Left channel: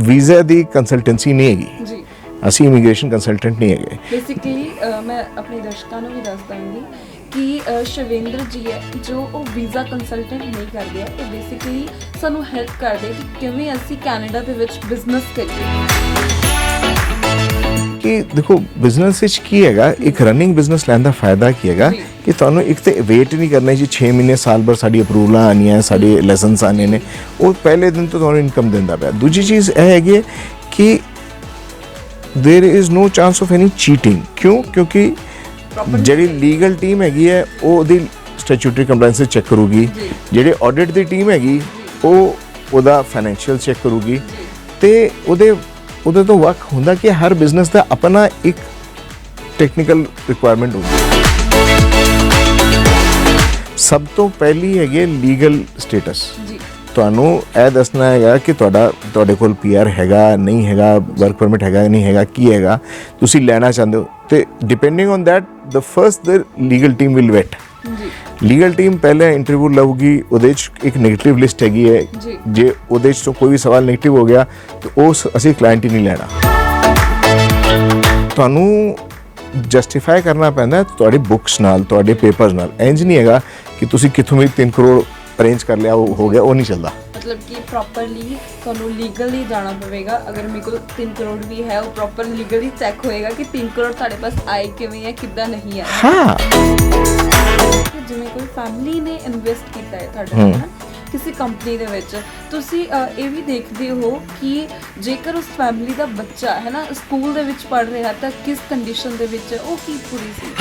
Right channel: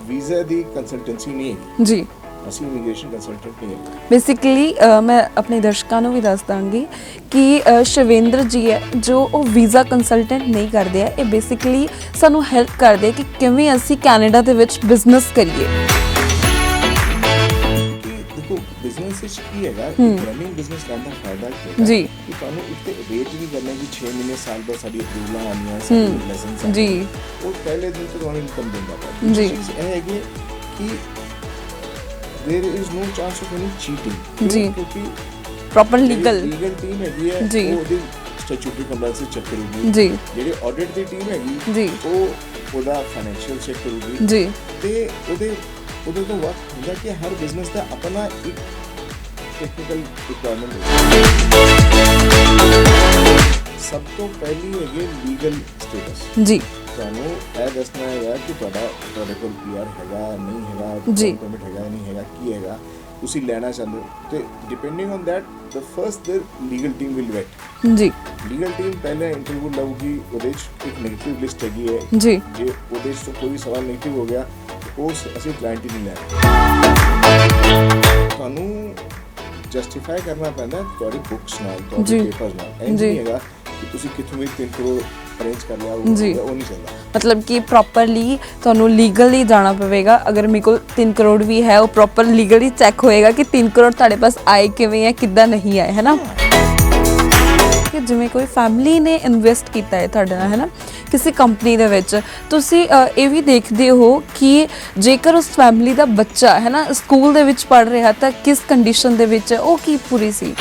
Visa ਦੀ consultancy ਨਹੀਂ ਹੈਗੀ ਜੀ। ਅਸੀਂ ਇਮੀਗ੍ਰੇਸ਼ਨ ਕੰਸਲਟੈਂਟ ਨਹੀਂ ਹੈਗੇ। ਬੇਸਿਕਲੀ ਮੈਂ ਆਪਣੇ ਦਰਸ਼ਕਾਂ ਨੂੰ ਵੀ ਦੱਸ ਦਾਂਗੀ ਕਿ ਸ਼ਿਵੇਂਦਰ ਜੀ ਹੈ ਜੋ ਉਹ ਵੀਜ਼ਾ ਕੰਸਲਟੈਂਟ ਨਹੀਂ ਕਰਦੇ ਆ, ਇਹ ਬੇਸਿਕਲੀ ਸਾਨੂੰ ਹੈਲਪ ਕਰਦੇ ਕਿ ਕਿਵੇਂ ਅਸੀਂ ਕੈਨੇਡਾ ਦੇ ਵਿੱਚ ਬਿਜ਼ਨਸ ਕਰੀਏ। ਕਿ ਦੇਖੋ ਬਿਜ਼ਨਸ ਵਿੱਚ ਕੀ ਹੈਗਾ, ਇੱਕ ਰਨਿੰਗ ਬਿਜ਼ਨਸ ਲੈਣ ਦਾ ਫਾਇਦਾ ਕੀ ਹੈਗਾ ਕਿ ਤੁਹਾਨੂੰ ਇੱਕ ਤੇ ਵੇਟ ਨਹੀਂ ਕਰਨਾ ਜੀ 6 ਮਹੀਨੇ ਸਾਲ ਭਰ ਸਾਡੀ ਅਪਰੂਵਲਾਂ ਆਉਣੀਆਂ, ਸਾਡੇ ਲਾਇਸੈਂਸ ਆਉਣੇ ਨੇ, ਉਹ ਪਹਿਲੇ ਦਿਨ ਤੋਂ ਤੁਹਾਨੂੰ ਇਨਕਮ ਦਿੰਦਾ ਪਿਆ। ਦੂਜੀ ਚੀਜ਼ ਇਹ ਹੈਗੀ ਕਿ there is no chance of any cheating. क्यों? क्योंकि ਜਿਹੜੀ ਲੀਗਲ ਟੀਮ ਹੈਗੀ ਹੈ ਉਹ ਉਹਦੀ ਸਟੈਚੂਟਰੀ ਕੰਪਲਾਈਂਸ ਚੈੱਕ ਕਰੂਗੀ, ਜਿਹੜੇ ਆਡਿਟ ਦੀ ਟੀਮ ਹੈਗੀ ਉਹ ਉਹਦਾ ਫਾਈਨੈਂਸ਼ੀਅਲ ਚੈੱਕ ਕਰੂਗੀ ਤੇ ਉਹਦੇ ਤੋਂ ਵੱਖ ਹੁੰਦਾ ਕਿ ਹਰ ਬਿਜ਼ਨਸ ਦਾ ਆਪਣਾ ਇੱਕ ਟੈਕਨੀਕਲ ਰਿਕੁਆਇਰਮੈਂਟ ਹੁੰਦੀ। ਸਭ ਤੋਂ ਪਹਿਲੀ ਹੈਗੀ ਲੀਗਲ ਸਟੇਟਸ। ਜੀ ਤੁਹਾਨੂੰ ਇਹ ਦੱਸਣਾ ਹੈਗਾ ਕਿ ਤੁਹਾਡੇ ਕੋਲ ਪੀਆਰ ਹੈਗਾ ਨਹੀਂ ਹੈਗਾ, ਵਰਕ ਪਰਮਿਟ ਹੈਗਾ ਨਹੀਂ ਹੈਗਾ, ਕੀ ਹੈਗਾ, ਤੁਸੀਂ ਲੈਣਾ ਚਾਹੁੰਦੇ ਹੋ ਤੇ depending on that the first the legal team will vet. ਜੀ ਲੀਗਲ ਟੀਮ ਪਹਿਲੇ ਇੰਟਰਵਿਊ ਲਊਗੀ, ਉਹਦੇ 'ਚ ਇੱਕ ਨੈਗੇਟਿਵ ਲਿਸਟ ਹੈਗੀ ਹੈ, ਜੇ ਉਹਦੇ 'ਚ ਤੋਂ ਕੋਈ ਵੀ ਸਵਾਲ ਨੈਗੇਟਿਵ ਹੋ ਗਿਆ ਤਾਂ ਉਸ ਅਸੀਂ ਕਲਾਇੰਟ ਹੀ ਨਹੀਂ ਲੈਣਾ। ਤੁਹਾਨੂੰ ਜਸਟੀਫਾਈ ਕਰਨਾ ਪੈਂਦਾ ਤੁਹਾਡੀ ਬੁੱਕਸ ਨਾਲ, ਤੁਹਾਡੇ ਪੇਪਰਸ ਨਾਲ। ਇੰਜ ਨਹੀਂ ਹੈਗਾ ਕਿ ਤੁਸੀਂ ਕਿੱਥੋਂ ਵੀ 3 ਕਰੋੜ ਅਰੇਂਜ ਕਰ ਲਿਆ ਉਹ ਹੋ ਗਿਆ, ਉਹ ਨਹੀਂ ਚੱਲਦਾ। ਮਤਲਬ ਕਿ ਪ੍ਰੋਪਰਲੀ ਤੁਹਾਨੂੰ ਲੀਗਲੀ ਜਾਣਾ ਪਵੇਗਾ। ਅਗਰ ਮੇਰੇ ਕੋਲ 3 ਕਰੋੜ ਵੀ ਹੈ ਉਹ ਪ੍ਰੋਪਰ ਲੀਗਲੀ ਚੈੱਕ ਹੋਏਗਾ ਕਿ 3 ਕਰੋੜ ਤੁਹਾਡੇ ਪਾਸ ਆਏ ਕਿਵੇਂ ਹੈ, ਕਿੱਦਾਂ ਨਹੀਂ ਆਏ, ਹੈ ਨਾ। ਜਿਵੇਂ ਕੋਈ ਫੈਮਿਲੀ ਨੇ ਇਨਵੈਸਟ ਕੀਤਾ ਹੈ ਤੁਹਾਡੇ ਨਾਲ, ਹੈ ਨਾ, ਕਿਸੇ ਕੰਪਨੀ ਦੇ ਵਿੱਚ, ਤੁਸੀਂ ਇਹ ਵੀ ਦੇਖਦੇ ਹੋ ਕਿ ਜੇਕਰ ਉਸ ਫੈਮਿਲੀ ਦਾ ਬੱਚਾ ਹੈ ਨਾ ਸਕੂਲ ਦੇ ਵਿੱਚ ਪੜ੍ਹ ਰਿਹਾ ਤਾਂ ਕਿਸ ਕੰਡੀਸ਼ਨ ਦੇ ਵਿੱਚ ਉਹ ਕੀ ਪੂਰੀ ਸੀ।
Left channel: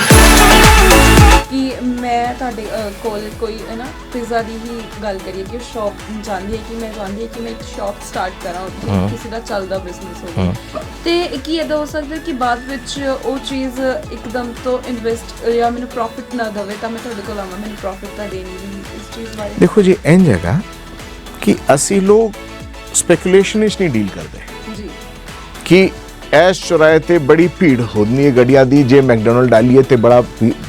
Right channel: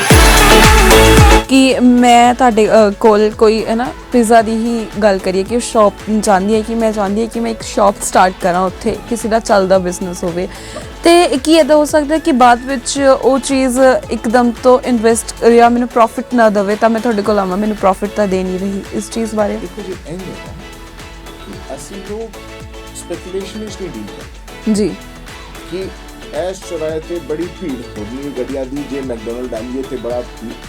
ਕਿ ਮੈਂ ਤੁਹਾਡੇ ਕੋਲ ਕੋਈ ਹੈ ਨਾ ਪੀਜ਼ਾ ਦੀ ਹੀ ਗੱਲ ਕਰੀਏ ਕਿ ਸ਼ਾਪ ਚਾਹੁੰਦੀ ਹੈ ਕਿ ਮੈਂ ਇੱਕ ਸ਼ਾਪ ਸਟਾਰਟ ਕਰਾਂ, ਉੱਥੇ ਕਿਸੇ ਦਾ ਚੱਲਦਾ ਬਿਜ਼ਨਸ ਹੋਵੇ, ਤੇ ਕੀ ਇੱਦਾਂ ਹੋ ਸਕਦਾ ਕਿ ਬਾਅਦ ਵਿੱਚ ਉਹ ਚੀਜ਼ ਇੱਕਦਮ ਤੋਂ ਇਨਵੈਸਟ ਜਾਂ ਮੈਨੂੰ ਪ੍ਰੋਫਿਟ ਨਾ ਦੇਵੇ ਤਾਂ ਮੈਂ ਤੁਹਾਡੇ ਕੋਲ ਆਵਾਂ, ਮੈਨੂੰ ਪ੍ਰੋਫਿਟ ਤਾਂ ਦੇ ਨਹੀਂ ਰਹੀ। ਇਸ ਚੀਜ਼ ਬਾਰੇ ਦੇਖੋ ਜੀ ਇੰਝ ਹੈਗਾ ਕਿ ਅਸੀਂ ਲੋਕ ਸਪੈਕੂਲੇਸ਼ਨ ਵਿੱਚ ਨਹੀਂ ਡੀਲ ਕਰਦੇ ਜੀ ਕਿ ਐਸ ਚੁਰਾਏ ਤੇ ਬੜੀ ਭੀੜ ਹੁੰਦੀ ਹੈ ਗੱਡੀਆਂ ਦੀ, ਜੇ ਮੈਕਡੋਨਲਡ ਡਾਲੀਏ ਤੇ ਬੜਾ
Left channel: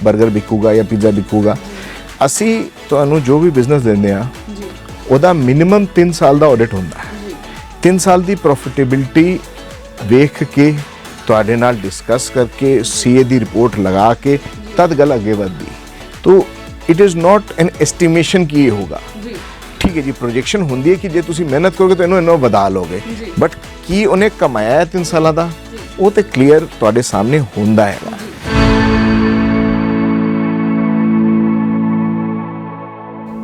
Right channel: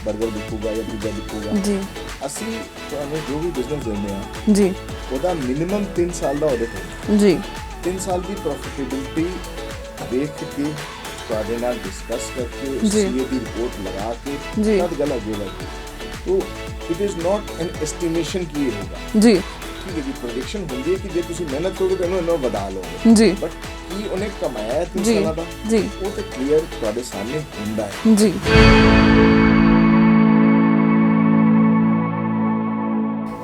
버ਗਰ ਵਿਕੂਗਾ ਜਾਂ ਪੀਜ਼ਾ ਵਿਕੂਗਾ। ਅਸੀਂ ਤੁਹਾਨੂੰ ਜੋ ਵੀ ਬਿਜ਼ਨਸ ਦਿੰਦੇ ਆ ਜੀ ਉਹਦਾ ਮਿਨੀਮਮ 3 ਸਾਲ ਦਾ ਆਡਿਟ ਹੁੰਦਾ ਜੀ। 3 ਸਾਲ ਦੀ ਪ੍ਰੋਫਿਟੇਬਿਲਿਟੀ ਵੇਖ ਕੇ ਤੁਹਾਡੇ ਨਾਲ ਡਿਸਕਸ ਕਰਕੇ ਸੀਏ ਦੀ ਰਿਪੋਰਟ ਲਗਾ ਕੇ ਤਦ ਗੱਲ ਅੱਗੇ ਵਧਦੀ। तो it is not an estimation कि ये होगा जी, ठीक है जी। प्रोजेक्शन होंदी है कि जे तुसी मेहनत करोगे तो इन्हों वधा लोगे जी, बट की उन्हें कमाया है 3 साल दा वो तो क्लीयर तुहाडे सामने होंदा है जी।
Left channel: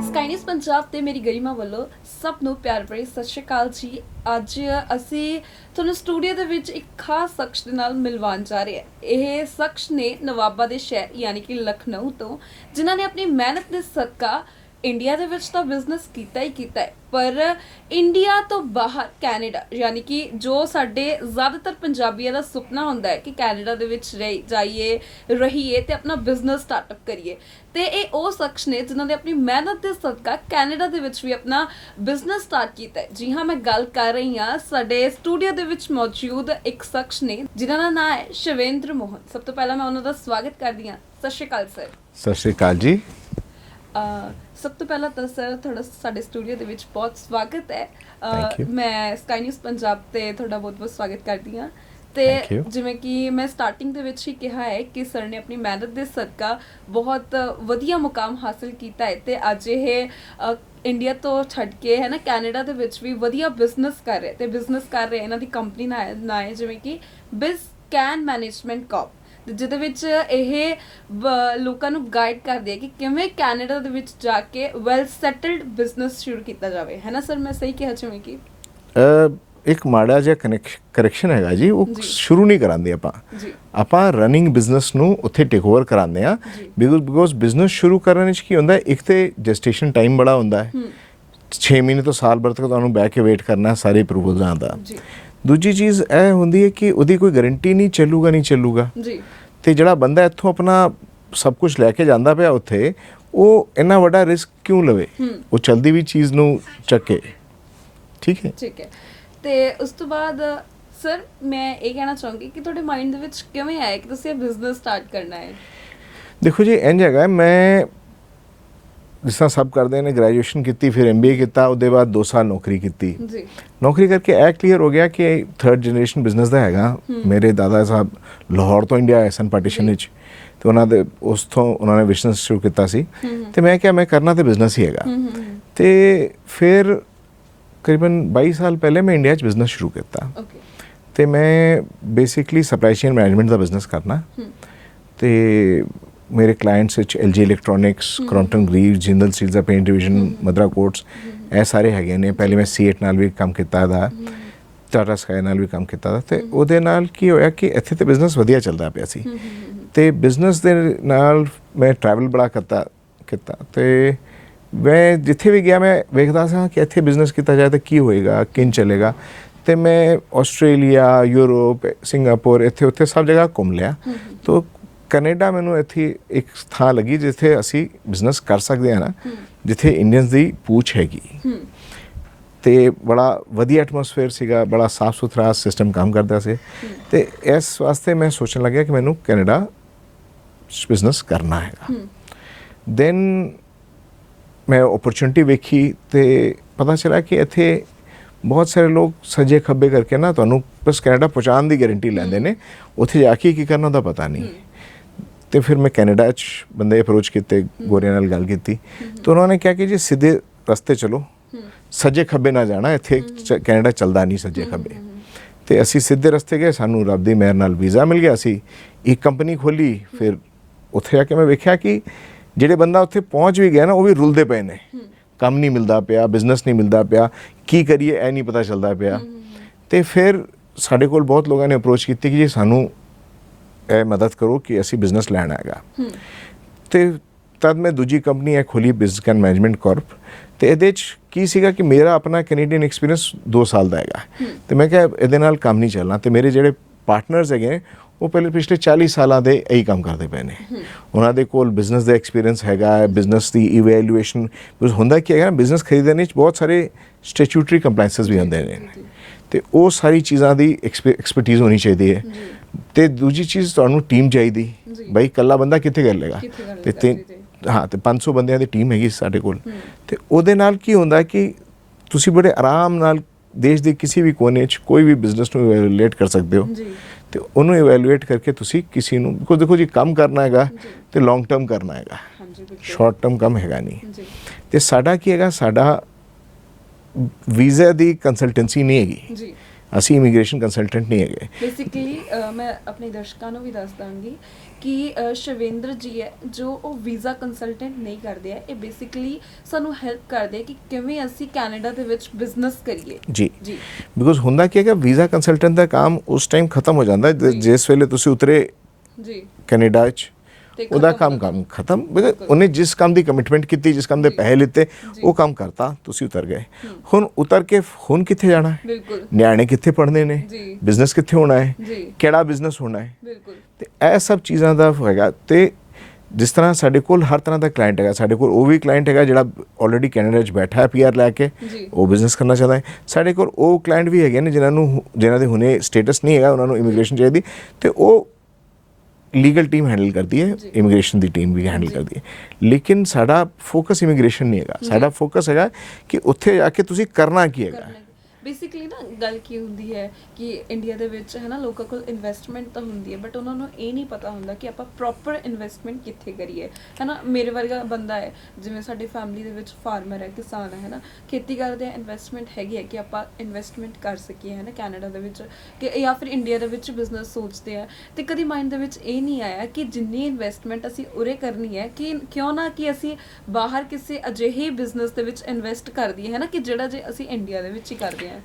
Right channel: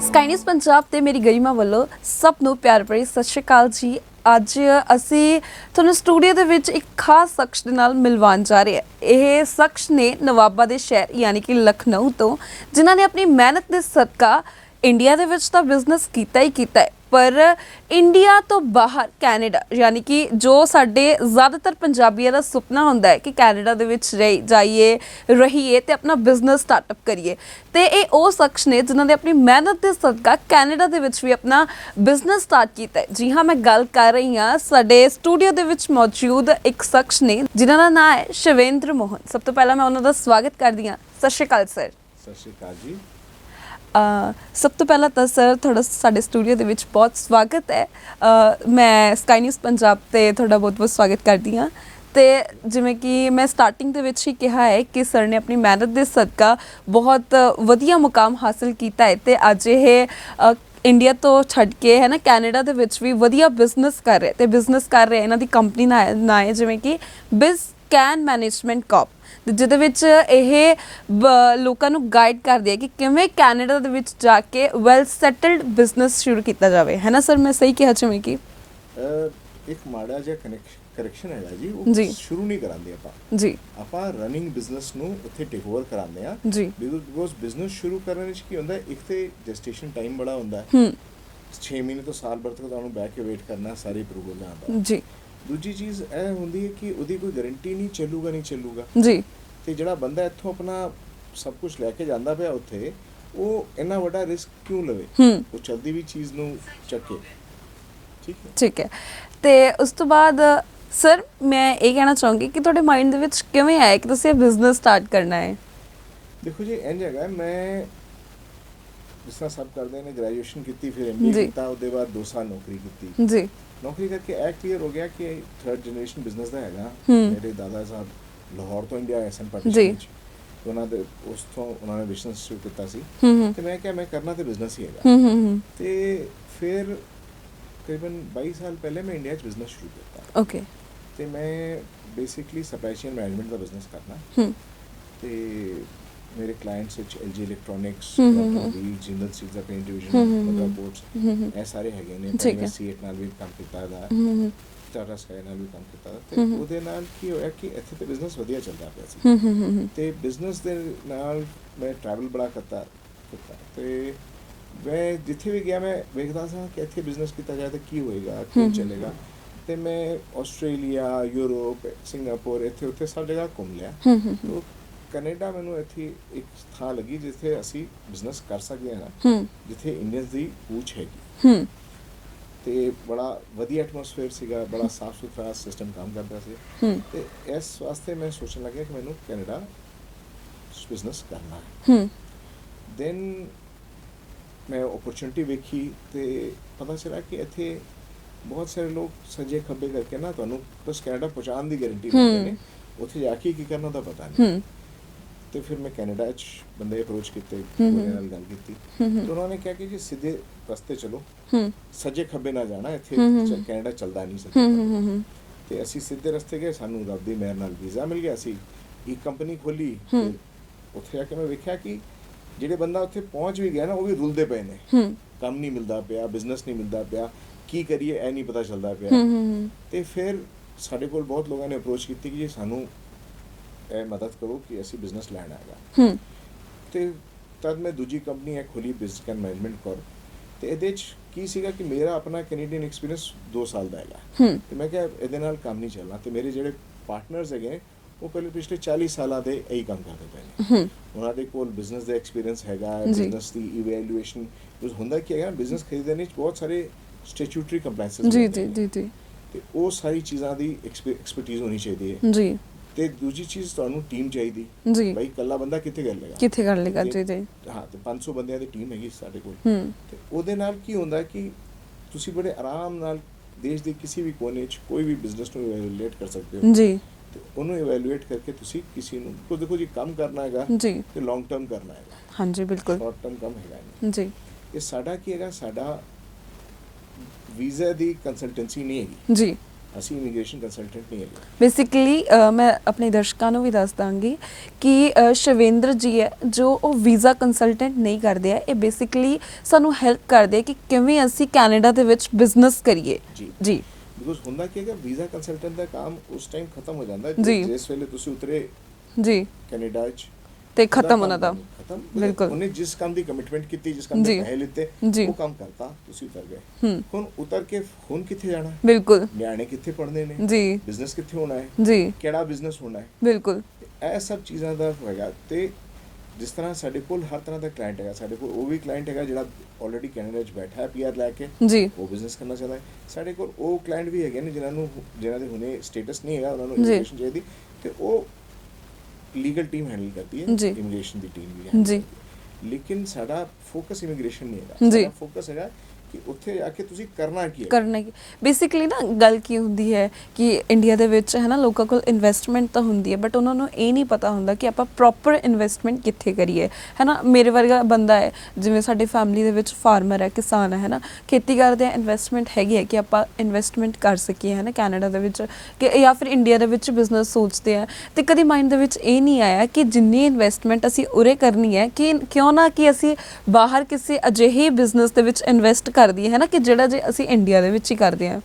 ਸਕਾਈ ਨਿਊਜ਼ ਪੰਜਾਬ ਤੇ ਮੇਰੀ ਗਰਿਮਾ ਵੱਲੋਂ ਸਭ ਨੂੰ ਪਿਆਰ ਭਰੀ ਸਤਿ ਸ਼੍ਰੀ ਅਕਾਲ ਜੀ। ਅੱਜ ਅਸੀਂ ਤੁਹਾਨੂੰ ਸਟੂਡੀਓ ਦੇ ਵਿੱਚ ਇੱਕ ਖਾਸ ਸ਼ਖਸ ਦੇ ਨਾਲ ਮਿਲਵਾਉਣ ਜਾ ਰਹੇ ਹਾਂ। ਇਹ ਸ਼ਖਸ ਨੇ ਨਵਾਬਾ ਦੇ ਸ਼ਹਿਰ ਯਾਨੀ ਕਿ ਲਖਨਊ ਤੋਂ, ਜਿਨ੍ਹਾਂ ਨੇ ਆਪਣੀ ਮਿਹਨਤ ਦੇ ਸਦਕਾ ਇੰਡੀਆ ਦੇ ਵਿੱਚ ਤਾਂ ਬਿਜ਼ਨਸ ਕੀਤਾ ਹੀ ਕੀਤਾ ਹੈ, ਪਰ ਇੰਡੀਆ ਤੋਂ ਬਾਹਰ ਕੈਨੇਡਾ ਯਾਨੀ ਕਿ ਜੋ ਸਾਡੇ ਜ਼ਿਆਦਾਤਰ ਪੰਜਾਬੀਆਂ ਦਾ ਸੁਪਨਾ ਹੁੰਦਾ ਹੈ ਕਿ ਕੈਨੇਡਾ ਦੇ ਵਿੱਚ ਜਾਈਏ, ਰਹੀਏ ਤੇ ਆਪਣਾ ਬਿਜ਼ਨਸ ਸਟਾਰਟਅਪ ਕਰੀਏ, ਤੇ ਇਹ ਉਹ ਸ਼ਖਸ ਨੇ ਜਿਨ੍ਹਾਂ ਨੇ ਆਪਣੀ ਮਿਹਨਤ ਦੇ ਸਦਕਾ ਕੈਨੇਡਾ ਦੇ ਵਿੱਚ ਵੀ ਆਪਣਾ ਬਿਜ਼ਨਸ ਸਟਾਰਟ ਕੀਤਾ ਹੈ। ਜੀ ਹਾਂ, ਮੈਂ ਗੱਲ ਕਰ ਰਹੀ ਹਾਂ ਸਾਡੇ ਸਟੂਡੀਓ ਦੇ ਵਿੱਚ ਮੌਜੂਦ ਇੱਕ ਸ਼ਖਸ ਨੇ ਜਿਨ੍ਹਾਂ ਦਾ ਨਾਮ ਹੈ ਸ਼ਿਵੇਂਦਰ ਮੋਹਨ। ਸਭ ਤੋਂ ਪਹਿਲਾਂ ਮੈਂ ਉਹਨਾਂ ਦਾ ਸਵਾਗਤ ਕਰਦੀ ਹਾਂ। ਸਤਿ ਸ਼੍ਰੀ ਅਕਾਲ ਸਰ। ਸਤਿ ਸ਼੍ਰੀ ਅਕਾਲ ਜੀ। ਸਭ ਤੋਂ ਪਹਿਲਾਂ ਤਾਂ ਸਰ ਤੁਹਾਡਾ ਸਾਡੇ ਸਟੂਡੀਓ ਦੇ ਵਿੱਚ ਬਹੁਤ ਸਵਾਗਤ ਹੈ। ਮੈਂ ਸਕਾਈ ਨਿਊਜ਼ ਪੰਜਾਬ ਤੇ ਤੁਹਾਡਾ ਬਹੁਤ-ਬਹੁਤ ਸਵਾਗਤ ਕਰਦੀ ਹਾਂ। ਤੇ ਜਿਵੇਂ ਕਿ ਮੈਂ ਸਟਾਰਟਿੰਗ ਦੇ ਵਿੱਚ ਹੀ ਕਿਹਾ ਹੈ ਕਿ ਸਰ ਨੇ ਆਪਣੀ ਮਿਹਨਤ ਦੇ ਸਦਕਾ ਬਹੁਤ ਵਧੀਆ ਮੁਕਾਮ ਹਾਸਿਲ ਕੀਤਾ ਹੈ ਤੇ ਅੱਜ ਇਹ ਇੰਡੀਆ ਤੋਂ ਛੱਡ ਕੇ ਹੈ ਨਾ ਕੈਨੇਡਾ ਦੇ ਵਿੱਚ ਵੀ ਵਧੀਆ ਬਿਜ਼ਨਸ ਕਰ ਰਹੇ ਤੇ ਬਿਜ਼ਨਸ ਕਰ ਰਹੇ। ਇਹਨਾਂ ਦੀ ਕੰਪਨੀ ਨਾਂ ਹੈ ਜਿਵੇਂ ਕਿ ਬਿਜ਼ਕੈਨ ਮੈਨੇਜਮੈਂਟ ਕਾਰਪ, ਜਿਹਦੇ ਵਿੱਚ ਇਹ ਲੋਕਾਂ ਨੂੰ ਗਾਈਡ ਕਰਦੇ ਹੈ ਕਿ ਕਿਵੇਂ ਕੈਨੇਡਾ ਦੇ ਵਿੱਚ ਜਾ ਕੇ ਵੈਲ ਸੈਟਲਡ ਬਿਜ਼ਨਸ ਸ਼ੁਰੂ ਕੀਤਾ ਜਾਵੇ, ਹੈ ਨਾ ਸਰ? ਮੈਂ ਸਹੀ ਕਿਹਾ ਜਿਵੇਂ ਕਿ ਇੱਕ ਮਾੜਾ ਜਿਹਾ ਕਰੈਕਸ਼ਨ ਹੈਗਾ ਜੀ, ਉਹ ਸ਼ੁਰੂ ਨਹੀਂ ਕਰਾਂਦੇ ਆਪਾਂ ਰਨਿੰਗ ਬਿਜ਼ਨਸ ਨੂੰ ਉੱਥੇ ਟੇਕ ਓਵਰ ਕਰਾਉਂਦੇ ਆ ਬਿਕੋਜ਼ ਬਿਜ਼ਨਸ ਸ਼ੁਰੂ ਕਰਨ ਵਿੱਚ ਕੀ ਹੁੰਦਾ, ਇੱਕ ਤੇ ਜੈਸਟੇਸ਼ਨ ਟਾਈਮ ਬੜਾ ਹੁੰਦਾ ਹੈ, 6 ਮਹੀਨੇ ਤੋਂ ਸਾਲ ਭਰ ਤੱਕ ਤੁਹਾਨੂੰ ਬਹਿ ਕੇ ਵੇਟ ਕਰਨਾ ਸਾਰੇ ਅਪਰੂਵਲਸ ਆਉਂਦਾ। ਦੂਜੀ ਚੀਜ਼ ਇਹ ਹੁੰਦੀ ਹੈ ਕਿ ਉਹਦੀ ਕੋਈ ਗਾਰੰਟੀ ਨਹੀਂ ਚੱਲੂਗਾ ਜੀ, ਤੇ ਜਿਹੜਾ ਬੰਦਾ ਇੱਥੋਂ ਆਪਣਾ ਸਭ ਕੁਝ ਲੈ ਕੇ ਜਾਂਦਾ ਪਿਆ ਉੱਥੇ, ਉਹ ਇੰਨਾ ਵੱਡਾ ਰਿਸਕ ਕਿਉਂ ਲਵੇ? ਉਹ ਚਲਦੀ ਵੀ ਚੀਜ਼ ਨੂੰ ਚੱਕੇ। ਠੀਕ ਹੈ। ਤੇ ਉਸ ਤੋਂ ਬਾਅਦ ਸਰ ਮੈਂ ਇਹ ਕਹਿਣਾ ਚਾਹੂੰਗੀ ਕਿ ਤੁਹਾਡੇ ਮਾਈਂਡ ਦੇ ਵਿੱਚ ਕਿਵੇਂ ਆਇਆ ਕਿ ਤੁਸੀਂ ਇਹ ਬਿਜ਼ਨਸ ਸਟਾਰਟ ਕਰਨਾ ਹੈ? ਦੇਖੋ ਜੀ ਇੰਝ ਹੈਗਾ, ਮੈਂ ਜਿਸ ਤਰ੍ਹਾਂ ਸਭ ਕਰਦੇ ਨੇ ਗ੍ਰੈਜੂਏਸ਼ਨ ਕੀਤੀ, ਫਿਰ MBA ਕੀਤਾ, ਉਹਦੇ ਬਾਅਦ 2 ਸਾਲ ਨੌਕਰੀ ਕੀਤੀ ਜੀ। ਨੌਕਰੀ ਕਰਕੇ ਇਹ ਕਲੀਅਰ ਹੋ ਗਿਆ ਕਿ ਥਰਡ ਜਨਰੇਸ਼ਨ ਬਿਜ਼ਨਸ ਦਾ ਹੈਗਾ। ਮੇਰੇ ਦਾਦਾ ਸਾਹਿਬ ਲਾਹੌਰ ਤੋਂ ਇੰਡੀਆ ਆਏ ਸਨ ਪਾਰਟੀਸ਼ਨ ਵਿੱਚ, ਤੇ ਉਹਨਾਂ ਦੇ ਉਸ ਤੋਂ ਉਹਨਾਂ ਨੇ ਬਿਜ਼ਨਸ ਸ਼ੁਰੂ ਕੀਤਾ ਸੀ, ਤੇ ਮੈਂ ਕਿਹਾ ਮੈਂ ਕਰਨਾ ਤੇ ਬਿਜ਼ਨਸ ਹੀ ਹੈਗਾ। ਤੇ ਫਿਰ ਕਰੀਬਨ 22 ਸਾਲ ਪਹਿਲੇ ਮੈਂ ਇੰਡੀਆ 'ਚ ਬਿਜ਼ਨਸ ਸ਼ੁਰੂ ਕੀਤਾ। ਓਕੇ। ਤੇ ਮੈਂ ਬੇਸਿਕਲੀ ਸਪਲਾਈ ਚੇਨ ਮੈਨੇਜਮੈਂਟ ਦਾ ਬਿਜ਼ਨਸ ਕਰਨਾ, ਤੇ ਮੇਰੇ ਕਲਾਇੰਟਸ ਵਿੱਚ LG ਇਲੈਕਟ੍ਰੋਨਿਕਸ, ਕਰੌਂਪਟਨ ਗਰੀਵਜ਼, ਜਿੰਦਲ ਸਟੀਲਸ ਦਾ ਪੇਂਟ ਡਿਵੀਜ਼ਨ, ਮਦਰਾ ਕੋਟਸ, ਇਹ ਸਾਰੇ ਹੈਗੇ ਨੇ। ਪਹਿਲੇ ਮੈਂ C8 ਨਾਲ ਵੀ ਕੰਮ ਕੀਤਾ ਦਾ, ਟਾਟਾ ਸਕਾਈ ਨਾਲ ਵੀ ਕੰਮ ਕੀਤਾ ਦਾ, ਤੇ ਉਹਦੇ ਨਾਲ ਕੀ ਹੋਇਆ ਕਿ ਇੱਥੇ ਤੇ ਬਿਜ਼ਨਸ ਵਧੀਆ ਚੱਲਦਾ ਪਿਆ ਸੀ, ਤੇ ਬਿਜ਼ਨਸ ਦੇ ਨਾਲ ਮੈਂ ਟਰੈਵਲ ਬੜਾ ਕੀਤਾ, ਤੇ ਮੈਂ ਜਿੱਥੇ ਵੀ ਗਿਆ ਮੈਂ ਵੇਖਦਾ ਸਾਂ ਕਿ ਇੱਥੇ ਬਿਜ਼ਨਸ ਕੀਤਾ ਜਾਏ ਤਾਂ ਕੀ ਹੋਏਗਾ, ਕਿੰਨ ਚੱਲੇਗਾ। ਤੇ ਮੈਂ ਆਸਟ੍ਰੇਲੀਆ, ਯੂਰਪ, ਸਿੰਗਾਪੁਰ, ਇੱਥੇ ਉੱਥੇ ਸਭ ਜਗ੍ਹਾ ਘੁੰਮ ਲਿਆ। ਤੋ ਕੈਨੇਡਾ ਮੈਨੂੰ ਇੱਥੇ ਇੱਕ ਥਾਂ ਲੱਗੀ ਜਿੱਥੇ ਅਸੀਂ ਬਿਜ਼ਨਸ ਕਰ ਸਕਦੇ ਹਾਂ ਨਾ, ਜਿੱਥੇ ਇੰਡੀਅਨਸ ਦੀ ਪੂਛ ਹੈਗੀ, ਤੇ ਬੜਾ ਵਧੀਆ ਐਟਮੋਸਫੇਅਰ ਸੀਗਾ, ਬੜਾ ਸਾਫ ਸੁਥਰਾ ਸਿਸਟਮ ਕੰਮ ਕਰਦਾ ਸੀ। ਤੇ ਇਸ ਵਾਸਤੇ ਮੈਂ ਸੋਚਣ ਲੱਗਿਆ ਕਿ ਮੈਨੂੰ ਕੈਨੇਡਾ ਬਿਜ਼ਨਸ ਕਰਨਾ ਹੈਗਾ। ਦੈਨ ਮੈਂ ਓਪਰਚੁਨਿਟੀ ਵੇਖੀ, ਤੇ ਪਤਾ ਚੱਲਿਆ ਕਿ ਇੱਥੇ ਬਹੁਤ ਸਾਰੇ ਲੋਕ ਸੱਜੇ ਖੱਬੇ ਕਰਕੇ ਨਾ ਤੁਹਾਨੂੰ ਬਸ ਕੈਨੇਡਾ ਪਹੁੰਚਾਉਣ ਦੀ ਗਾਰੰਟੀ ਲੈਂਦੇ ਨੇ, ਉੱਥੇ ਜਾ ਕੇ ਕੀ ਕਰਨਾ ਉਹਦਾ ਪਤਾ ਨਹੀਂ। ਤੇ ਫਿਰ ਮੈਂ ਕੈਨੇਡਾ 'ਚ ਬੰਦੇ ਅਪਰੋਚ ਕੀਤੇ, ਗੋਰਿਆਂ ਨਾਲ ਗੱਲ ਕੀਤੀ, ਤੇ ਉਹਨਾਂ ਨੇ ਕਿਹਾ ਕਿ ਜੀ ਸਿੱਧੇ ਰਸਤੇ ਚਲੋ, ਸੱਜੇ ਖੱਬੇ ਨਾ ਜਾਣਾ, ਇੱਥੇ ਕੈਨੇਡਾ ਚੱਲਦਾ ਨਹੀਂ ਸੱਜੇ ਖੱਬੇ। ਤੇ ਅਸੀਂ ਸਿੱਧੇ ਰਸਤੇ ਗਏ, ਸਾਨੂੰ ਰੱਬ ਦੀ ਮਿਹਰ ਨਾਲ ਵੀਜ਼ਾ ਮਿਲ ਗਿਆ ਸੀ, ਇੱਕ ਕੰਪਨੀ ਖੋਲੀ। ਫਿਰ ਉੱਥੇ ਜਾ ਕੇ ਮੈਂ ਵੇਖਿਆ ਕਿ ਜਿਹੜੇ ਬੰਦਾ ਉੱਥੇ ਪਹੁੰਚ ਵੀ ਗਿਆ ਨਾ, ਉਹ ਵੀ ਰੁਲਦੇ ਪਏ ਨੇ, ਕੰਮ ਨਹੀਂ ਮਿਲਦਾ ਪਿਆ, ਬਿਜ਼ਨਸ ਨਹੀਂ ਮਿਲਦਾ ਪਿਆ, ਕੀ ਕਰੀਏ ਇਹ ਨਹੀਂ ਪਤਾ ਚੱਲਦਾ ਪਿਆ। ਤੇ ਫਿਰ ਸਾਡੇ ਕੋਲ ਬਹੁਤ ਲੋਕਾਂ ਨੇ ਅਪਰੋਚ ਕੀਤੀ ਕਿ ਜੀ ਸਾਨੂੰ ਇਹ ਮਦਦ ਕਰੋ ਕਿ ਅਸੀਂ ਬਿਜ਼ਨਸ ਲੈਣਾ ਹੈਗਾ। ਤੇ ਤਦ ਮੈਂ ਦੂਜੀ ਕੰਪਨੀ ਇਹ ਖੋਲੀ, ਬਿਜ਼ਨਸ ਐਂਡ ਮੈਨੇਜਮੈਂਟ ਕਾਰਪ। ਤੇ ਇਹਦੇ 'ਚ ਕੀ ਸੀਗਾ ਕਿ ਮੇਰਾ ਆਪਣਾ ਕੈਨੇਡੀਅਨ ਐਕਸਪੀਰੀਅੰਸ 2 ਸਾਲ ਦਾ ਹੈਗਾ, ਤੇ ਮੈਂ ਕਿਹਾ ਇਹਦੇ ਨਾਲ ਕੰਮ ਨਹੀਂ ਚੱਲਣਾ। ਤੇ ਮੇਰੇ ਜਿਹੜੇ ਪਾਰਟਨਰਸ ਹੈਗੇ ਉਹ ਪਹਿਲੇ ਪਿਛਲੇ 40 ਸਾਲਾਂ ਦੇ ਇਹੀ ਕੰਮ ਕਰਦੇ ਪਏ ਨੇ, ਉਹਨਾਂ ਦੇ ਕੋਲ ਬਿਜ਼ਨਸ ਦਾ ਐਕਸਪੀਰੀਅੰਸ ਹੈਗਾ, ਬਿਜ਼ਨਸ ਦੀ ਇਵੈਲੂਏਸ਼ਨ। ਹੁੰਦਾ ਕੀ ਹੈਗਾ, ਬਿਜ਼ਨਸ ਖਰੀਦਣ ਵਿੱਚ ਬਹੁਤ ਸਾਰੇ ਸਟੈਚੂਟਰੀ ਕੰਪਲਾਈਂਸਸ ਵੀ ਹੁੰਦੇ ਨੇ, ਤੇ ਉਹ ਸਾਰੀ ਚੀਜ਼ਾਂ ਦੀ ਐਕਸਪਰਟੀਜ਼ ਹੋਣੀ ਚਾਹੀਦੀ ਹੈ। ਤੇ ਦੂਜੀ ਚੀਜ਼ ਤੁਹਾਨੂੰ ਟੀਮ ਚਾਹੀਦੀ, ਬਈ ਇਕੱਲਾ ਬੰਦਾ ਕਿੱਥੇ ਕਰ ਲੇਗਾ। ਹਾਂ, ਤੇ 500 ਬੰਦਿਆਂ ਦੀ ਟੀਮ ਹੈਗੀ ਸਾਡੇ ਕੋਲ। ਤੇ ਉਹਦੇ ਨਾਲ ਕੀ ਹੁੰਦਾ ਕਿ ਤੁਸੀਂ ਬੜੇ ਆਰਾਮ ਨਾਲ ਦੇਸ਼ ਦੇ ਕਿਸੇ ਵੀ ਕੋਨੇ 'ਚ ਕੋਈ ਵੀ ਬਿਜ਼ਨਸ ਨੂੰ ਇਵੈਲੂਏਟ ਕਰ ਸਕਦੇ ਹੋ, ਤੇ ਉਹਨੂੰ ਇਵੈਲੂਏਟ ਕਰਕੇ ਤੁਸੀਂ ਕਿਸੇ ਨੂੰ, ਬਿਕੋਜ਼ ਦੇਖੋ ਜੀ ਕੰਮ ਕਰਨਾ ਹੈਗਾ ਤੇ ਲੌਂਗ ਟਰਮ ਕਰਨਾ ਹੈਗਾ, ਸ਼ਾਰਟ ਟਰਮ ਕੰਮ ਹੈਗਾ ਨਹੀਂ। ਤੇ ਸਾਡਾ ਕੀ ਹੈਗਾ, ਸਾਡਾ ਵੀਜ਼ਾ ਦੀ ਕੰਸਲਟੈਂਸੀ ਨਹੀਂ ਹੈਗੀ ਜੀ, ਅਸੀਂ ਇਮੀਗ੍ਰੇਸ਼ਨ ਕੰਸਲਟੈਂਟ ਨਹੀਂ ਹੈਗੇ। ਬੇਸਿਕਲੀ ਮੈਂ ਆਪਣੇ ਦਰਸ਼ਕਾਂ ਨੂੰ ਵੀ ਦੱਸ ਦਾਂਗੀ ਕਿ ਸ਼ਵੇਂਦਰ ਜੀ ਹੈ ਜੋ ਉਹ ਵੀਜ਼ਾ ਕੰਸਲਟੈਂਟ ਨਹੀਂ ਕਰਦੇ ਆ, ਇਹ ਬੇਸਿਕਲੀ ਸਾਨੂੰ ਹੈਲਪ ਕਰਦੇ ਆ ਕਿ ਕਿਵੇਂ ਅਸੀਂ ਕੈਨੇਡਾ ਦੇ ਵਿੱਚ ਬਿਜ਼ਨਸ ਕਰੀਏ। ਜੀ ਬਿਕੋਜ਼ ਹੁੰਦਾ ਕੀ ਹੈਗਾ, ਵੀਜ਼ਾ ਕੰਸਲਟੈਂਟ ਦਾ ਕੰਮ ਉਸ ਟਾਈਮ ਖਤਮ ਹੋ ਜਾਂਦਾ ਜਿਸ ਵੇਲੇ ਤੁਸੀਂ ਉਤਰੇ ਜੀ ਕੈਨੇਡਾ 'ਚ, ਤੇ ਕੰਮ ਖਤਮ। ਉਹਨੇ ਜਿਸ ਕੰਮ ਦੀ ਕਮਿਟਮੈਂਟ ਕੀਤੀ, ਜਿਸ ਕੰਮ ਦੇ ਪੈਸੇ ਲਿੱਤੇ, ਉਹ ਕੰਮ ਕਰਤਾ, ਤੁਸੀਂ ਉਤਰ ਗਏ। ਹੁਣ ਉਤਰ ਕੇ ਹੁਣ ਕਿੱਥੇ ਜਾਣਾ ਹੈ, ਬਿਲਕੁਲ ਨਿਆਣੇ ਕਿੱਥੇ ਪੜ੍ਹਨੇ ਨੇ, ਬਿਜ਼ਨਸ ਕਿੱਥੇ ਹੋਣਾ ਹੈ, ਕਿਹੜਾ ਬਿਜ਼ਨਸ ਹੋਣਾ ਹੈ, ਬਿਲਕੁਲ। ਤੇ ਇਹ ਸਭ ਚੀਜ਼ਾਂ ਦਾ ਹੈਗਾ। ਤੇ ਜਿਸ ਤਰ੍ਹਾਂ ਸਾਡੇ ਕੋਲ ਹਰ ਤਰ੍ਹਾਂ ਦਾ ਕਲਾਇੰਟ ਹੈਗਾ, ਸਾਡੇ ਕੋਲ ਉਹ ਵੀ ਕਲਾਇੰਟ ਹੈਗਾ ਜਿਹੜਾ ਆਲਰੇਡੀ ਕੈਨੇਡਾ 'ਚ ਬੈਠਾ ਹੈ PR ਲੈ ਕੇ, ਉਹ ਬਿਜ਼ਨਸ ਕਰਨਾ ਚਾਹੁੰਦਾ ਹੈ। ਸਾਡੇ ਕੋਲ ਉਹ ਕਲਾਇੰਟ ਵੀ ਹੈਗੇ ਨੇ ਜਿਨ੍ਹਾਂ ਦੇ ਹੁਣੇ ਸਟੇਟਸ ਨਹੀਂ ਹੈਗਾ, ਉਹਨਾਂ ਨੂੰ ਇਮੀਗ੍ਰੇਸ਼ਨ ਚਾਹੀਦੀ, ਤੇ ਉਹ ਲੀਗਲ ਟੀਮ ਹੈਂਡਲ ਕਰਦੀ ਹੈ, ਇਮੀਗ੍ਰੇਸ਼ਨ ਦੀ ਟੀਮ ਵੀ ਹੈਂਡਲ ਕਰਦੀ ਹੈ। ਲੇਕਿਨ ਸਾਡਾ ਫੋਕਸ ਇਮੀਗ੍ਰੇਸ਼ਨ ਨਹੀਂ ਹੈਗਾ, ਸਾਡਾ ਫੋਕਸ ਹੈਗਾ ਕਿ ਉੱਥੇ ਜਾ ਕੇ ਤੁਸੀਂ ਕਰਨਾ ਕੀ ਹੈ। ਬੇਸਿਕਲੀ ਨਾ ਗੱਲ ਕੀ ਹੁੰਦੀ ਹੈ ਕਿ ਇੰਡੀਆ ਦੇ ਵਿੱਚ ਹੈ ਨਾ, ਲੋਕਾਂ ਕੋਲ ਇਨਵੈਸਟਮੈਂਟ ਤਾਂ ਹੁੰਦੀ ਹੈ, ਬਟ ਉਹਨਾਂ ਨੂੰ ਇਹ ਨਹੀਂ ਪਤਾ ਹੁੰਦਾ ਕਿ ਆਪਾਂ ਪ੍ਰੋਪਰ ਇਨਵੈਸਟਮੈਂਟ ਕਿੱਥੇ ਕਰੀਏ, ਹੈ ਨਾ। ਮੇਰੇ ਵਰਗਾ ਬੰਦਾ ਹੈ, ਜਿਵੇਂ ਸਾਡੀ ਫੈਮਿਲੀ ਦੇ ਵਿੱਚ ਫਾਰਮਰ ਹੈ, ਕਿਸਾਨ ਹੈ ਨਾ, ਖੇਤੀ ਕਰਦੇ ਆ, ਇਨਵੈਸਟਮੈਂਟ ਹੈਗੀ ਹੈ ਕਿ ਆਪਾਂ ਇਨਵੈਸਟਮੈਂਟ ਕਰ ਸਕੀਏ, ਹੈ ਨਾ, ਕੈਨੇਡਾ ਦੇ ਵਿੱਚ ਕਿ ਜਾਂ ਫਿਰ ਇੰਡੀਆ ਦੇ ਵਿੱਚ ਬਿਜ਼ਨਸ ਸੋਚਦੇ ਆ। ਤੇ ਕਦੀ ਮਾਈਂਡ ਦੇ ਵਿੱਚ ਇਹ ਨਹੀਂ ਆਇਆ ਕਿ ਜਿੰਨੀ ਇਨਵੈਸਟਮੈਂਟ ਅਸੀਂ ਉਰੇ ਕਰਨੀ ਹੈ, ਕਿ ਕਿਉਂ ਨਾ ਕਿ ਅਸੀਂ ਬਾਹਰ ਕਿਸੇ ਅਜਿਹੇ ਬਿਜ਼ਨਸ ਦੇ ਵਿੱਚ ਇਨਵੈਸਟ ਕਰ ਦਈਏ, ਹੈ ਨਾ, ਕਿ ਜਿਹੜਾ ਜੇ ਅਸੀਂ ਇੰਡੀਆ ਦੇ ਵਿੱਚ ਹੀ ਕਰਦੇ ਹਾਂ।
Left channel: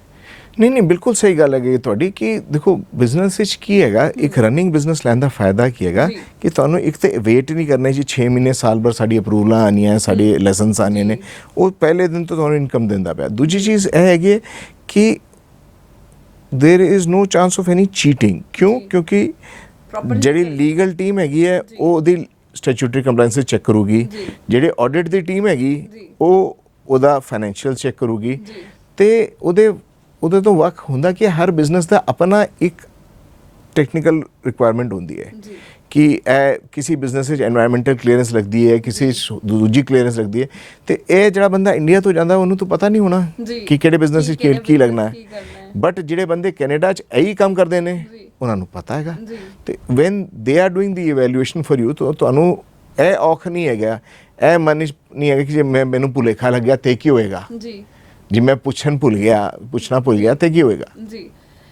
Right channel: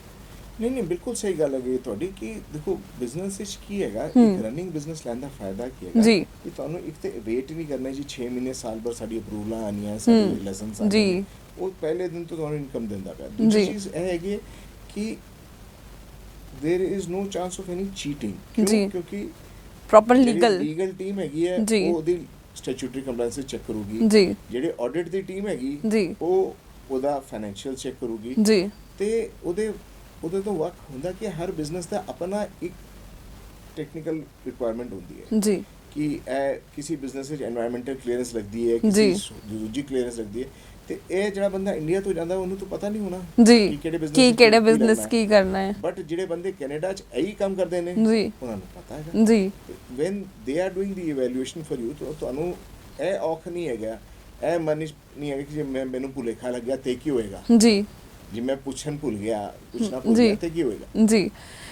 ਨਹੀਂ, ਬਿਲਕੁਲ ਸਹੀ ਗੱਲ ਹੈਗੀ ਤੁਹਾਡੀ ਕਿ ਦੇਖੋ ਬਿਜ਼ਨਸ ਵਿੱਚ ਕੀ ਹੈਗਾ, ਇੱਕ ਰਨਿੰਗ ਬਿਜ਼ਨਸ ਲੈਣ ਦਾ ਫਾਇਦਾ ਕੀ ਹੈਗਾ ਕਿ ਤੁਹਾਨੂੰ ਇੱਕ ਤੇ ਵੇਟ ਨਹੀਂ ਕਰਨਾ ਜੀ 6 ਮਹੀਨੇ ਸਾਲ ਭਰ ਸਾਡੀ ਅਪਰੂਵਲਾਂ ਆਉਣੀਆਂ, ਸਾਡੇ ਲਾਇਸੈਂਸ ਆਉਣੇ ਨੇ, ਉਹ ਪਹਿਲੇ ਦਿਨ ਤੋਂ ਤੁਹਾਨੂੰ ਇਨਕਮ ਦਿੰਦਾ ਪਿਆ। ਦੂਜੀ ਚੀਜ਼ ਇਹ ਹੈਗੀ ਕਿ there is no chance of any cheating. ਕਿਉਂਕਿ ਜਿਹੜੀ ਲੀਗਲ ਟੀਮ ਹੈਗੀ ਹੈ ਉਹ ਉਹਦੀ ਸਟੈਚੂਟਰੀ ਕੰਪਲਾਈਂਸ ਚੈੱਕ ਕਰੂਗੀ, ਜਿਹੜੇ ਆਡਿਟ ਦੀ ਟੀਮ ਹੈਗੀ ਉਹ ਉਹਦਾ ਫਾਈਨੈਂਸ਼ੀਅਲ ਚੈੱਕ ਕਰੂਗੀ, ਤੇ ਉਹਦੇ ਤੋਂ ਵੱਖ ਹੁੰਦਾ ਕਿ ਹਰ ਬਿਜ਼ਨਸ ਦਾ ਆਪਣਾ ਇੱਕ ਟੈਕਨੀਕਲ ਰਿਕੁਆਇਰਮੈਂਟ ਹੁੰਦੀ ਹੈ ਕਿ ਕਿ ਇਹ ਕਿਸੇ ਬਿਜ਼ਨਸ ਵਿੱਚ ਐਨਵਾਇਰਨਮੈਂਟਲ ਕਲੀਅਰੈਂਸ ਲੱਗਦੀ ਹੈ, ਕਿਸੇ ਦੂਜੀ ਕਲੀਅਰੈਂਸ ਲੱਗਦੀ ਹੈ, ਤੇ ਇਹ ਜਿਹੜਾ ਬੰਦਾ ਇੰਡੀਆ ਤੋਂ ਜਾਂਦਾ ਉਹਨੂੰ ਤਾਂ ਪਤਾ ਨਹੀਂ ਹੋਣਾ ਕਿ ਕਿਹੜੇ ਬਿਜ਼ਨਸ ਵਿੱਚ ਕੀ ਲੱਗਣਾ ਹੈ। ਬਟ ਜਿਹੜੇ ਬੰਦੇ ਕੈਨੇਡਾ 'ਚ ਇਹੀ ਕੰਮ ਕਰਦੇ ਨੇ ਉਹਨਾਂ ਨੂੰ ਪਤਾ ਹੈਗਾ। ਤੇ van they are doing the evaluation for you, ਤੁਹਾਨੂੰ ਇਹ ਔਖ ਨਹੀਂ ਹੈਗਾ, ਇਹ ਮਨ ਨਹੀਂ ਹੈਗਾ ਕਿ ਜੇ ਮੈਨੂੰ ਭੁਲੇਖਾ ਲੱਗਿਆ ਤੇ ਕੀ ਹੋਏਗਾ ਜੀ ਮੈਂ ਪੁੱਛਣਾ ਭੁੱਲ ਗਿਆ ਤੇ ਕੀ ਹੋਏਗਾ ਜੀ।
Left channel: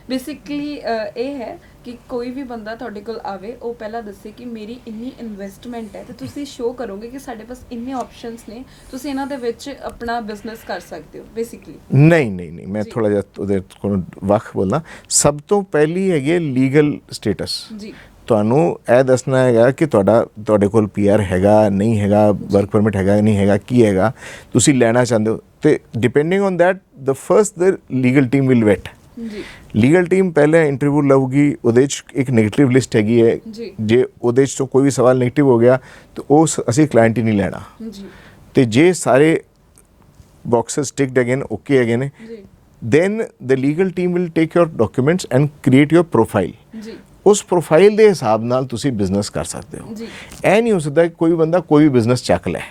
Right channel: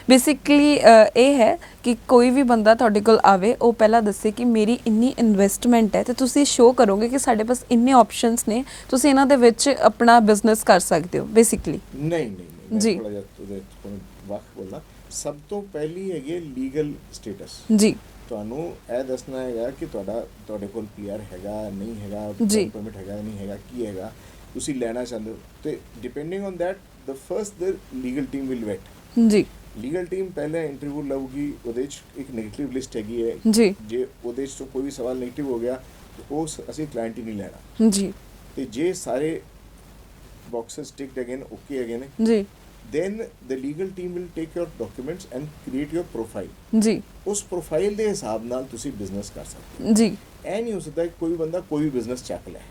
ਬੇਸਿਕਲੀ ਇਹ ਹੈ ਕਿ ਕੋਈ ਵੀ ਬੰਦਾ ਤੁਹਾਡੇ ਕੋਲ ਆਵੇ ਉਹ ਪਹਿਲਾਂ ਦੱਸੇ ਕਿ ਮੇਰੀ ਇੰਨੀ ਇਨਵੈਸਟਮੈਂਟ ਹੈ ਤੇ ਤੁਸੀਂ ਸ਼ੋਅ ਕਰੋਗੇ ਕਿ ਸਾਡੇ ਪਾਸ ਇੰਨੇ ਆਪਸ਼ਨਸ ਨੇ, ਤੁਸੀਂ ਇਹਨਾਂ ਦੇ ਵਿੱਚ ਆਪਣਾ ਬਿਜ਼ਨਸ ਕਰ ਸਕਦੇ ਹੋ ਬੇਸਿਕਲੀ। ਨਹੀਂ ਮੈਂ ਥੋੜਾ ਜਿਹਾ ਉਹਦੇ ਕੋਲ ਵੱਖ ਬੋਲਣਾ। ਸਭ ਤੋਂ ਪਹਿਲੀ ਹੈਗੀ ਹੈ ਲੀਗਲ ਸਟੇਟਸ ਜੀ। ਤੁਹਾਨੂੰ ਇਹ ਦੱਸਣਾ ਹੈਗਾ ਕਿ ਤੁਹਾਡੇ ਕੋਲ ਪੀਆਰ ਹੈਗਾ ਨਹੀਂ ਹੈਗਾ, ਵਰਕ ਪਰਮਿਟ ਹੈਗਾ ਨਹੀਂ ਹੈਗਾ, ਕੀ ਹੈਗਾ, ਤੁਸੀਂ ਲੈਣਾ ਚਾਹੁੰਦੇ ਹੋ, ਤੇ depending on that the first the legal team will vet ਜੀ। ਲੀਗਲ ਟੀਮ ਪਹਿਲੇ ਇੰਟਰਵਿਊ ਲਊਗੀ, ਉਹਦੇ 'ਚ ਇੱਕ ਨੈਗੇਟਿਵ ਲਿਸਟ ਹੈਗੀ ਹੈ ਜੀ। ਜੇ ਉਹਦੇ 'ਚ ਤੋਂ ਕੋਈ ਵੀ ਸਵਾਲ ਨੈਗੇਟਿਵ ਹੋ ਗਿਆ ਤਾਂ ਉਹ ਅਸੀਂ ਕਲਾਇੰਟ ਹੀ ਨਹੀਂ ਲੈਣਾ ਜੀ। ਤੇ ਜੇ ਸਾਰੇ ਬਾਕਸਸ ਟਿਕਡ ਹੈਗੇ ਨੇ, ਓਕੇ ਹੈਗੇ ਨੇ ਜੀ, then the legal team will take your documents and create your profile ਜੀ। ਉਸ ਪ੍ਰੋਫਾਈਲ ਦੇ ਹਿਸਾਬ ਨਾਲ ਤੁਸੀਂ ਬਿਜ਼ਨਸ ਕਰ ਸਕਦੇ ਹੋ ਜੀ। ਇਹ ਨਹੀਂ ਹੋ ਸਕਦਾ ਕੋਈ ਬੰਦਾ ਕੋਈ ਵੀ ਬਿਜ਼ਨਸ ਚੱਕ ਲੈ,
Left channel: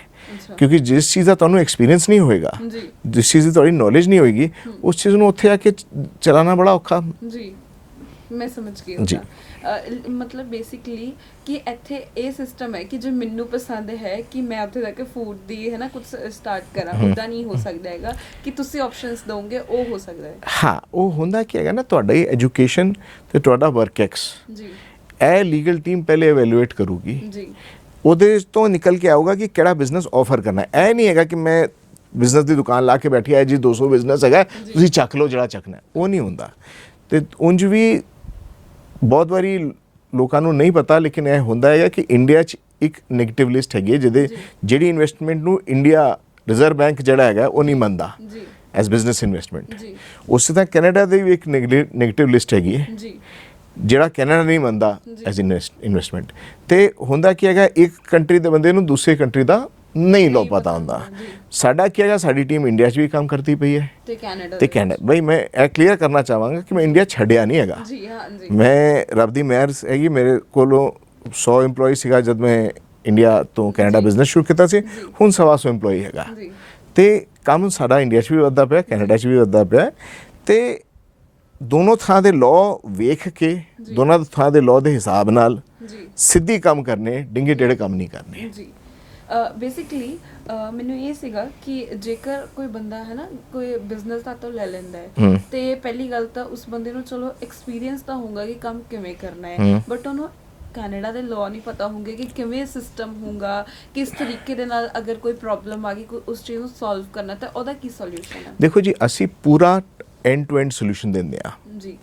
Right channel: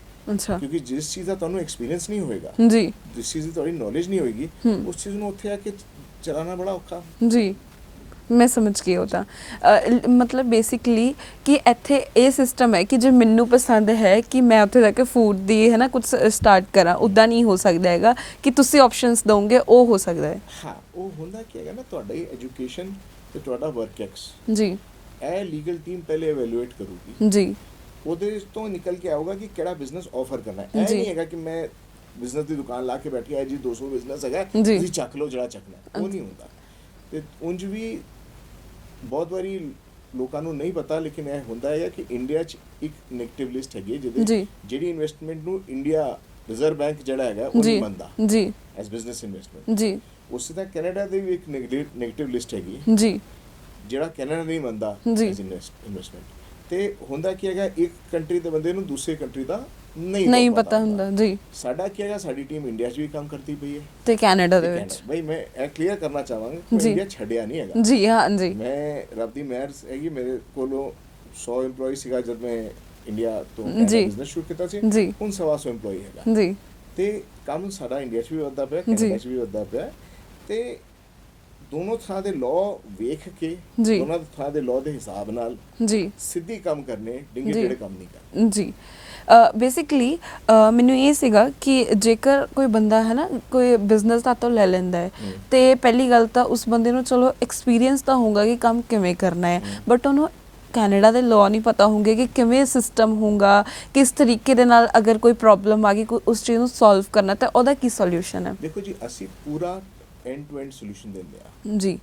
ਕਿਉਂਕਿ ਜਿਸ ਚੀਜ਼ ਦਾ ਤੁਹਾਨੂੰ ਐਕਸਪੀਰੀਅੰਸ ਨਹੀਂ ਹੋਏਗਾ ਜੀ, ਜਿਸ ਚੀਜ਼ ਦੀ ਤੁਹਾਡੀ ਨੌਲੇਜ ਨਹੀਂ ਹੋਏਗੀ, ਉਸ ਚੀਜ਼ ਨੂੰ ਉੱਥੇ ਆ ਕੇ ਚਲਾਉਣਾ ਬੜਾ ਔਖਾ ਜੀ। ਮੈਂ ਸਮਝ ਗਈ ਉਹ ਤਾਂ ਮਤਲਬ ਬੇਸਿਕਲੀ ਕਿ ਇੱਥੇ ਇਹ ਸਿਸਟਮ ਹੈ ਕਿ ਜੇ ਮੈਨੂੰ ਪਸੰਦ ਹੈ ਕਿ ਮੈਂ ਉੱਥੇ ਜਾ ਕੇ ਫੂਡ ਦੀ ਹੈ ਨਾ ਕੁਝ ਸਟਾਰਟ ਕਰਾਂ, ਉੱਦਾਂ ਨਹੀਂ ਹੋ ਸਕਦਾ ਹੈਗਾ ਕਿ ਤੁਸੀਂ ਆਪਸ਼ਨਸ ਦੋਗੇ, ਉਹ ਹੋ ਸਕਦਾ ਹੈ। ਹਾਂ, ਉਹ ਹੁੰਦਾ ਕੀ ਹੈਗਾ ਨਾ, ਤੁਹਾਡੀ ਐਜੂਕੇਸ਼ਨ ਤੇ ਤੁਹਾਡਾ ਵਰਕ ਐਕਸ ਜੀ, ਇਹ ਲੀਗਲ ਟੀਮ ਪਹਿਲੇ ਇਵੈਲੂਏਟ ਕਰੂਗੀ ਜੀ। ਉਹਦੇ ਤੋਂ ਨਿਕਲ ਕੇ ਆਊਗਾ ਕਿ ਕਿਹੜਾ ਬਿਜ਼ਨਸ ਆਫਰ ਕਰਨਾ ਹੈ। ਇਹ ਨਹੀਂ ਹੈਗਾ ਕਿ ਮੈਂ ਬਿਜ਼ਨਸ ਦੀ ਦੁਕਾਨ ਲਾ ਕੇ ਬੈਠੀ ਹੈ ਜੀ, 200 ਬਿਜ਼ਨਸ ਹੈਗਾ, ਤੁਸੀਂ ਚੱਕ ਲਓ ਜਿਹੜਾ ਚੱਕਣਾ, ਉਹ ਨਹੀਂ ਹੁੰਦਾ। ਤੇ ਉਂਝ ਵੀ ਬਹੁਤ ਵਾਰੀ ਲੋਕਾਂ ਨੂੰ ਨਹੀਂ ਪਤਾ, ਲੇਕਿਨ ਇਹ ਹੁੰਦਾ ਹੈਗਾ ਕਿ ਇੰਡੀਆ 'ਚ ਇੱਕ ਨੈਗੇਟਿਵ ਲਿਸਟ ਹੈਗੀ ਜਿਹਦੇ ਜਿਹੜੀ ਇਨਵੈਸਟਮੈਂਟ ਨੂੰ ਇੰਡੀਆ ਰਿਜ਼ਰਵ ਬੈਂਕ ਜਿਹੜਾ ਹੈਗਾ ਉਹ ਨਹੀਂ ਮੰਨਦਾ ਜੀ ਐਜ਼ ਬਿਜ਼ਨਸ ਇਨਵੈਸਟਮੈਂਟ ਜੀ। ਉਸੇ ਤਰ੍ਹਾਂ ਕੈਨੇਡਾ ਦੀ ਵੀ ਇੱਕ ਨੈਗੇਟਿਵ ਲਿਸਟ ਹੈਗੀ ਹੈ ਜੀ, ਜਿਹੜਾ ਕੈਨੇਡਾ ਨਹੀਂ ਮੰਨਦਾ ਐਜ਼ ਇਨਵੈਸਟਮੈਂਟ। ਤੇ ਹੁੰਦਾ ਕੀ ਹੈਗਾ, ਇੱਕ ਕੰਟਰੀ ਦੇ ਬੰਦੇ ਨੂੰ ਦੂਸਰੇ ਕੰਟਰੀ ਦਾ ਨਹੀਂ ਪਤਾ ਹੁੰਦਾ ਜੀ। ਸਾਡਾ ਕੀ ਹੈਗਾ, ਸਾਡੀ ਟੀਮ ਇੰਡੀਆ 'ਚ ਵੀ ਕੰਮ ਕਰਦੀ ਪਈ ਹੈ ਤੇ ਕੈਨੇਡਾ ਬਈ ਮੈਂ ਇਹ ਕਲੀਅਰ ਕਰਨਾ ਚਾਹਾਂਗਾ ਕਿ ਮੈਂ ਇੰਡੀਆ ਛੱਡਿਆ ਨਹੀਂ ਹੈਗਾ ਜੀ। ਹਾਂ ਜੀ, ਮੈਂ ਰੱਬ ਦੀ ਮਿਹਰ ਹੈਗੀ, ਮੇਰੇ ਕੋਲੋਂ 100 EMPLOYE ਸੀਗਾ ਜਦ ਮੈਂ ਇੰਡੀਆ ਤੋਂ ਕੈਨੇਡਾ ਬਿਜ਼ਨਸ ਸ਼ੁਰੂ ਕੀਤਾ ਸੀ, ਹੁਣ 125 EMPLOYE ਹੈਗਾ ਜੀ। ਤੇ ਕੰਮ ਸਾਡਾ ਇੰਡੀਆ 'ਚ ਵੀ ਵੱਧਦਾ ਪਿਆ, ਕੈਨੇਡਾ 'ਚ ਵੀ ਵੱਧਦਾ ਪਿਆ। ਤੇ ਦੋਨੋਂ ਥਾਂ ਦੇ ਲਾਅ ਵੇਖ ਕੇ, ਦੋਨਾਂ ਥਾਂ ਦੇ ਲਾਅ ਦੇ ਹਿਸਾਬ ਨਾਲ ਜੀ ਸਿੱਧੀ ਕੰਮ ਕਰਨੇ, ਡਿੰਗੇ ਟੇੜੇ ਕੰਮ ਨਹੀਂ ਕਰਨੇ ਜੀ। ਬੇਸਿਕਲੀ ਮੈਨੂੰ ਇਹ ਸੀਗਾ ਕਿ ਜੇਕਰ ਕੋਈ ਬੰਦਾ ਹੈ ਨਾ ਕੋਈ ਬਿਜ਼ਨਸ ਦਾ ਤਾਂ ਲੈ ਲੈਂਦਾ ਹੈ ਤੇ ਪਹਿਲੀ ਗੱਲ ਤਾਂ ਉਸ ਬੰਦੇ ਨੂੰ ਚਲੋ ਐਕਸਪੀਰੀਅੰਸ ਤਾਂ ਹੋਊਗਾ ਕਿ ਕੰਮ ਕਿਵੇਂ ਕਰਨਾ ਹੈ, ਬਟ ਉਹਨੂੰ ਕੈਨੇਡਾ ਦੇ ਲਾਅ ਨਹੀਂ ਪਤਾ ਹੋਣਗੇ ਕਿ ਕਿਵੇਂ ਸਿਸਟਮ ਹੋਊਗਾ, ਕਿਸ ਤਰੀਕੇ ਦੇ ਨਾਲ ਅਗਰ ਕੋਈ ਪ੍ਰੋਬਲਮ ਆ ਗਈ, ਕੋਈ ਉਸ ਚੀਜ਼ ਨੂੰ ਸੋਲਵ ਕਰਨਾ, ਤਾਂ ਉਹਦਾ ਕੀ ਸੋਲੂਸ਼ਨ ਹੈ। ਦੇਖੋ ਜੀ, ਅਸੀਂ ਪੂਰਾ ਐਂਡ ਟੂ ਐਂਡ ਸੋਲੂਸ਼ਨ ਦਿੰਦੇ ਆ ਜੀ।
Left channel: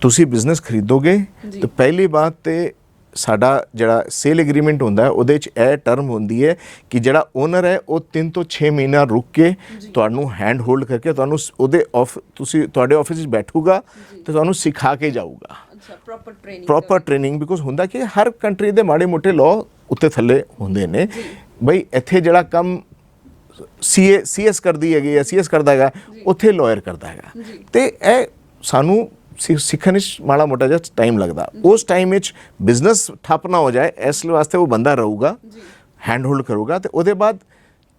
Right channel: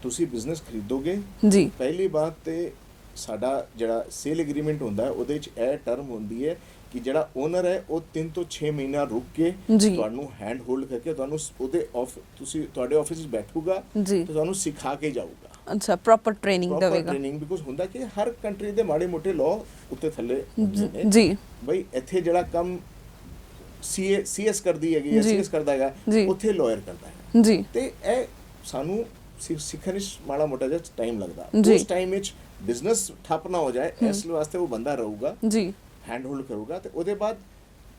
ਤੁਸੀਂ ਬਿਜ਼ਨਸ ਖਰੀਦੋਗੇ ਤਾਂ ਪਹਿਲੀ ਬਾਤ ਤੇ ਸਾਡਾ ਜਿਹੜਾ ਸੇਲ ਐਗਰੀਮੈਂਟ ਹੁੰਦਾ ਹੈ ਉਹਦੇ 'ਚ ਇਹ ਟਰਮ ਹੁੰਦੀ ਹੈ ਕਿ ਜਿਹੜਾ ਓਨਰ ਹੈ ਉਹ 3 ਤੋਂ 6 ਮਹੀਨਾ ਰੁਕ ਕੇ ਤੁਹਾਨੂੰ ਹੈਂਡ ਹੋਲਡ ਕਰਕੇ ਤੁਹਾਨੂੰ ਉਹਦੇ ਤੁਹਾਡੇ ਆਫਿਸ 'ਚ ਬੈਠੂਗਾ ਤੇ ਤੁਹਾਨੂੰ ਸਿਖਾ ਕੇ ਜਾਊਗਾ। ਅੱਛਾ, ਪ੍ਰੋਪਰ ਟ੍ਰੇਨਿੰਗ ਬਿਕੋਜ਼ ਹੁੰਦਾ ਕਿ ਹਰ ਕੰਟਰੀ ਦੇ ਮਾੜੇ ਮੋਟੇ ਲਾਅ ਉੱਤੇ ਥੱਲੇ ਹੁੰਦੇ ਨੇ ਬਈ। ਇੱਥੇ ਜਿਹੜਾ ਕੰਮ CS ਕਰਦੀ ਹੈਗੀ ਜਾਂ CS ਕਰਦਾ ਹੈਗਾ, ਉੱਥੇ ਲਾਇਰ ਕਰਦਾ ਹੈਗਾ। ਤੇ ਇਹ ਸਾਨੂੰ ਸਿੱਖਣ ਵਿੱਚ ਮਾੜਾ ਮੋਟਾ ਜਿਹਾ ਟਾਈਮ ਲੱਗਦਾ। ਉਸ ਟਾਈਮ ਵਿੱਚ ਬਿਜ਼ਨਸ ਠੱਪ ਨਾ ਹੋ ਜਾਏ, ਇਸ ਵਾਸਤੇ ਉਹ ਬੰਦਾ ਰਹੂਗਾ, ਹੈਂਡ ਹੋਲਡ ਕਰੂਗਾ। ਤੇ ਉਹਦੇ ਬਾਅਦ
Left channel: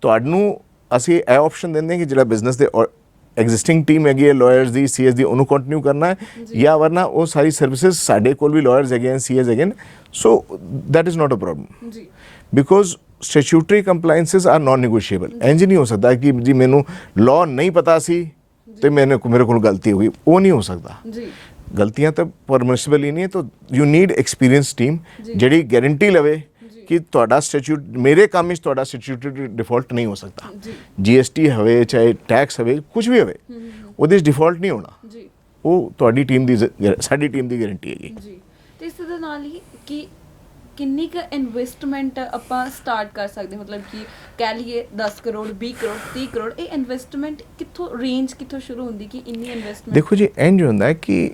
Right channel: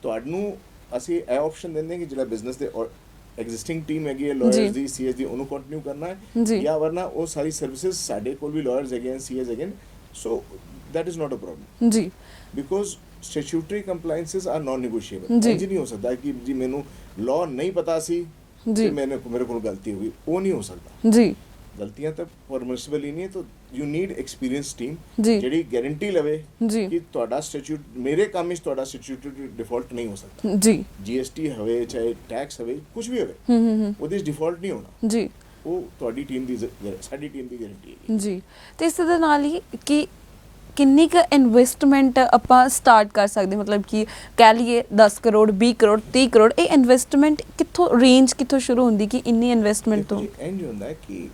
ਤੁਹਾਨੂੰ ਅਸੀਂ ਇਹ ਆਪਸ਼ਨ ਦਿੰਦੇ ਕਿ ਜਿਹੜਾ ਬਿਜ਼ਨਸ ਦੇ ਐਗਜ਼ਿਸਟਿੰਗ ਟੀਮ ਹੈਗੀ ਹੈ ਲਾਇਰਸ ਦੀ, CS ਦੀ, ਉਹਨੂੰ ਕੰਟੀਨਿਊ ਕਰਨਾ ਹੈ, ਜਾਂ ਵਰਨਾ ਉਹ ਸਾਰੀ ਸਰਵਿਸਿਜ਼ ਸਾਡੇ ਕੋਲ ਵੀ ਲਾਇਰਸ ਹੈਗੇ ਨੇ, CS ਹੈਗੇ ਨੇ, so that is not a problem ਜੀ। Because statutory compliances are non negotiable. ਇੰਜ ਨਹੀਂ ਹੋ ਸਕਦਾ ਕਿ ਜੀ ਮੈਨੂੰ ਲਾਅ ਨਹੀਂ ਪਤਾ ਸੀ ਤੇ ਮੇਰੇ ਕੋਲ ਗਲਤੀ ਹੋ ਗਈ, ਉਹ ਨਹੀਂ ਹੋ ਸਕਦਾ ਜੀ। ਗਲਤੀਆਂ ਤਾਂ ਪਰਮਿਸਿਬਲ ਹੀ ਨਹੀਂ ਹੈ। ਤਾਂ ਯੂ ਨੀਡ ਐਕਸਪੀਰੀਅੰਸ ਟੀਮ ਜਿਹੜੀ ਗਾਰੰਟੀ ਲਵੇ ਕਿ ਤੁਹਾਡਾ ਸਟੈਚੂਟ, ਮੇਰੇ ਕੰਮ ਵਿੱਚ ਤੁਹਾਡਾ ਸਟੈਚੂਟਰੀ ਡਿਫਾਲਟ ਨਹੀਂ ਹੋ ਸਕਦਾ ਜੀ। GST ਹੋਵੇ ਚਾਹੇ ਟੈਕਸ ਹੋਵੇ, ਕੁਝ ਵੀ ਹੋਵੇ, ਉਹਦੇ ਵਿੱਚ ਡਿਫਾਲਟ ਨਹੀਂ ਹੋਣਾ ਜੀ। ਉਹ ਤੁਹਾਡੀ ਟੀਮ ਦੀ, ਸਾਡੀ ਟੀਮ ਦੀ ਗਾਰੰਟੀ ਹੈਗੀ ਜੀ। ਤੇ ਇਸ ਦੇ ਨਾਲ ਹੀ ਕਿ ਕਿੰਨੀ ਕੁ ਇਨਵੈਸਟਮੈਂਟ ਆਪਾਂ ਸਟਾਰਟ ਕਰ ਸਕਦੇ, ਮਤਲਬ ਕਿ ਕਹਿ ਲਈਏ 10 ਕਰੋੜ 20 ਕਰੋੜ 30 ਕਰੋੜ, ਇਹ ਇਨਵੈਸਟਮੈਂਟ ਕਿੱਥੋਂ ਰੇਂਜ ਕਿੱਥੋਂ ਸ਼ੁਰੂ ਹੁੰਦੀ ਕਿ ਇੰਨੀ ਇਨਵੈਸਟਮੈਂਟ? ਦੇਖੋ ਜੀ, ਇੰਜ ਹੁੰਦਾ ਹੈ ਕਿ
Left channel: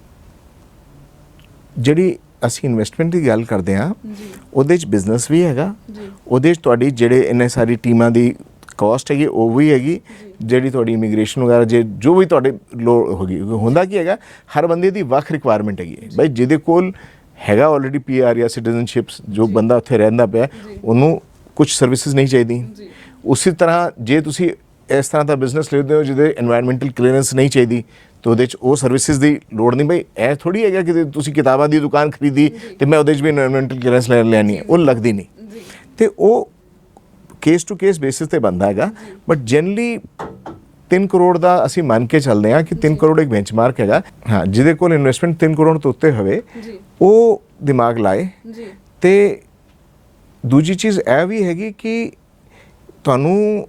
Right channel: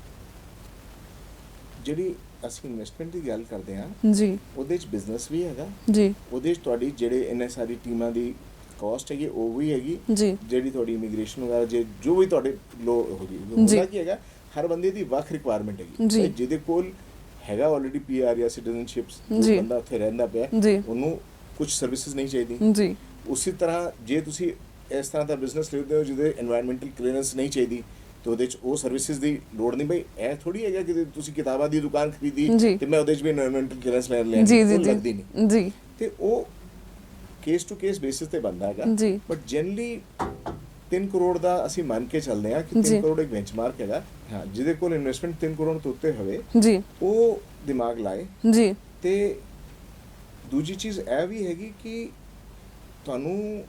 ਜਿਹੜੀ ਅਸੀਂ ਇਨਵੈਸਟਮੈਂਟ ਦੀ ਗੱਲ ਕਰਦੇ ਹਾਂ ਜੀ, ਉਹਦੇ 'ਚ ਬਿਜ਼ਨਸ ਵੀ ਹੈਗਾ ਜੀ, ਉਹਦੇ 'ਚ ਤੁਹਾਡੀ ਜਿਹੜੇ ਇੰਨੇ ਸਾਰੀ ਟੀਮਾਂ ਦੀ ਕਾਸਟ ਹੈਗੀ ਉਹ ਵੀ ਹੈਗੀ, ਜਿਹੜੀ ਤੁਹਾਡੀ ਇਮੀਗ੍ਰੇਸ਼ਨ ਵਗੈਰਾ ਜੋ ਵੀ ਤੁਹਾਡੇ ਲੋੜ ਹੋਗੀ। ਹੁੰਦਾ ਕੀ ਹੈਗਾ, ਹਰ ਬੰਦੇ ਦੀ ਵੱਖ ਰਿਕੁਆਇਰਮੈਂਟ ਹੈਗੀ। ਭਾਈ ਜਿਹਦੇ ਕੋਲ ਹੈਗਾ ਆਲਰੇਡੀ PR ਜਾਂ ਸਿਟੀਜ਼ਨਸ਼ਿਪਸ ਜੋ ਜੀ। ਬੰਦਾ ਉੱਥੇ ਰਹਿੰਦਾ ਪਿਆ ਜੀ। ਉਹਨੂੰ ਕੁਝ ਸਰਵਿਸਿਜ਼ ਨਹੀਂ ਚਾਹੀਦੀ। ਜੀ ਉਸੇ ਤਰ੍ਹਾਂ ਜੇ ਤੁਸੀਂ ਇਸ ਤਰ੍ਹਾਂ ਦਾ ਬਿਜ਼ਨਸ ਲੈਂਦੇ ਹੋ ਜਿਹਦੇ এনवायरमेंटल ਕਲੀਅਰੈਂਸ ਨਹੀਂ ਚਾਹੀਦੀ ਤੇ ਉਹਦੇ 'ਚ ਉਹ ਸਰਵਿਸਿਜ਼ ਦੀ ਲੋੜ ਨਹੀਂ। ਬਈ ਇਹ ਥੋੜੀ ਹੈਗਾ ਕਿ ਤੁਸੀਂ ਕਿਤਾਬਾਂ ਦੀ ਦੁਕਾਨ ਖਰੀਦੀ ਜੀ। ਤੇ ਮੈਂ ਉਹਦੇ 'ਚ ਵੀ এনवायरमेंटल ਕਲੀਅਰੈਂਸ ਲੈਣੀ ਜੀ, ਉਹ ਜੀ, ਲੱਗਦੀ ਨਹੀਂ। ਜੀ ਤੇ ਉਹ ਕੇਸ ਟੂ ਕੇਸ ਬੇਸਿਸ ਤੇ ਬੰਦਾ ਹੈਗਾ। ਜੀ। ਬਟ ਜਨਰਲੀ 3 ਕਰੋੜ ਦਾ ਅਸੀਂ ਮੰਨ ਕੇ ਚੱਲਦੇ ਹਾਂ ਕਿ 3 ਜੀ। ਕਰੋੜ ਇੱਕ ਬੈਂਚਮਾਰਕ ਹੈਗਾ। ਹਾਂ, ਜਿਹਦੇ ਕੋਲ ਇਨਵੈਸਟਮੈਂਟ 3 ਕਰੋੜ ਤੋਂ ਉੱਤੇ ਹੋਵੇ ਜੀ ਉਹ ਦਿਮਾਗ ਲਾਏ। ਜੀ ਤੇ ਦੂਜੀ ਚੀਜ਼ ਇਹ ਵੀ ਹੈਗੀ ਕਿ ਤੁਹਾਨੂੰ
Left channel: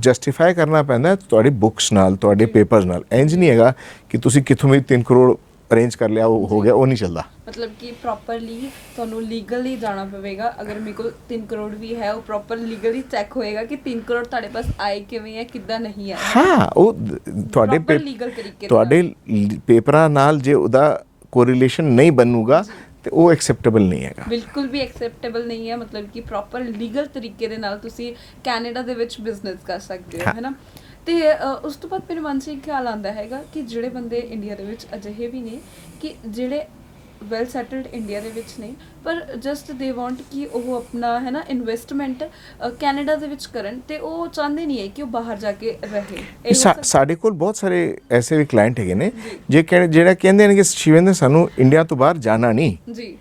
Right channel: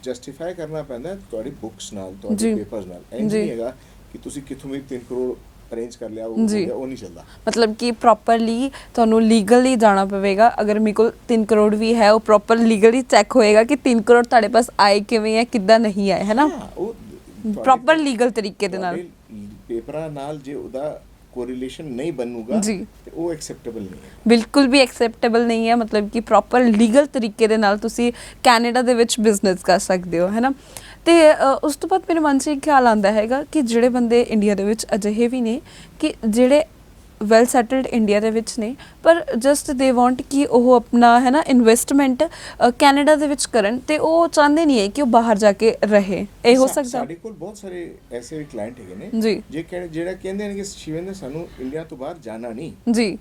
ਜਸਟੀਫਾਈ ਕਰਨਾ ਪੈਂਦਾ ਤੁਹਾਡੀ ਬੁੱਕਸ ਨਾਲ, ਤੁਹਾਡੇ ਜੀ। ਪੇਪਰਸ ਨਾਲ। ਇੰਜ ਜੀ। ਨਹੀਂ ਹੈਗਾ ਕਿ ਤੁਸੀਂ ਕਿੱਥੋਂ ਵੀ 3 ਕਰੋੜ ਅਰੇਂਜ ਕਰ ਲਿਆ ਉਹ ਹੋ ਜੀ। ਗਿਆ, ਉਹ ਨਹੀਂ ਚੱਲਦਾ। ਮਤਲਬ ਕਿ ਪ੍ਰੋਪਰਲੀ ਤੁਹਾਨੂੰ ਲੀਗਲੀ ਜਾਣਾ ਪਵੇਗਾ। ਅਗਰ ਮੇਰੇ ਕੋਲ 3 ਕਰੋੜ ਵੀ ਹੈ ਉਹ ਪ੍ਰੋਪਰ ਲੀਗਲੀ ਚੈੱਕ ਹੋਏਗਾ ਕਿ 3 ਕਰੋੜ ਤੁਹਾਡੇ ਪਾਸ ਆਏ ਕਿਵੇਂ ਹੈ, ਕਿੱਦਾਂ ਨਹੀਂ ਆਏ, ਹੈ ਨਾ। ਹਾਂ, ਉਹ ਤੁਹਾਡੇ ਪ੍ਰੋਪਰ ਲੀਗਲ ਤਰੀਕੇ ਦੇ ਨਾਲ। ਤੁਹਾਡੇ ਪੇਪਰਾਂ ਨਾਲ ਜੇ ਉਹਦਾ ਕੋਰਿਲੇਸ਼ਨ ਨਹੀਂ ਬਣੂਗਾ ਜੀ। ਤੇ ਉਹ ਐਕਸੈਪਟੇਬਲ ਨਹੀਂ ਹੈਗਾ। ਬਿਲਕੁਲ ਵੀ ਐਕਸੈਪਟੇਬਲ ਨਹੀਂ ਹੈ। ਮਤਲਬ ਕਿ ਪ੍ਰੋਪਰ ਲੀਗਲ ਤਰੀਕੇ ਦੇ ਨਾਲ ਤੁਸੀਂ ਕੈਨੇਡਾ ਦੇ ਵਿੱਚ ਬਿਜ਼ਨਸ ਕਰ ਸਕਦੇ ਹੋ, ਹੈ ਨਾ। ਤੇ ਉਸ ਤੋਂ ਬਾਅਦ ਮੇਰੇ ਮਨ 'ਚ ਇੱਕ ਖਿਆਲ ਆਉਂਦਾ ਹੈਗਾ ਕਿ ਜਿਹੜੇ ਬੰਦੇ ਇੰਡੀਆ ਦੇ ਵਿੱਚ ਅਜਿਹੇ ਵੀ ਨੇ ਕਿ ਜਿਹੜੇ ਵੈਲ ਸੈਟਲਡ ਇੰਡੀਆ ਦੇ ਵਿੱਚ ਨੇ ਪਰ ਜਸਟ ਦੇ ਵਾਂਟ ਕਿ ਉਹ ਆਪਣਾ ਹੈ ਨਾ ਇਨਵੈਸਟਮੈਂਟ ਕੈਨੇਡਾ ਦੇ ਵਿੱਚ ਕਰਨ ਤੇ ਉਹ ਚਾਹੁੰਦੇ ਨਹੀਂ ਹੈ ਕਿ ਉਹ ਬਾਹਰ ਜਾ ਕੇ ਰਹੇ। ਇਹ ਹੋ ਸਕਦਾ। ਸਾਡੇ ਕੋਲ ਬਹੁਤ ਸਾਰੇ ਐਸੇ ਵੀ ਕਲਾਇੰਟ ਹੈਗੇ ਨੇ ਜੀ। ਜਿਹੜਾ ਕਹਿੰਦੇ ਨੇ ਕਿ ਸ਼ਿਵੇਂਦਰ ਸਾਨੂੰ ਇੰਡੀਆ ਤੋਂ ਬਾਹਰ ਜਾਣਾ ਨਹੀਂ, ਜੀ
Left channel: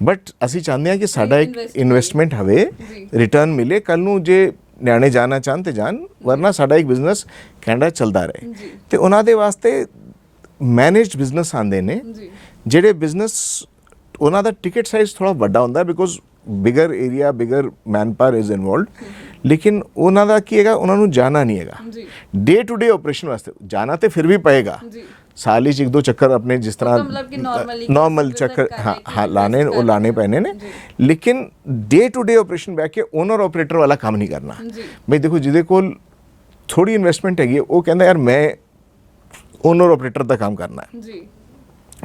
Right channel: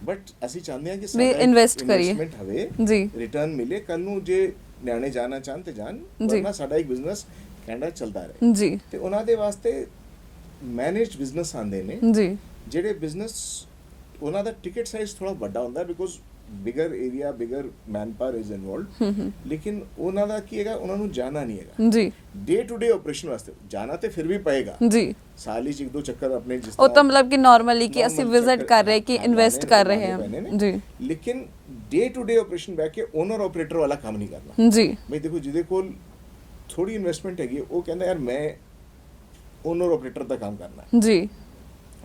ਬਟ ਅਸੀਂ ਚਾਹੁੰਦੇ ਹਾਂ ਕਿ ਸਾਡਾ invest ਕਰੀਏ। ਇਨਵੈਸਟਮੈਂਟ ਹੋਵੇ, ਜੀ। ਰਿਟਰਨ ਮਿਲੇ। ਕੱਲ ਨੂੰ ਜੇ ਨਿਆਣੇ ਜਾਣਾ ਚਾਹਣ ਤੇ ਜਾਣ, ਵਰਨਾ ਸਾਡਾ ਇੱਕ ਬਿਜ਼ਨਸ ਕੈਨੇਡਾ ਚੱਲਦਾ ਰਹੇ। ਜੀ ਤੇ ਉਹਨਾਂ ਦੇ ਵਾਸਤੇ ਮੈਨੇਜਡ ਬਿਜ਼ਨਸ ਆਉਂਦੇ ਨੇ ਜੀ ਜਿਹੜੇ ਬਿਜ਼ਨਸ ਉਹਨਾਂ ਦਾ ਟਿਕਟ ਸਾਈਜ਼ ਥੋੜਾ ਵੱਡਾ ਹੁੰਦਾ because bigger area, bigger manpower is involved. ਲੇਕਿਨ ਉਹਨਾਂ ਦਾ ਕੀ ਹੈਗਾ, ਉਹਨਾਂ ਨੂੰ ਜਾਣਾ ਨਹੀਂ ਹੈਗਾ ਜੀ ਡੇ ਟੂ ਡੇ ਆਪਰੇਸ਼ਨ ਵਾਸਤੇ। ਜਾਣਾ ਤੇ ਫਿਰ ਵੀ ਪਏਗਾ, ਜੀ ਸਾਲ 'ਚ 1-2 ਚੱਕਰ ਆਪਣੇ ਜਿਸ ਤਰ੍ਹਾਂ ਉਹ ਤਾਂ ਮਤਲਬ ਕਿ ਨਾਰਮਲੀ ਕਿ ਅਸੀਂ ਵਿਜ਼ਿਟ ਕਰ ਰਹੇ ਕਿ ਇਨਵੈਸਟ ਕਰ ਰਹੇ ਲਾਣੇ ਹਾਂ। ਪੈਣੇ ਨੇ। ਜੀ ਲੇਕਿਨ ਡੇ ਟੂ ਡੇ ਆਪਰੇਸ਼ਨ ਬੈਠ ਕੇ ਓਨਰ ਆਪਰੇਟਰ ਵਾਲਾ ਕੰਮ ਨਹੀਂ ਕਰਨਾ। ਜੀ ਬਈ ਦੇਖੋ ਜਿਹਦੇ ਕੋਲ ਥੋੜੀ ਇਨਵੈਸਟਮੈਂਟ ਹੈਗੀ ਉਹ ਕਹਿੰਦਾ ਯਾਰ ਮੈਂ ਓਨਰ ਆਪਰੇਟਰ ਦਾ ਕੰਮ ਕਰਨਾ ਹੈ। ਜੀ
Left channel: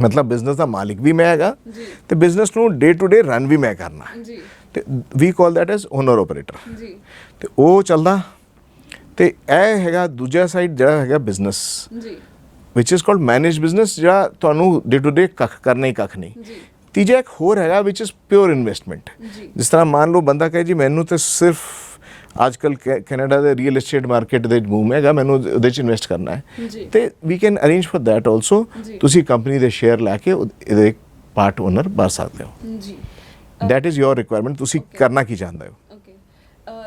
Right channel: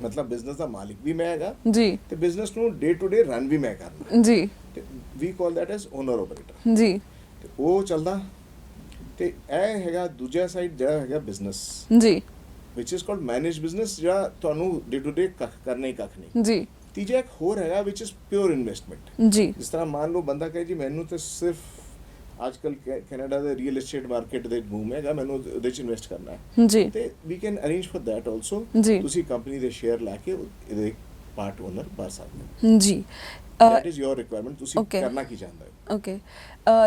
ਮਤਲਬ ਬਿਜ਼ਨਸ ਦਾ ਮਾਲਿਕ ਵੀ ਮੈਂ ਹੈਗਾ ਜੀ ਤੇ ਬਿਜ਼ਨਸ ਨੂੰ ਡੇ ਟੂ ਡੇ ਰਨ ਵੀ ਮੈਂ ਕਰਨਾ। ਜੀ ਤੇ ਵੀ ਕਾਲ ਦੈਟ ਐਜ਼ ਓਨਰ ਆਪਰੇਟਰ। ਜੀ ਤੇ ਉਹ ਚੱਲਦਾ। ਤੇ ਇਹ ਹੈਗਾ ਦੂਜਾ ਸਾਈਡ ਜਿਹੜਾ ਹੈਗਾ ਬਿਜ਼ਨਸ ਜੀ ਵਿਚ ਇਜ਼ ਕਾਲਡ ਮੈਨੇਜ ਬਿਜ਼ਨਸ, ਜਿਹੜਾ ਤੁਹਾਨੂੰ ਡੇ ਟੂ ਡੇ ਕੱਖ ਕਰਨਾ ਹੀ ਕੱਖ ਨਹੀਂ। ਜੀ ਤੀਜਾ ਇੱਕ ਹੋਰ ਹੈਗਾ ਵਿਚ ਇਜ਼ ਪਿਓਰ ਇਨਵੈਸਟਮੈਂਟ। ਜੀ ਜਿਸ ਤਰ੍ਹਾਂ ਮੰਨ ਲਓ ਬੰਦਾ ਕਹੇ ਜੀ ਮੈਨੂੰ ਤੇ ਸਿਰਫ ਅੱਜ ਕੱਲ ਕੈਨੇਡਾ ਦੇ ਰੀਅਲ ਏਸਟੇਟ ਮਾਰਕੀਟ ਦੇ ਬੂਮ ਹੈਗਾ, ਮੈਨੂੰ ਉਹਦੇ 'ਚ ਇਨਵੈਸਟ ਕਰਨਾ ਹੈ। ਜੀ ਤੇ we can arrange for that also. ਜੀ। ਤੁਸੀਂ ਕੰਪਨੀ ਦੇ ਸ਼ੇਅਰ ਲੈ ਕੇ ਇਹਦੇ ਪਾਰਟ ਓਨਰ ਬਣ ਸਕਦੇ ਹੋ। ਜੀ ਦੈਟ ਇਜ਼ ਯੋਰ ਰਿਕੁਆਇਰਮੈਂਟ। ਤੁਸੀਂ Okay. ਕਰਨਾ ਕੀ ਚਾਹੁੰਦੇ ਹੋ। ਓਕੇ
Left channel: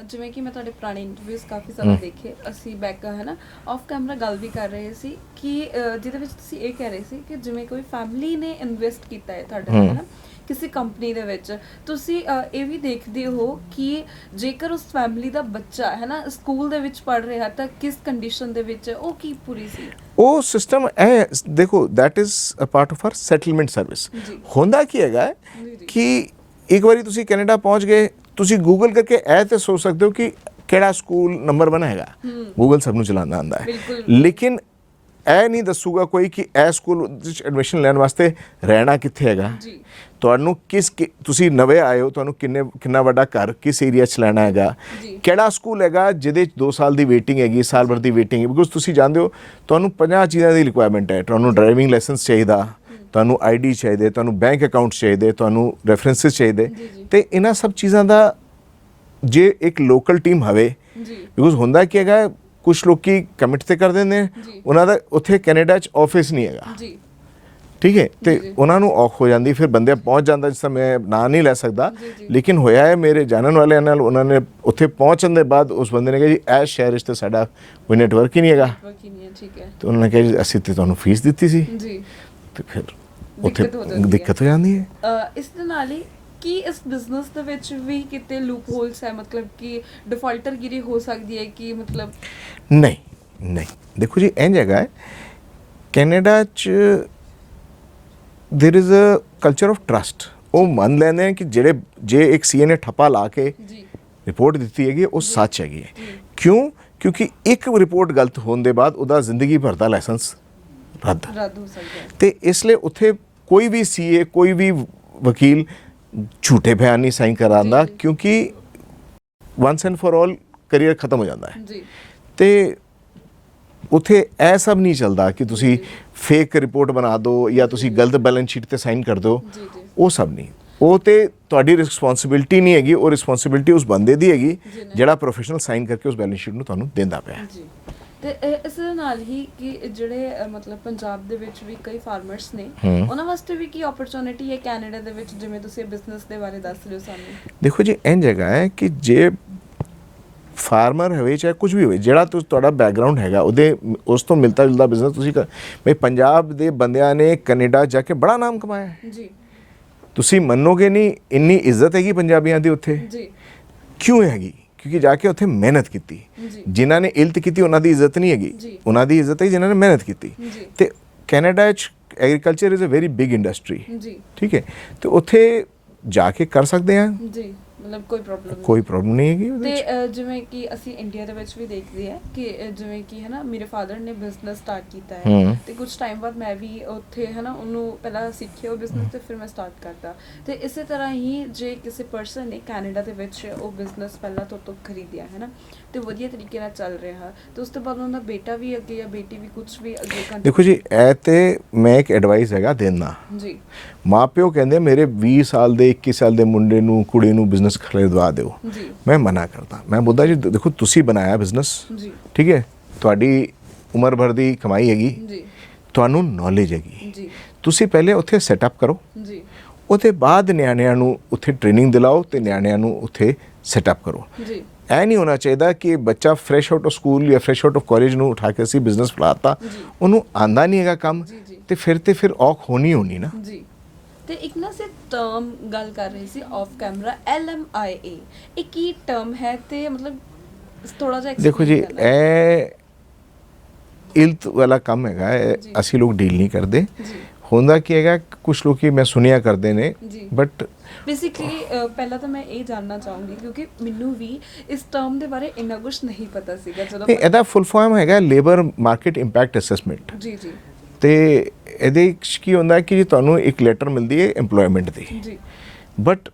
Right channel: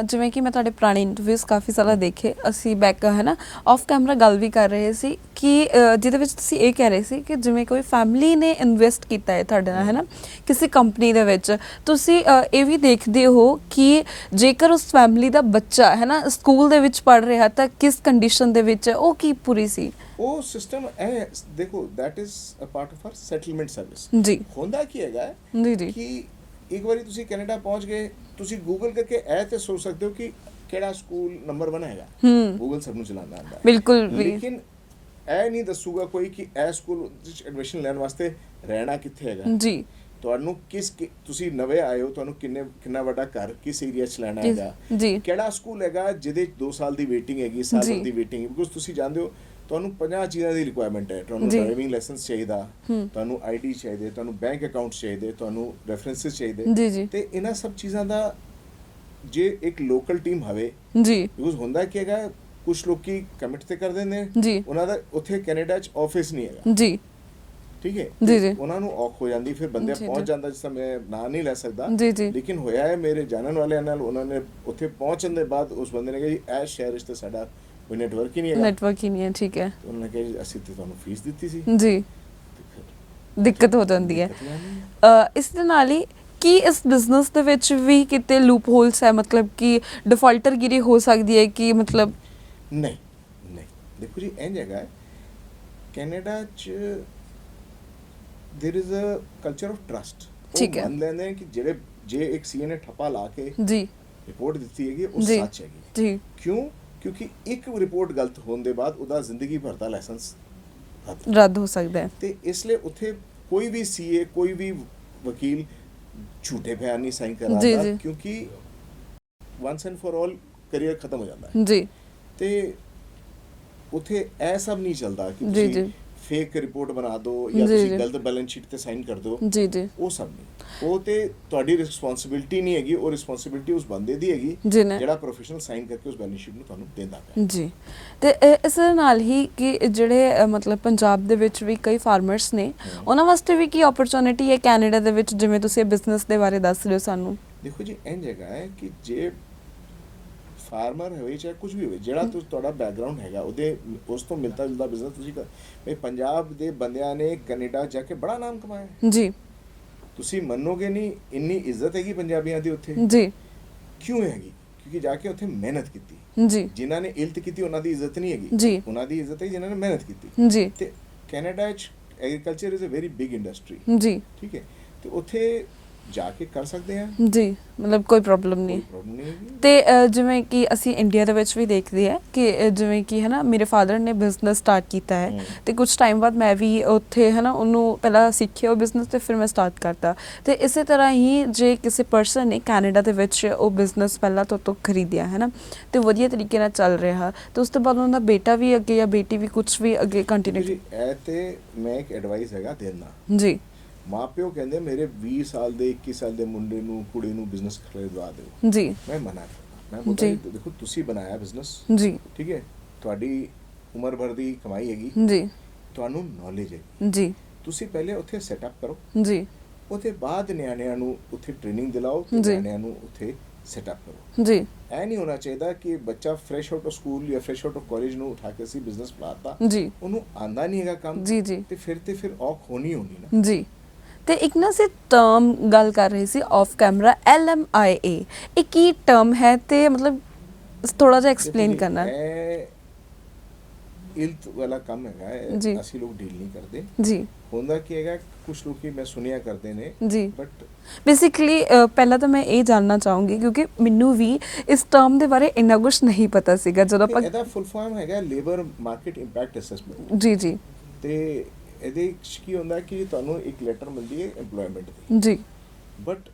ਜਿਵੇਂ ਕਿ ਮੈਂ ਤੁਹਾਡੇ ਪੁਰਾਣੇ ਇੰਟਰਵਿਊਜ਼ ਕਾਫੀ ਸਾਰਾ ਦੇਖੇ, ਅਸੀਂ ਬੈਕ ਹੈ ਨਾ ਆਫ ਕੈਮਰਾ ਗੱਲ ਵੀ ਕਰ ਰਹੇ ਸੀ ਕਿ ਜਿਹਦੇ ਵਿੱਚ ਤੁਸੀਂ ਇਹ ਕਹਿ ਰਹੇ ਸੀ ਕਿ ਜਿਵੇਂ ਕੋਈ ਫੈਮਿਲੀ ਨੇ ਇਨਵੈਸਟ ਕੀਤਾ ਹੈ ਤੁਹਾਡਾ ਹੈ ਨਾ ਕਿਸੇ ਕੰਪਨੀ ਦੇ ਵਿੱਚ, ਤੁਸੀਂ ਇਹ ਵੀ ਦੇਖਦੇ ਹੋ ਕਿ ਜੇਕਰ ਉਸ ਫੈਮਿਲੀ ਦਾ ਬੱਚਾ ਹੈ ਨਾ ਸਕੂਲ ਦੇ ਵਿੱਚ ਪੜ੍ਹ ਰਿਹਾ ਤਾਂ ਕਿਸ ਕੰਡੀਸ਼ਨ ਦੇ ਵਿੱਚ ਉਹ ਕੀ ਪੂਰੀ ਸੀ। ਉਹ ਸਿਸਟਮ ਹੈ ਦੇਖੋ that is a part of our settlement service. ਜੀ ਹੁੰਦਾ ਕੀ ਹੈਗਾ ਜੀ ਜੀ ਕਿ ਇੱਕ ਵਾਰੀ ਤੁਸੀਂ ਕੈਨੇਡਾ ਪਹੁੰਚ ਗਏ, ਤੁਸੀਂ ਗੂਗਲ ਕਰਕੇ ਇਹ ਤੇ ਸੋਚ ਸਕਦੇ ਹੋ ਕਿ ਕਿਹੜਾ ਸਕੂਲ ਨੰਬਰ 1 ਹੈਗਾ। ਗੂਗਲ ਸਭ ਨੂੰ ਚਲਾਉਣਾ ਆਉਂਦਾ ਹੈ। ਬਿਲਕੁਲ। ਲੇਕਿਨ ਇਹ ਨਹੀਂ ਦੱਸੂਗਾ ਕੋਈ ਕਿ ਇਹ ਸਕੂਲ ਵਿੱਚ ਐਡਮਿਸ਼ਨ ਲੈਣ ਵਾਸਤੇ ਰਹਿਣਾ ਕਿੱਥੇ ਹੈਗਾ। ਜੀ ਤੁਹਾਨੂੰ ਤੁਸੀਂ ਨਵੇਂ ਆਏ ਹੋ, ਤੁਹਾਨੂੰ ਕਿੰਨਾ ਵੱਡਾ ਘਰ ਕਿਸ ਏਰੀਆ 'ਚ ਲੈਣਾ ਹੈਗਾ, ਜੀ ਕਿਹੜਾ ਸਕੂਲ ਹੈਗਾ ਜਿਹਦੇ 'ਚ 2 ਸਾਲ ਦੀ ਵੇਟਿੰਗ ਹੈਗੀ, ਸਾਲ ਭਰ ਦੀ ਵੇਟਿੰਗ ਹੈ। ਬਿਕੋਜ਼ ਤੁਸੀਂ ਜਾਣਦੇ ਹੋ ਤੁਹਾਨੂੰ 50 ਚੀਜ਼ਾਂ ਦੀ ਰਿਕੁਆਇਰਮੈਂਟ ਹੈ। ਤੁਹਾਨੂੰ ਡਰਾਈਵਿੰਗ ਲਾਇਸੈਂਸ ਚਾਹੀਦਾ, ਤੁਹਾਨੂੰ ਆਈਡੀ ਚਾਹੀਦੇ, ਤੁਹਾਨੂੰ ਬੈਂਕ ਅਕਾਊਂਟ ਚਾਹੀਦੇ, ਤੁਹਾਨੂੰ ਰੈਫਰੈਂਸਸ ਚਾਹੀਦੇ। ਜੀ ਜੀ ਤੇ ਇਹਨਾਂ ਸਭ ਚੀਜ਼ਾਂ ਦਾ ਜੇ ਇੱਕ ਲੋਕਲ ਟੀਮ ਹੋਵੇ, ਜੀ ਬਿਕੋਜ਼ ਹੁੰਦਾ ਕੀ ਹੈਗਾ ਕੁਝ ਲੋਕੀ ਕਮਿਟ ਤੇ ਕਰ ਦਿੰਦੇ ਨੇ, ਜੀ ਉਹਨਾਂ ਦਾ ਉੱਥੇ ਕੈਨੇਡਾ 'ਚ ਆਫਿਸ ਨਹੀਂ ਹੈਗਾ। ਜੀ ਠੀਕ ਹੈ। ਜੀ, ਜੀ। ਤੇ ਉਹਨਾਂ ਨੂੰ ਔਖ ਹੋ ਜਾਂਦੀ, ਫਿਰ ਬੰਦੇ ਪਹੁੰਚ ਜਾਂਦਾ। ਜਿਸ ਤਰ੍ਹਾਂ ਮੈਂ ਨਾਂ ਨਹੀਂ ਲੈ ਸਕਦਾ, ਜੀ, ਜੀ। ਲੇਕਿਨ ਹੋਇਆ ਹੈ ਮੇਰੇ ਜਾਣਨ ਵਾਲਿਆਂ ਨਾਲ। ਉਹਨਾਂ ਨੇ ਉੱਥੇ ਪਹੁੰਚਣ ਦੇ ਬਾਅਦ ਉਸ ਬੰਦੇ ਨੇ ਕਿਹਾ ਜੀ ਇਸ ਸ਼ਹਿਰ 'ਚ ਤਾਂ ਸਾਡਾ ਕੋਈ ਨੈਟਵਰਕ ਹੀ ਨਹੀਂ ਹੈਗਾ। ਨੈਟਵਰਕ ਹੀ ਨਹੀਂ ਹੈ। ਠੀਕ ਹੈ। ਤੇ ਉਹਨਾਂ ਨੇ ਕਿਹਾ ਜੀ ਅਸੀਂ ਤੇ ਤੁਹਾਨੂੰ ਫੀਸ ਦਿੱਤੀ ਸੀ। ਜੀ ਤੇ ਫਿਰ ਦਿੱਕਤ ਹੋ ਜਾਂਦੀ ਹੈ। ਦਿੱਕਤ ਹੋ ਜਾਂਦੀ ਹੈ। ਇਸ ਦੇ ਨਾਲ ਹੀ ਕੀ ਇਸ ਬਿਜ਼ਨਸ ਦੇ ਵਿੱਚ ਵੀ ਕਿਤੇ ਲੂਪ ਹੋਲਸ ਹੈ, ਮਤਲਬ ਕਿ ਡਿਫਾਲਟਰਗਿਰੀ ਹੋ ਸਕਦੀ ਹੈ ਕਿ ਮਤਲਬ ਨਹੀਂ ਨਹੀਂ ਦੇਖੋ ਜੀ ਇੰਝ ਹੈਗਾ ਹੈ ਕੈਨੇਡਾ 'ਚ there is a culture of trust. ਉਹ ਮੰਨ ਲੈਂਦੇ ਨੇ ਕਿ ਜੇ ਇੱਕ ਸੀਏ ਨੇ ਠੱਪਾ ਲਾ ਕੇ ਜੀ ਰਿਪੋਰਟ ਦਿੱਤੀ ਹੈਗੀ ਉਹ ਸੱਚ ਹੈਗੀ ਹੈ। ਜੀ ਕਿਉਂ? ਕਿਉਂਕਿ ਇੱਕ ਰਿਪੋਰਟ ਗਲਤ ਹੋਣ ਦੇ ਬਾਅਦ ਉਹਦਾ ਜ਼ਿੰਦਗੀ ਭਰ ਦਾ ਲਾਇਸੈਂਸ ਰੱਦ ਹੋ ਸਕਦਾ ਹੈ। ਤੇ ਇਸ ਲਈ ਉੱਥੇ ਕੋਈ ਵੀ ਸੀਏ, ਕੋਈ ਵੀ ਵਕੀਲ ਝੂਠੇ ਬਿਆਨ ਨਹੀਂ ਸਾਈਨ ਕਰਾਉਂਦਾ, ਕਿਉਂਕਿ once and for all career ਖਤਮ ਹੋ ਜਾਂਦਾ ਹੈ। ਜੀ ਤੇ ਉੱਥੇ ਇਹ ਸਭ ਨਹੀਂ ਚੱਲਦਾ ਕਿ ਤੁਸੀਂ ਫੇਕ ਰਿਪੋਰਟ ਬਣਾ ਦਿਓ ਜਾਂ ਤੁਸੀਂ ਗਲਤ ਬੈਲੈਂਸ ਸ਼ੀਟ ਤੇ ਸਾਈਨ ਕਰ ਦਿਓ, ਜੀ ਜੀ ਉਹ ਸਭ ਨਹੀਂ। ਉਹ ਤੇ ਤੁਹਾਡੀ ਰਿਸਪੌਂਸਿਬਿਲਟੀ ਨਹੀਂ ਹੈਗੀ, ਉਹ ਰਿਸਪੌਂਸਿਬਿਲਟੀ ਉਸ ਬੰਦੇ ਦੀ ਹੈਗੀ ਜਿਹੜਾ ਪ੍ਰੋਫੈਸ਼ਨਲ ਸਾਈਨ ਕਰਕੇ ਉਸ ਬੈਲੈਂਸ ਸ਼ੀਟ ਨੂੰ ਤੁਹਾਨੂੰ ਦਿੰਦਾ ਪਿਆ ਜੀ। ਤੇ ਇਸ ਦੇ ਨਾਲ ਹੀ ਕਿ ਜਿਹੜੇ ਮਤਲਬ ਪੰਜਾਬ ਦੇ ਵਿੱਚ ਵੀ ਕਈ ਫਾਰਮਰਸ ਨੇ, ਉਹਨਾਂ ਵਾਸਤੇ ਵੀ ਕੀ ਓਪਰਚੁਨਿਟੀ ਹੈ ਕੈਨੇਡਾ ਦੇ ਵਿੱਚ, ਜਿਵੇਂ ਤੁਸੀਂ ਬਿਜ਼ਨਸ ਦੇ ਬਾਰੇ ਦੱਸ ਰਹੇ ਹੋ ਸਾਨੂੰ? ਦੇਖੋ ਜੀ, ਇਹ ਜਗ੍ਹਾ ਹੈ ਕਿ ਜੇ ਫਾਰਮਰ ਹੋਵੇ ਚਾਹੇ ਕੁਝ ਵੀ ਹੋਵੇ, ਜਿਹੜਾ ਤੁਹਾਡਾ ਬੈਕਗਰਾਉਂਡ ਹੈਗਾ ਉਹਦੇ ਉਸ ਤੋਂ ਮਿਲਦਾ ਜੁਲਦਾ ਬਿਜ਼ਨਸ ਤੁਸੀਂ ਬਈ ਪੰਜਾਬ ਦੇ ਬੰਦਿਆਂ ਨੇ ਕੈਨੇਡਾ ਜਾ ਕੇ ਬੜਾ ਨਾਮ ਕਮਾਇਆ ਹੈ ਜੀ। ਤੁਸੀਂ ਮੰਨੋਗੇ ਨਹੀਂ, ਇੰਨੀ ਇੱਜ਼ਤ ਹੈਗੀ ਪੰਜਾਬੀਆਂ ਦੀ ਉੱਥੇ। ਜੀ। ਕਿਉਂ ਹੈਗੀ? ਕਿਉਂਕਿ ਜਾ ਕੇ ਉੱਥੇ ਮਿਹਨਤ ਕੀਤੀ। ਜੀ। ਜਿਨ੍ਹਾਂ ਨੇ ਇਲਤ ਕੀਤੀ ਉਹਨਾਂ ਦੀ ਇੱਜ਼ਤ ਨਹੀਂ ਹੈਗੀ, ਉਹਨਾਂ ਦੀ ਇੱਜ਼ਤ ਹੈ ਜਿਨ੍ਹਾਂ ਨੇ ਮਿਹਨਤ ਕੀਤੀ। ਜੀ। ਤੇ ਕੈਨੇਡਾ 'ਚ agriculture is a very big industry. ਜੀ। ਠੀਕ ਹੈ, ਤੇ ਉੱਥੇ ਜਾ ਕੇ ਕਰ ਸਕਦੇ ਆ ਜੀ, ਮਤਲਬ ਕੋਈ ਪ੍ਰੋਬਲਮ ਨਹੀਂ ਹੈਗੀ। ਤੇ ਜਿਵੇਂ ਕਿ ਅਸੀਂ ਇੰਡੀਆ ਦੇ ਵਿੱਚ ਵੀ ਦੇਖਦੇ ਆ ਕਿ ਜਿਵੇਂ ਕਿ ਹੈ ਨਾ, ਮੇਰੇ ਫਾਦਰ ਨੇ ਬਿਜ਼ਨਸ ਸਟਾਰਟ ਕੀਤਾ ਹੈ ਤੇ ਕੁਝ ਟਾਈਮ ਬਾਅਦ ਮੈਂ ਵੀ ਉੱਥੇ ਹੈ ਨਾ ਉਹਨੂੰ ਪਹਿਲਾਂ ਸਿੱਖਿਆ ਉਹ ਬਿਜ਼ਨਸ ਤੇ ਫਿਰ ਮੈਂ ਸਟਾਰਟ ਕਰਤਾ। ਤੇ ਇਸੇ ਤਰ੍ਹਾਂ ਹੀ ਜੇ ਕਿਸੇ ਪਰਸਨ ਨੇ ਕੈਨੇਡਾ ਦੇ ਵਿੱਚ ਉਹ ਬਿਜ਼ਨਸ ਪਹਿਲਾਂ ਤੋਂ ਖਰੀਦਿਆ ਹੈ ਨਾ ਤੇ ਵਧੀਆ ਤਰੀਕੇ ਨਾਲ ਚੱਲ ਰਿਹਾ, ਤੇ ਉਸ ਤੋਂ ਬਾਅਦ ਉਹਨਾਂ ਦਾ ਬੇਟਾ ਵੀ ਅੱਗੇ ਜਾਂ ਬੇਟੀ ਵੀ ਕੁਝ ਵੀ ਅੱਗੇ ਕੰਟੀਨਿਊ। ਦੇਖੋ ਜੀ, ਇਹ ਤੇ ਮੈਂ ਇੱਕ ਐਡਵਾਈਸ ਹੈਗਾ ਦੇਣਾ ਜੀ। ਮਾਂ ਪਿਓ ਕਹਿੰਦੇ ਮੇਰੇ 20 ਸਾਲ ਦੇ 21 ਸਾਲ ਦੇ ਮੁੰਡੇ ਨੂੰ ਕੁੜੀ ਨੂੰ ਬਿਜ਼ਨਸ ਖਰੀਦਵਾ ਦਿਓ ਜੀ, ਮੈਂ ਮਨਾ ਕਰਦਾ। ਮੈਂ ਬੋਲਦਾ ਜੀ ਦੇਖੋ, ਤੁਸੀਂ ਬਣਾਇਆ ਬਿਜ਼ਨਸ ਜੀ, ਠੀਕ ਹੈ, ਤੁਹਾਡੀ ਉਮਰ ਭਰ ਦੀ ਕਮਾਈ ਹੈਗੀ ਜੀ, ਤੁਹਾਨੂੰ ਨੌਲੇਜ ਹੈਗੀ ਜੀ, ਤੁਸੀਂ ਪਹਿਲੇ ਉੱਥੇ ਸੈਟਅਪ ਕਰੋ ਜੀ, ਉਹਦੇ ਬਾਅਦ ਨਿਆਣਿਆਂ ਨੂੰ ਉੱਥੇ ਟ੍ਰੇਨਿੰਗ ਦਿਲਾਓ ਤੇ ਨਿਆਣਿਆਂ ਨੂੰ ਉੱਥੇ ਸੈਟਅਪ ਕਰੋ ਜੀ। ਇਹ ਨਹੀਂ ਹੋਣਾ ਚਾਹੀਦਾ ਕਿ ਬੱਚਾ ਫਰੈਸ਼ ਆਊਟ ਆਫ ਸਕੂਲ ਜਾਂ ਫਰੈਸ਼ ਆਊਟ ਆਫ ਕਾਲਜ ਨੂੰ ਉਠਾ ਕੇ ਅਸੀਂ ਬਿਜ਼ਨਸ ਫਲਾਤਾ, ਉਹਨੂੰ ਆਂਦਾ ਨਹੀਂ ਹੈਗਾ ਕੰਮ ਤੇ ਫਿਰ ਔਖ ਹੋਣੀ ਨਾ ਜੀ। ਤੇ ਇੱਕ ਨਾ ਅਸੀਂ ਟਰਮ ਗੱਲ ਕਰ ਰਹੇ ਸੀ ਆਫ ਕੈਮਰਾ, LMIA, ਇਹ ਕੀ ਟਰਮ ਹੈ ਤੇ ਮਤਲਬ ਥੋੜਾ ਜਿਹਾ ਐਕਸਪਲੇਨ ਕਰਨਾ ਹੈ। ਇਹ ਇਲਤ ਵਾਲਾ ਕੰਮ ਹੈਗਾ, ਅਸੀਂ ਲੋਕ ਡੀਲ ਨਹੀਂ ਕਰਦੇ ਜੀ। ਹੁੰਦਾ ਕੀ ਹੈਗਾ, ਕੁਝ ਲੋਕੀ ਮੈਂ ਸੁਣਿਆ ਕਰਦੇ ਨੇ ਜੀ, ਬਟ ਬੇਸਿਕਲੀ ਪਹਿਲਾਂ ਤਾਂ ਮੈਂ ਇਹ ਜਾਣਨਾ ਚਾਹੂੰਗੀ ਕਿਉਂਕਿ ਮੈਨੂੰ ਵੀ ਇਸ ਟਰਮ ਦੇ ਬਾਰੇ ਇੰਨਾ ਕੁਝ ਨਹੀਂ ਪਤਾ ਸੀਗਾ। ਜਦੋਂ ਇਹਦਾ ਫੁੱਲ ਫਾਰਮ ਹੈਗਾ ਲੇਬਰ ਮਾਰਕੀਟ ਇੰਪੈਕਟ ਅਸੈਸਮੈਂਟ ਜੀ ਜੀ। ਤੇ ਇਹਦੇ ਵਿੱਚ ਕੀ ਹੁੰਦਾ ਕਿ ਜੀ ਤੁਹਾਨੂੰ ਇੱਕ ਲੈਟਰ ਮਿਲਦੀ ਹੈ EMPLOYMENT ਦੀ ਜੀ, ਬਟ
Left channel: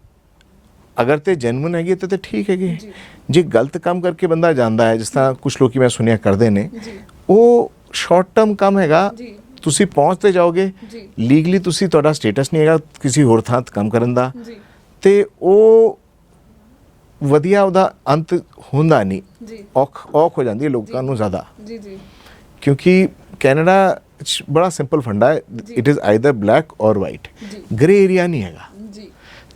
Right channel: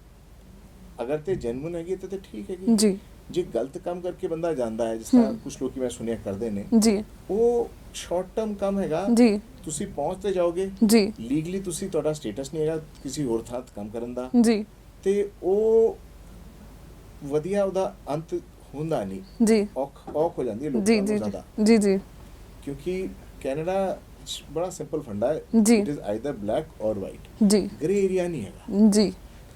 ਅਗਰ ਤੇ ਜੈਨੂਇਨ ਹੈਗੀ ਤੇ ਠੀਕ ਹੈਗੀ ਜੀ। ਜੇ ਗਲਤ ਕੰਮ ਕਰਕੇ ਬੰਦਾ ਜਾਂਦਾ ਹੈ, ਜਿਸ ਤਰ੍ਹਾਂ ਕੁਝ ਲੋਕੀ ਮੈਂ ਸੁਣਿਆ ਕਰਦੇ ਨੇ ਜੀ, ਉਹ ਸ਼ਾਰਟ ਟਰਮ ਕੰਮ ਹੈਗਾ ਜੀ, ਤੁਸੀਂ ਪਹੁੰਚਦੇ ਜਾਓਗੇ ਜੀ, ਲੀਗਲੀ ਤੁਸੀਂ ਤੁਹਾਡਾ ਸਟੇਟਸ ਨਹੀਂ ਹੈਗਾ ਕਿਸੇ ਹੋਰ ਥਾਂ ਕੰਮ ਕਰਨ ਦਾ ਜੀ, ਤੇ ਉਹ ਵਧੀਆ ਉਹਦਾ ਅੰਤ ਹੁੰਦਾ ਨਹੀਂ ਜੀ, ਔਖ ਹੋ ਜਾਂਦੀ ਹੈ ਲੋਕਾਂ ਨੂੰ ਜ਼ਿਆਦਾ ਜੀ ਜੀ। ਕਿਉਂਕਿ ਕੈਨੇਡਾ ਬੜਾ ਸਿੰਪਲ ਫੰਡਾ ਹੈ, ਇਟ ਇਜ਼ ਆਈਦਰ ਬਲੈਕ ਔਰ ਵਾਈਟ ਜੀ, ਗ੍ਰੇ ਏਰੀਆ ਨਹੀਂ ਹੈਗਾ ਜੀ।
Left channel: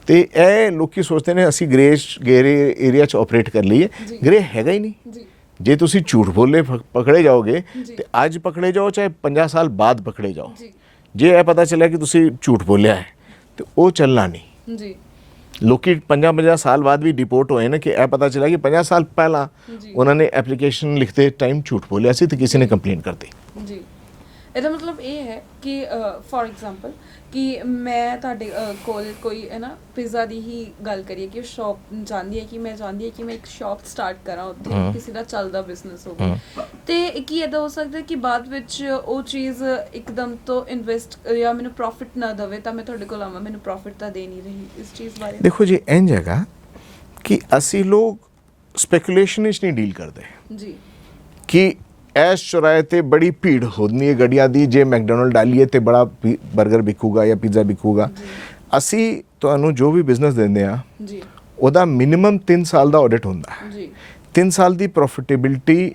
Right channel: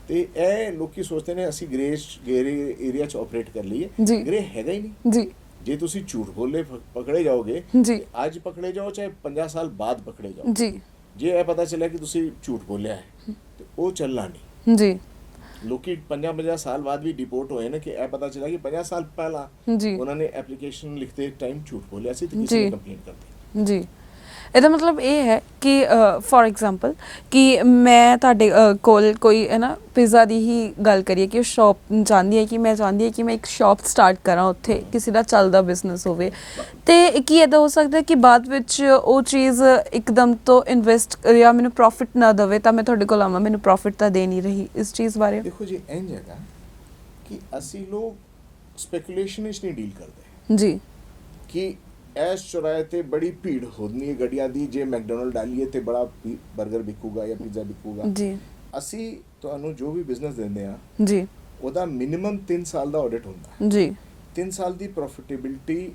ਤੇ ਇਹ ਲੋਕੀ ਸੋਚਦੇ ਨੇ ਅਸੀਂ ਗ੍ਰੇ ਏਰੀਆ 'ਚ ਆਪਰੇਟ ਕਰ ਲਈਏ, ਗ੍ਰੇ ਹੈਗਾ ਹੀ ਨਹੀਂ ਜੀ। ਜੇ ਤੁਸੀਂ ਝੂਠ ਬੋਲੇ ਪਕੜੇ ਜਾਓਗੇ ਤੇ ਅੱਜ ਪਕੜੇ ਜਾਓ ਚਾਹੇ 50 ਸਾਲ ਬਾਅਦ ਪਕੜੇ ਜਾਓ ਜੀ, ਜੇ ਇਹ ਪਤਾ ਚੱਲਿਆ ਕਿ ਤੁਸੀਂ ਝੂਠ ਬੋਲਿਆ ਹੈ ਤੇ ਉਹ ਚੱਲਣਾ ਨਹੀਂ ਜੀ। ਲੋਕੀ 50 ਸਾਲ ਬਾਅਦ ਵੀ ਡਿਪੋਰਟ ਹੋਏ ਨੇ ਕਿ ਇਹ ਪਤਾ ਚੱਲਿਆ ਕਿ 50 ਸਾਲ ਪਹਿਲਾਂ ਉਹਨਾਂ ਨੇ ਐਪਲੀਕੇਸ਼ਨ ਲਿਖਦੇ ਟਾਈਮ ਝੂਠ ਬੋਲਿਆ ਸੀ ਤੇ ਕਿਸੇ ਨੇ ਕੰਪਲੇਂਟ ਕਰਤੀ ਜੀ। ਇਹਦਾ ਮਤਲਬ ਇਹ ਹੈ ਕਿ ਫੋਰ ਐਗਜ਼ਾਮਪਲ ਕਿ ਮੈਂ ਤੁਹਾਡੇ ਕੋਲ ਕੋਈ ਹੈ ਨਾ ਪਿਜ਼ਾ ਦੀ ਹੀ ਗੱਲ ਕਰੀਏ ਕਿ ਉਹ ਸ਼ਾਪ ਚਾਹੁੰਦੀ ਹੈ ਕਿ ਮੈਂ ਇੱਕ ਸ਼ਾਪ ਸਟਾਰਟ ਕਰਾਂ ਉੱਥੇ, ਕਿਸੇ ਦਾ ਚੱਲਦਾ ਬਿਜ਼ਨਸ ਹੋਵੇ, ਤੇ ਕੀ ਇਹਦਾ ਹੋ ਸਕਦਾ ਕਿ ਬਾਅਦ ਵਿੱਚ ਉਹ ਚੀਜ਼ ਇੱਕਦਮ ਤੋਂ ਇਨਵੈਸਟ ਜਾਂ ਮੈਨੂੰ ਪ੍ਰੋਫਿਟ ਨਾ ਦੇਵੇ ਤਾਂ ਮੈਂ ਤੁਹਾਡੇ ਕੋਲ ਆਵਾਂ, ਮੈਨੂੰ ਪ੍ਰੋਫਿਟ ਤਾਂ ਦੇ ਨਹੀਂ ਰਹੀ, ਇਸ ਚੀਜ਼ ਬਾਰੇ? ਦੇਖੋ ਜੀ, ਇੰਝ ਹੈਗਾ ਕਿ ਅਸੀਂ ਲੋਕ ਸਪੈਕੂਲੇਸ਼ਨ ਵਿੱਚ ਨਹੀਂ ਡੀਲ ਕਰਦੇ ਜੀ, ਕਿ ਐਸ ਚੁਰਾਏ ਤੇ ਬੜੀ ਭੀੜ ਹੁੰਦੀ ਹੈ ਗੱਡੀਆਂ ਦੀ, ਜੇ ਮੈਕਡੋਨਲਡ ਡਾਲੀਏ ਤੇ ਬੜਾ 버ਗਰ ਵਿਕੂਗਾ ਜਾਂ ਪੀਜ਼ਾ ਵਿਕੂਗਾ। ਅਸੀਂ ਤੁਹਾਨੂੰ ਜੋ ਵੀ ਬਿਜ਼ਨਸ ਦਿੰਦੇ ਆ ਜੀ, ਉਹਦਾ ਮਿਨੀਮਮ 3 ਸਾਲ ਦਾ ਆਡਿਟ ਹੁੰਦਾ ਜੀ। 3 ਸਾਲ ਦੀ ਪ੍ਰੋਫਿਟੇਬਿਲਿਟੀ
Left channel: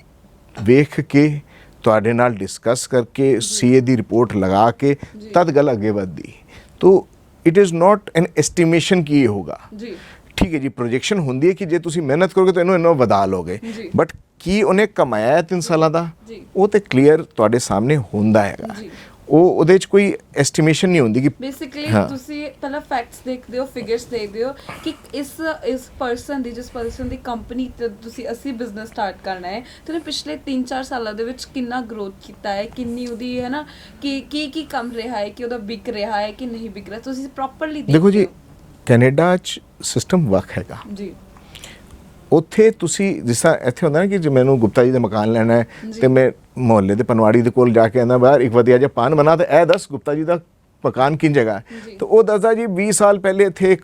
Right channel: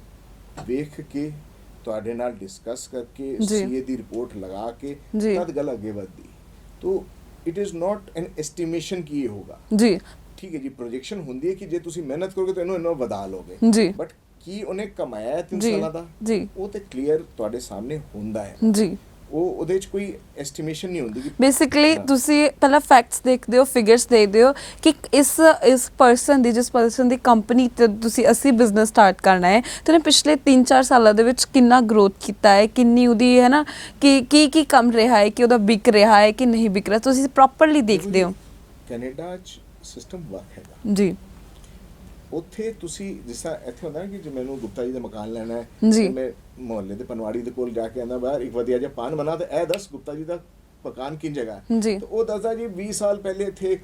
ਵੇਖ ਕੇ ਤੁਹਾਡੇ ਨਾਲ ਡਿਸਕਸ ਕਰਕੇ CA ਦੀ ਰਿਪੋਰਟ ਲਗਾ ਕੇ ਤਦ ਗੱਲ ਅੱਗੇ ਵਧਦੀ। ਤੋ it is not an estimation ਕੀ ਹੋਗਾ ਜੀ, ਠੀਕ ਹੈ ਜੀ। ਪ੍ਰੋਜੈਕਸ਼ਨ ਹੁੰਦੀ ਹੈ ਕਿ ਜੇ ਤੁਸੀਂ ਮਿਹਨਤ ਕਰੋਗੇ ਤਾਂ ਇਹਨੂੰ ਵਧਾ ਲੋਗੇ, ਬਟ ਕੀ ਉਹਨੇ ਕਮਾਇਆ ਹੈ 3 ਸਾਲਾਂ ਦਾ ਉਹ ਤੇ ਕਲੀਅਰ ਤੁਹਾਡੇ ਸਾਹਮਣੇ ਹੁੰਦਾ ਹੈ ਜੀ। ਉਹ ਉਹਦੇ 'ਚ ਕੋਈ ਐਸਟੀਮੇਸ਼ਨ ਨਹੀਂ ਹੁੰਦੀ ਕਿ ਬੇਸਿਕਲੀ ਤੁਸੀਂ ਪਹਿਲਾਂ ਫੈਕਟਸ ਦੇਖਦੇ ਹੋ, ਫਿਗਰਸ ਦੇਖਦੇ ਹੋ ਕਿ ਇਸ ਪਰਸਨ ਦੀ, ਜਿਸ ਪਰਸਨ ਦੀ ਕੰਪਨੀ ਤੇ ਤੁਸੀਂ ਅਸੀਂ ਬਿਜ਼ਨਸ ਸਟਾਰਟ ਕਰਨਾ ਹੈ ਤੇ ਉਹਨੇ ਪਿਛਲੇ 3-4 ਸਾਲਾਂ ਦੇ ਵਿੱਚ ਕਿੰਨਾ ਗਰੋਥ ਕੀਤਾ ਹੈ, ਕਿੰਨੀ ਉਹਦੀ ਹੈ ਨਾ ਕੀ ਕੰਮ ਰਿਹਾ ਹੈ, ਕਿ ਉਹਦਾ ਵਿਕ ਰਿਹਾ ਹੈ ਕਿ ਨਹੀਂ ਵਿਕ ਰਿਹਾ, ਤੁਸੀਂ ਪ੍ਰੋਪਰਲੀ ਦੇਖਦੇ ਹੋ। ਕੈਨੇਡਾ 'ਚ ਸਿਸਟਮ ਵੱਖ ਹੈਗਾ ਜੀ। ਉੱਥੇ ਤੁਸੀਂ ਜਿਸ ਤਰ੍ਹਾਂ ਇੱਥੇ ਹੁੰਦਾ ਨਾ ਕਿ ਜੇ ਮੈਨੂੰ ਗੁਪਤਾ ਜੀ ਦਾ ਮਕਾਨ ਲੈਣਾ ਹੈ ਤੇ ਮੈਂ ਮੁਹੱਲੇ ਦੇ ਪਨਵਾੜੀ ਦੇ ਕੋਲ ਜਾ ਕੇ ਆਂਦਾ ਬਾਹਰ ਇੱਕ ਵਧੀਆ ਜਿਹਾ ਪਾਨ ਬਣਾ ਤੇ ਇਹ ਦੱਸ ਗੁਪਤਾ ਜੀ ਦਾ ਮਕਾਨ ਕਿੰਝ ਜਗ੍ਹਾ ਹੈ, ਤੇ ਉਹ ਦੱਸਦਾ ਜੀ 20 ਸਾਲ ਪਹਿਲੇ ਇੱਥੇ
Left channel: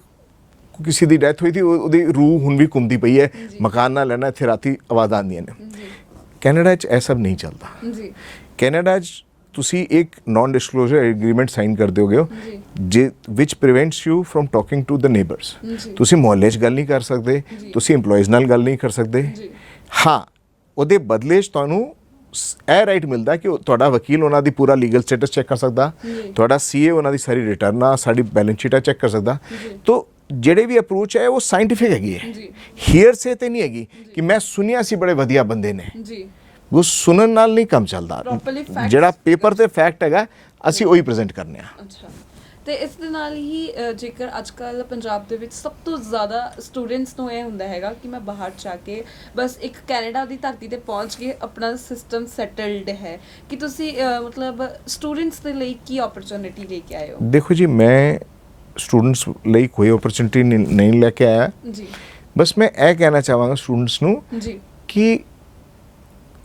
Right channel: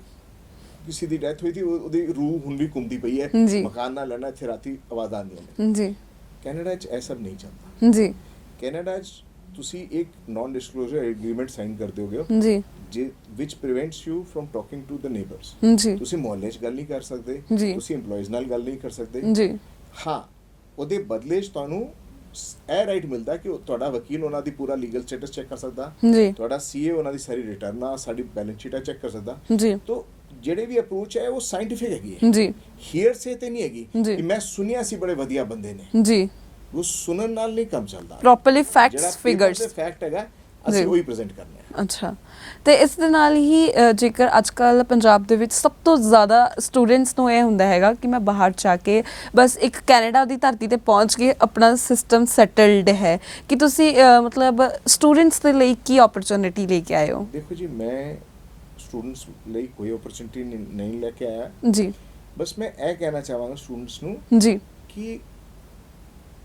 ਕਿਸੇ ਦੀ ਡੈਥ ਹੋਈ ਸੀ, ਉਹਦੀ ਰੂਹ ਹੁਣ ਵੀ ਘੁੰਮਦੀ ਪਈ ਹੈ, ਮਕਾਨ ਨਾ ਲੈਣਾ, ਇੱਥੇ ਰਾਤੀ ਆਵਾਜ਼ਾਂ ਆਉਂਦੀਆਂ ਨੇ ਜੀ। ਕੈਨੇਡਾ 'ਚ ਇਹ ਸਭ ਨਹੀਂ ਚੱਲਦਾ ਜੀ। ਕੈਨੇਡਾ 'ਚ ਤੁਸੀਂ ਇੱਕ ਨਾਨ ਡਿਸਕਲੋਜ਼ਰ ਐਗਰੀਮੈਂਟ ਸਾਈਨ ਕਰ ਦਿਓਗੇ ਹੋ ਜੀ ਜੇ which prevents you from talking to the neighbours. ਜੀ ਤੁਸੀਂ ਮੁਹੱਲੇ 'ਚ ਗੱਲ ਨਹੀਂ ਕਰ ਸਕਦੇ, ਜੀ। ਤੁਸੀਂ EMPLOYEES ਨਾਲ ਗੱਲ ਨਹੀਂ ਕਰ ਸਕਦੇ। ਜੀ ਹਾਂ, ਉਹਦੇ ਬਦਲੇ 'ਚ ਤੁਹਾਨੂੰ ਇਹ ਰਾਈਟ ਮਿਲਦਾ ਕਿ ਤੁਹਾਡਾ ਵਕੀਲ ਉਹਨਾਂ ਦੀ ਪੂਰਾ ਲੀਗਲ ਸਟੇਟਸ ਚੈੱਕ ਕਰ ਸਕਦਾ, ਜੀ ਤੁਹਾਡਾ CA ਉਹਨਾਂ ਦੀ ਸਾਰੀ ਰਿਟਰਨਾਂ, ਸਾਡੀ ਬੈਲੈਂਸ ਸ਼ੀਟਾਂ ਚੈੱਕ ਕਰ ਸਕਦਾ। ਜੀ ਤੋ ਜਿਹੜੇ ਵੀ ਅਪਰੋਚ ਹੈ ਉਹ ਸਾਇੰਟੀਫਿਕ ਹੈਗੀ ਹੈ, ਜੀ ਹੀਅਰ ਸੇ ਤੇ ਨਹੀਂ ਹੈਗੀ ਜੀ। ਕਿ ਮੈਂ ਸੁਣਿਆ ਸੀ ਬੜੇ ਵਧੀਆ ਬੰਦੇ ਨੇ। ਜੀ ਉਹ ਸੁਣਨ ਨਾਲ ਨਹੀਂ ਕੰਮ ਚੱਲਦਾ। Properly facts, ਜਿਹੜਾ ਪੇਪਰ figures। ਤੇ ਫੈਕਟ ਹੈਗਾ ਅਸੀਂ ਜੀ। ਉਹੀ ਪ੍ਰੈਜ਼ੈਂਟ ਕਰਨੇ ਆ। ਅੱਛਾ, ਤੇ ਇਸ ਦੇ ਨਾਲ ਹੀ ਜੇਕਰ ਅੱਜ ਕੱਲ ਪੰਜਾਬ ਦੇ ਵਿੱਚ ਸਭ ਤੋਂ ਜ਼ਿਆਦਾ ਸਟੂਡੈਂਟਸ ਨੂੰ ਇਹ ਹੁੰਦਾ ਹੈਗਾ ਕਿ ਮੈਂ ਬਾਹਰ ਜਾ ਕੇ ਬਸ ਇੱਕ ਕੈਨੇਡਾ ਦੀ ਧਰਤੀ ਤੇ ਪਹੁੰਚ ਕੇ ਆਪਣਾ ਸਿਸਟਮ ਸੈਟਲਡ ਹੈ, ਕਿ ਤੁਸੀਂ ਮਤਲਬ ਸਟੂਡੈਂਟਸ ਦੇ ਲਈ ਕੀ ਓਪਰਚੁਨਿਟੀ ਲੈ ਕੇ ਆਏ ਹੋ? ਦੇਖੋ ਜੀ, ਮੈਂ ਸਟੂਡੈਂਟਸ ਲਈ ਕੋਈ ਓਪਰਚੁਨਿਟੀ ਨਹੀਂ ਲੈ ਕੇ ਆਇਆ ਜੀ। ਬਸ ਮੈਂ ਇਹ ਕਹਿਣਾ ਚਾਹਾਂਗਾ ਸਟੂਡੈਂਟਸ ਨੂੰ ਜੀ ਕਿ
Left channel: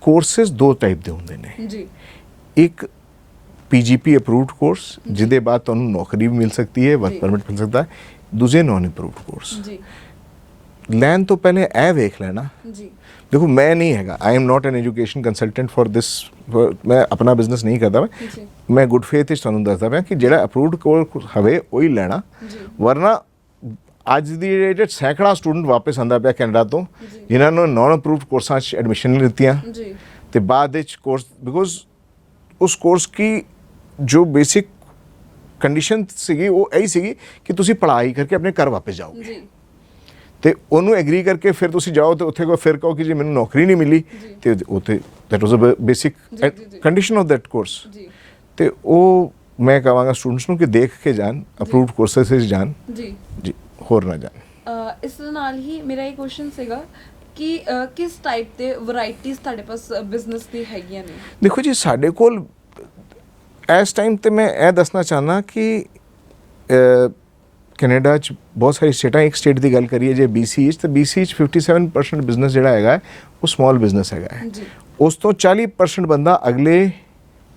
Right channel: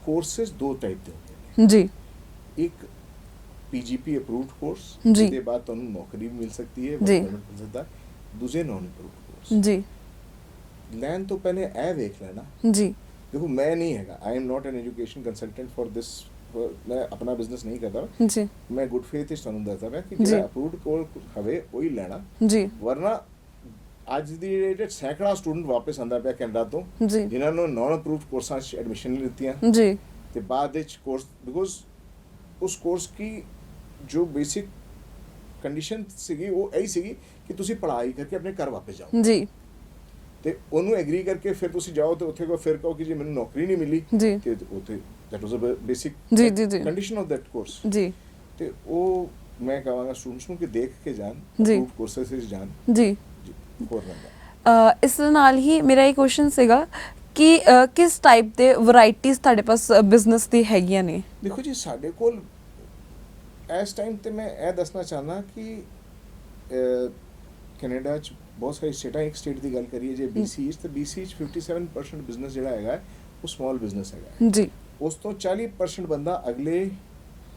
ਕੋਰਸਿਸ ਦੋ ਟਾਈਪ ਦੇ ਹੁੰਦੇ ਨੇ। ਜੀ ਇੱਕ PGP ਅਪਰੂਵਡ ਕੋਰਸ ਜੀ। ਜਿਹਦੇ ਬਾਅਦ ਤੁਹਾਨੂੰ ਨੌਕਰੀ ਵੀ ਮਿਲ ਸਕਦੀ ਹੈ, ਜੀ। ਵਰਕ ਪਰਮਿਟ ਮਿਲ ਸਕਦਾ ਹੈ। ਦੂਜੇ ਨਾਨ ਅਪਰੂਵਡ ਕੋਰਸ ਜੀ ਲੈਣ ਤੋਂ ਪਹਿਲੇ ਇਹ ਵੇਖ ਲੈਣਾ। ਜੀ ਦੇਖੋ, ਮੈਂ ਨਹੀਂ ਹੈਗਾ, I am not N education consultant for this, ਮੈਂ ਆਪਣਾ ਬਿਜ਼ਨਸ ਨਹੀਂ ਕਰਦਾ। ਜੀ ਮੈਂ ਗੁੱਡ ਫੇਥ ਵਿੱਚ ਤੁਹਾਨੂੰ ਦੱਸਦਾ ਪਿਆ ਕਿ ਜਿਹੜਾ ਅਪਰੂਵਡ ਕੋਰਸ ਹੋਵੇ ਉਹੀ ਲੈਣਾ। ਜੀ ਵਰਨਾ ਅੱਜ ਦੀ ਡੇਟ 'ਚ ਸੈਂਕੜਾ ਸਟੂਡੈਂਟ ਵਾਪਸ ਆਉਂਦਾ ਪਿਆ ਕੈਨੇਡਾ ਤੋਂ ਜੀ ਜਿਨ੍ਹਾਂ ਨੂੰ ਨਾਨ ਅਪਰੂਵਡ ਕੋਰਸਾਂ 'ਚ ਐਡਮਿਸ਼ਨ ਨਹੀਂ ਲਿੱਤੀਆਂ ਜੀ ਤੇ ਬਾਅਦ ਵਿੱਚ ਕੋਰਸ ਬਿਕੋਜ਼ ਉਸ ਕੋਰਸ ਕੀ ਜੋ ਬੇਸਿਕ ਕੰਡੀਸ਼ਨ ਸੀਗੀ ਉਹ ਇਹੀ ਸੀਗੀ ਕਿ ਤੁਸੀਂ ਪੜ੍ਹਾਈ ਕਰਕੇ ਆਪਣੇ ਘਰ ਵਾਪਸ ਜਾਓ ਜੀ ਤੇ ਉਹਨੂੰ ਐਗਰੀ ਕਰਕੇ ਫਿਰ ਤੁਸੀਂ ਜਾਓ ਤੇ ਉੱਥੇ ਕੋਈ ਫਿਰ ਕਹੋ ਕਿ ਜੀ ਮੈਨੂੰ ਨੌਕਰੀ ਨਹੀਂ ਮਿਲੀ ਜੀ। ਤੇ ਉੱਥੇ ਦੈਟ ਵਾਸ ਅ ਬੇਸਿਕ ਜੀ, ਜੀ, ਜੀ। Condition of that course. ਜੀ ਤੇ ਉਹ ਮੈਂ ਕਹਾਂਗਾ ਸਟੂਡੈਂਟਸ ਨੂੰ ਕਿ ਦੇਖ ਕੇ ਜਾਣ, ਅਪਰੂਵਡ ਕੋਰਸਸ ਵਿੱਚ ਜਾਣ ਜੀ ਜੀ, ਹੋਰ ਨਾ ਜਾਣ। ਇਸ ਦੇ ਨਾਲ ਹੀ ਮੇਰਾ ਇਹ ਕੁਐਸਚਨ ਸੀਗਾ ਕਿ ਕਿਸ ਟਾਈਪ ਦੇ ਵੈਰਾਈਟੀਆਂ ਤੁਹਾਡੇ ਪਾਸ ਬਿਜ਼ਨਸ ਦੀ ਹੈਗੀਆਂ ਨੇ? ਦੇਖੋ ਜੀ, ਸਾਡੇ ਕੋਲ ਇਸ ਟਾਈਮ ਤੇ ਮੈਂ ਇਹ ਦੱਸਣਾ ਚਾਹਨਾ ਕਿ ਕੈਨੇਡਾ 'ਚ ਬਹੁਤ ਸਾਰੀ ਸਟੇਟਾਂ, ਇੱਕ ਸਟੇਟ ਦੀ ਗੱਲ ਕਰੀਏ ਜੇ BC 'ਚ, ਤਾਂ BC 'ਚ 57% ਬਿਜ਼ਨਸ ਜਿਹੜਾ ਹੈਗਾ ਉਹ ਸਮਾਲ ਬਿਜ਼ਨਸ ਹੈਗਾ ਹੈ। ਜੀ ਉਸ ਤੋਂ 40% ਬੰਦਾ ਅਗਲੇ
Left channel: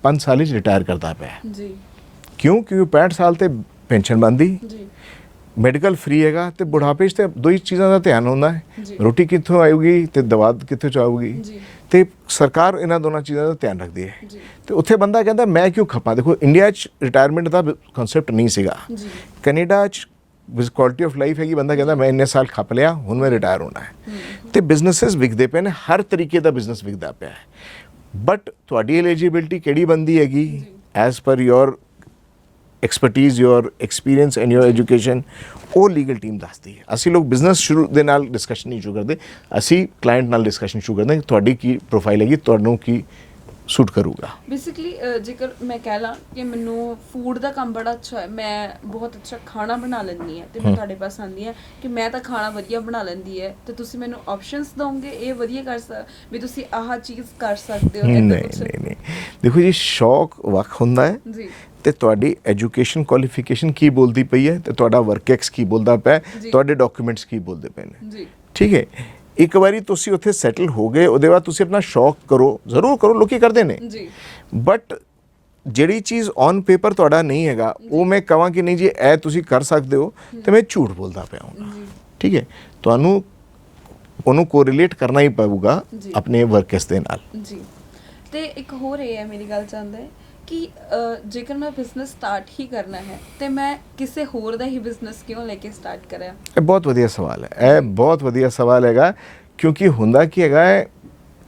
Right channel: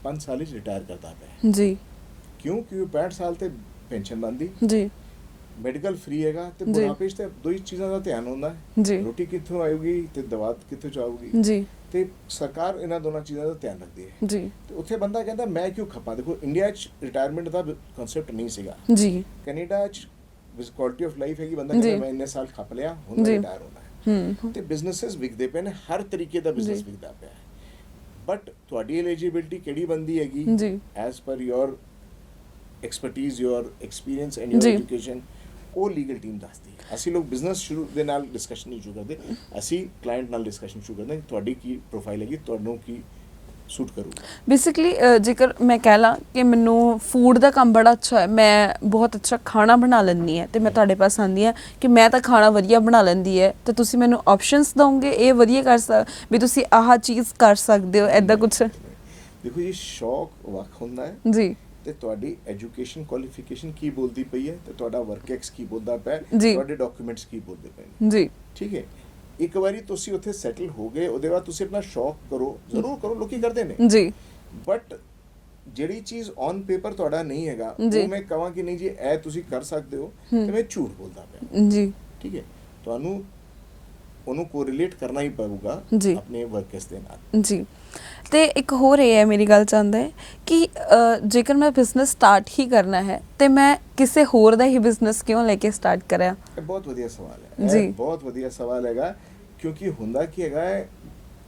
5 ਸਾਲ 'ਚ ਰਿਟਾਇਰ ਕਰਦਾ ਪਿਆ। ਜੀ ਕਿਉਂ? ਕਿਉਂਕਿ 65 ਸਾਲ ਤੇ ਪੈਨਸ਼ਨ ਬਣਦੀ, ਜੀ ਮੈਡੀਕਲ ਫ੍ਰੀ ਹੈਗਾ ਤੇ ਬੁਢਾਪੇ 'ਚ ਤੇ ਦੋ ਹੀ ਚੀਜ਼ਾਂ ਦਾ ਧਿਆਨ ਹੁੰਦਾ ਜੀ। ਹੈ, ਰੋਟੀ ਕਿੱਥੋਂ ਆਊਗੀ ਤੇ ਦਵਾ ਕਿੱਥੋਂ ਚਾਹੂਗੀ। ਜੀ ਤੇ ਸਰਕਾਰ ਇਹਨਾਂ ਦੋਨਾਂ ਚੀਜ਼ਾਂ ਦਾ ਧਿਆਨ ਰੱਖਦੀ ਹੈ। ਜੀ ਤੇ ਉੱਥੇ ਬੰਦਾ ਕਹਿੰਦਾ ਮੈਂ ਕਿਉਂ ਖਪਾਂ। ਦੇਖੋ, ਇੰਡੀਆ 'ਚ ਰਿਟਾਇਰਮੈਂਟ ਦਾ ਕਨਸੈਪਟ ਨਹੀਂ ਸੀਗਾ। ਜੀ ਕੈਨੇਡਾ 'ਚ ਵਿਦ ਕੁਆਲਿਟੀ ਆਫ ਲਾਈਫ ਹੈਗੀ, ਬੰਦਾ ਕਹਿੰਦਾ ਜੀ। ਮੈਂ ਇੰਨੇ ਸਾਲ ਖੱਪ ਲਿਆ, ਹੁਣ ਮੈਂ ਜੀ। ਰਿਟਾਇਰ ਹੋਣਾ ਹੈ। ਤੇ ਬਿਜ਼ਨੈਸਸ ਵਿਕਦੇ ਪਏ ਨੇ, ਹਰ ਤਰੀਕੇ ਦਾ ਬਿਜ਼ਨਸ ਵਿਕਦਾ ਪਿਆ ਹੈ। ਬਟ ਤੁਹਾਡੀ ਐਲੀਜੀਬਿਲਟੀ ਕਿਹੜੀ ਬੰਦੀ ਹੈਗੀ ਜੀ। As per your expertise, your experience and your ਜੀ। ਐਜੂਕੇਸ਼ਨ, ਉਹ ਲੀਗਲ ਟੀਮ ਦੱਸਦੀ ਹੈ। ਅਸੀਂ ਲੋਕ ਬਿਜ਼ਨਸ ਸ਼ੁਰੂ ਦੇ ਨਾਲ ਡਿਸਕਸ਼ਨ ਨਹੀਂ ਸ਼ੁਰੂ ਕਰਦੇ, ਅਸੀਂ ਕਲਾਇੰਟ ਨਾਲ ਡਿਸਕਸ਼ਨ ਸ਼ੁਰੂ ਕਰਦੇ ਹਾਂ ਕਿ ਤੁਹਾਡੀ ਕੀ ਪ੍ਰੋਫਾਈਲ ਹੈਗੀ, ਤੁਹਾਨੂੰ ਕੀ ਸੂਟ ਕਰੂਗਾ। ਬੇਸਿਕਲੀ ਜੇਕਰ ਮੈਂ ਕਹਿ ਲਾਂ ਕਿ ਮੈਨੂੰ ਫੂਡ ਦਾ ਕੰਮ ਬੜਾ ਅੱਛਾ ਹੈ, ਮੈਂ ਬਹੁਤ ਅੱਛਾ ਖਾਣਾ ਬਣਾ ਲੈਂਦੀ ਹੈ ਤੇ ਮੈਂ ਤੁਹਾਡੇ ਪਾਸ ਆਉਂਦੀ ਹਾਂ ਕਿ ਮੈਂ ਤਾਂ ਖਾਣਾ ਵਧੀਆ ਬਣਾ ਲੈਂਦੀ ਹੈ, ਤੇ ਤੁਸੀਂ ਮੈਨੂੰ ਆਪਸ਼ਨਸ ਦੋਗੇ ਇਹ ਵਧੀਆ ਵੀ ਤੁਸੀਂ ਆਹ ਚੀਜ਼ ਕਰ ਸਕਦੇ ਹੋ, ਐਦਾਂ ਕੁਝ? ਨਹੀਂ, ਦੇਖੋ ਜੀ, ਸ਼ੌਕ ਵੱਖ ਹੁੰਦਾ ਹੈ ਜੀ ਤੇ ਤੁਹਾਡੀ ਐਜੂਕੇਸ਼ਨ ਕੁਆਲੀਫਿਕੇਸ਼ਨ ਕੀ ਬੋਲਦੀ ਪਈ ਹੈ ਤੇ ਤੁਹਾਡਾ ਵਰਕ ਐਕਸ ਕੀ ਬੋਲਦਾ ਪਿਆ, ਜੀ। ਤੁਹਾਡੇ ਡਾਕੂਮੈਂਟਸ ਕੀ ਬੋਲਦੇ ਪਏ ਨੇ। ਜੀ ਠੀਕ ਹੈ, ਇੱਕ ਵਾਰੀ ਤੁਸੀਂ ਉੱਥੇ ਸੈਟਲ ਹੋ ਗਏ, ਉਹਦੇ ਬਾਅਦ ਤੁਸੀਂ ਆਪਣਾ ਸ਼ੌਕ ਕਰੋ, ਜ਼ਰੂਰ ਕਰੋ, ਲੋਕੀ ਕਰਦੇ ਨੇ। ਜੀ ਬਟ ਜਿਹੜੀ ਚੀਜ਼ ਔਨ ਪੇਪਰ ਤੁਹਾਡਾ ਨਹੀਂ ਹੈਗਾ, ਜੀ। ਉਹ ਮੈਂ ਕਹਾਂ ਕਿ ਨਹੀਂ ਜੀ ਇਹ ਤੁਸੀਂ ਕਰ ਸਕਦੇ ਹੋ, ਤੇ ਮੈਂ ਝੂਠ ਬੋਲਦਾ ਪਿਆ ਹਾਂ। ਜੀ ਠੀਕ ਹੈ, ਤੁਹਾਨੂੰ ਉਹਨੂੰ ਕੋਰਿਲੇਟ ਕਰਨਾ ਹੀ ਪਊਗਾ ਜੀ। ਆਪਣੇ ਵਰਕਸ ਦੇ ਨਾਲ। ਜੀ ਤੇ ਇੱਕ ਹੋਰ ਇਹ ਹੈ, ਮੇਰੀ ਗੱਲ ਚਾਹੁੰਦਾ ਹੈ ਕਿ ਜੇਕਰ ਮੈਂ ਬਿਜ਼ਨਸ ਸਟਾਰਟ ਹੀ ਕਰਨਾ ਹੈ ਤੇ ਮੈਂ ਕਿਸੇ ਹੋਰ ਦਾ ਹੀ ਬਿਜ਼ਨਸ ਕਿਉਂ ਲੈ ਕੇ ਸਟਾਰਟ ਕਰਾਂ? ਇਹ ਬਹੁਤ ਵਧੀਆ ਸਵਾਲ ਹੈ, ਇਹ ਜੀ। ਬਹੁਤ ਵਧੀਆ ਸਵਾਲ ਹੈਗਾ, ਕਿਉਂਕਿ ਹੁੰਦਾ ਕੀ ਹੈਗਾ ਹੈ,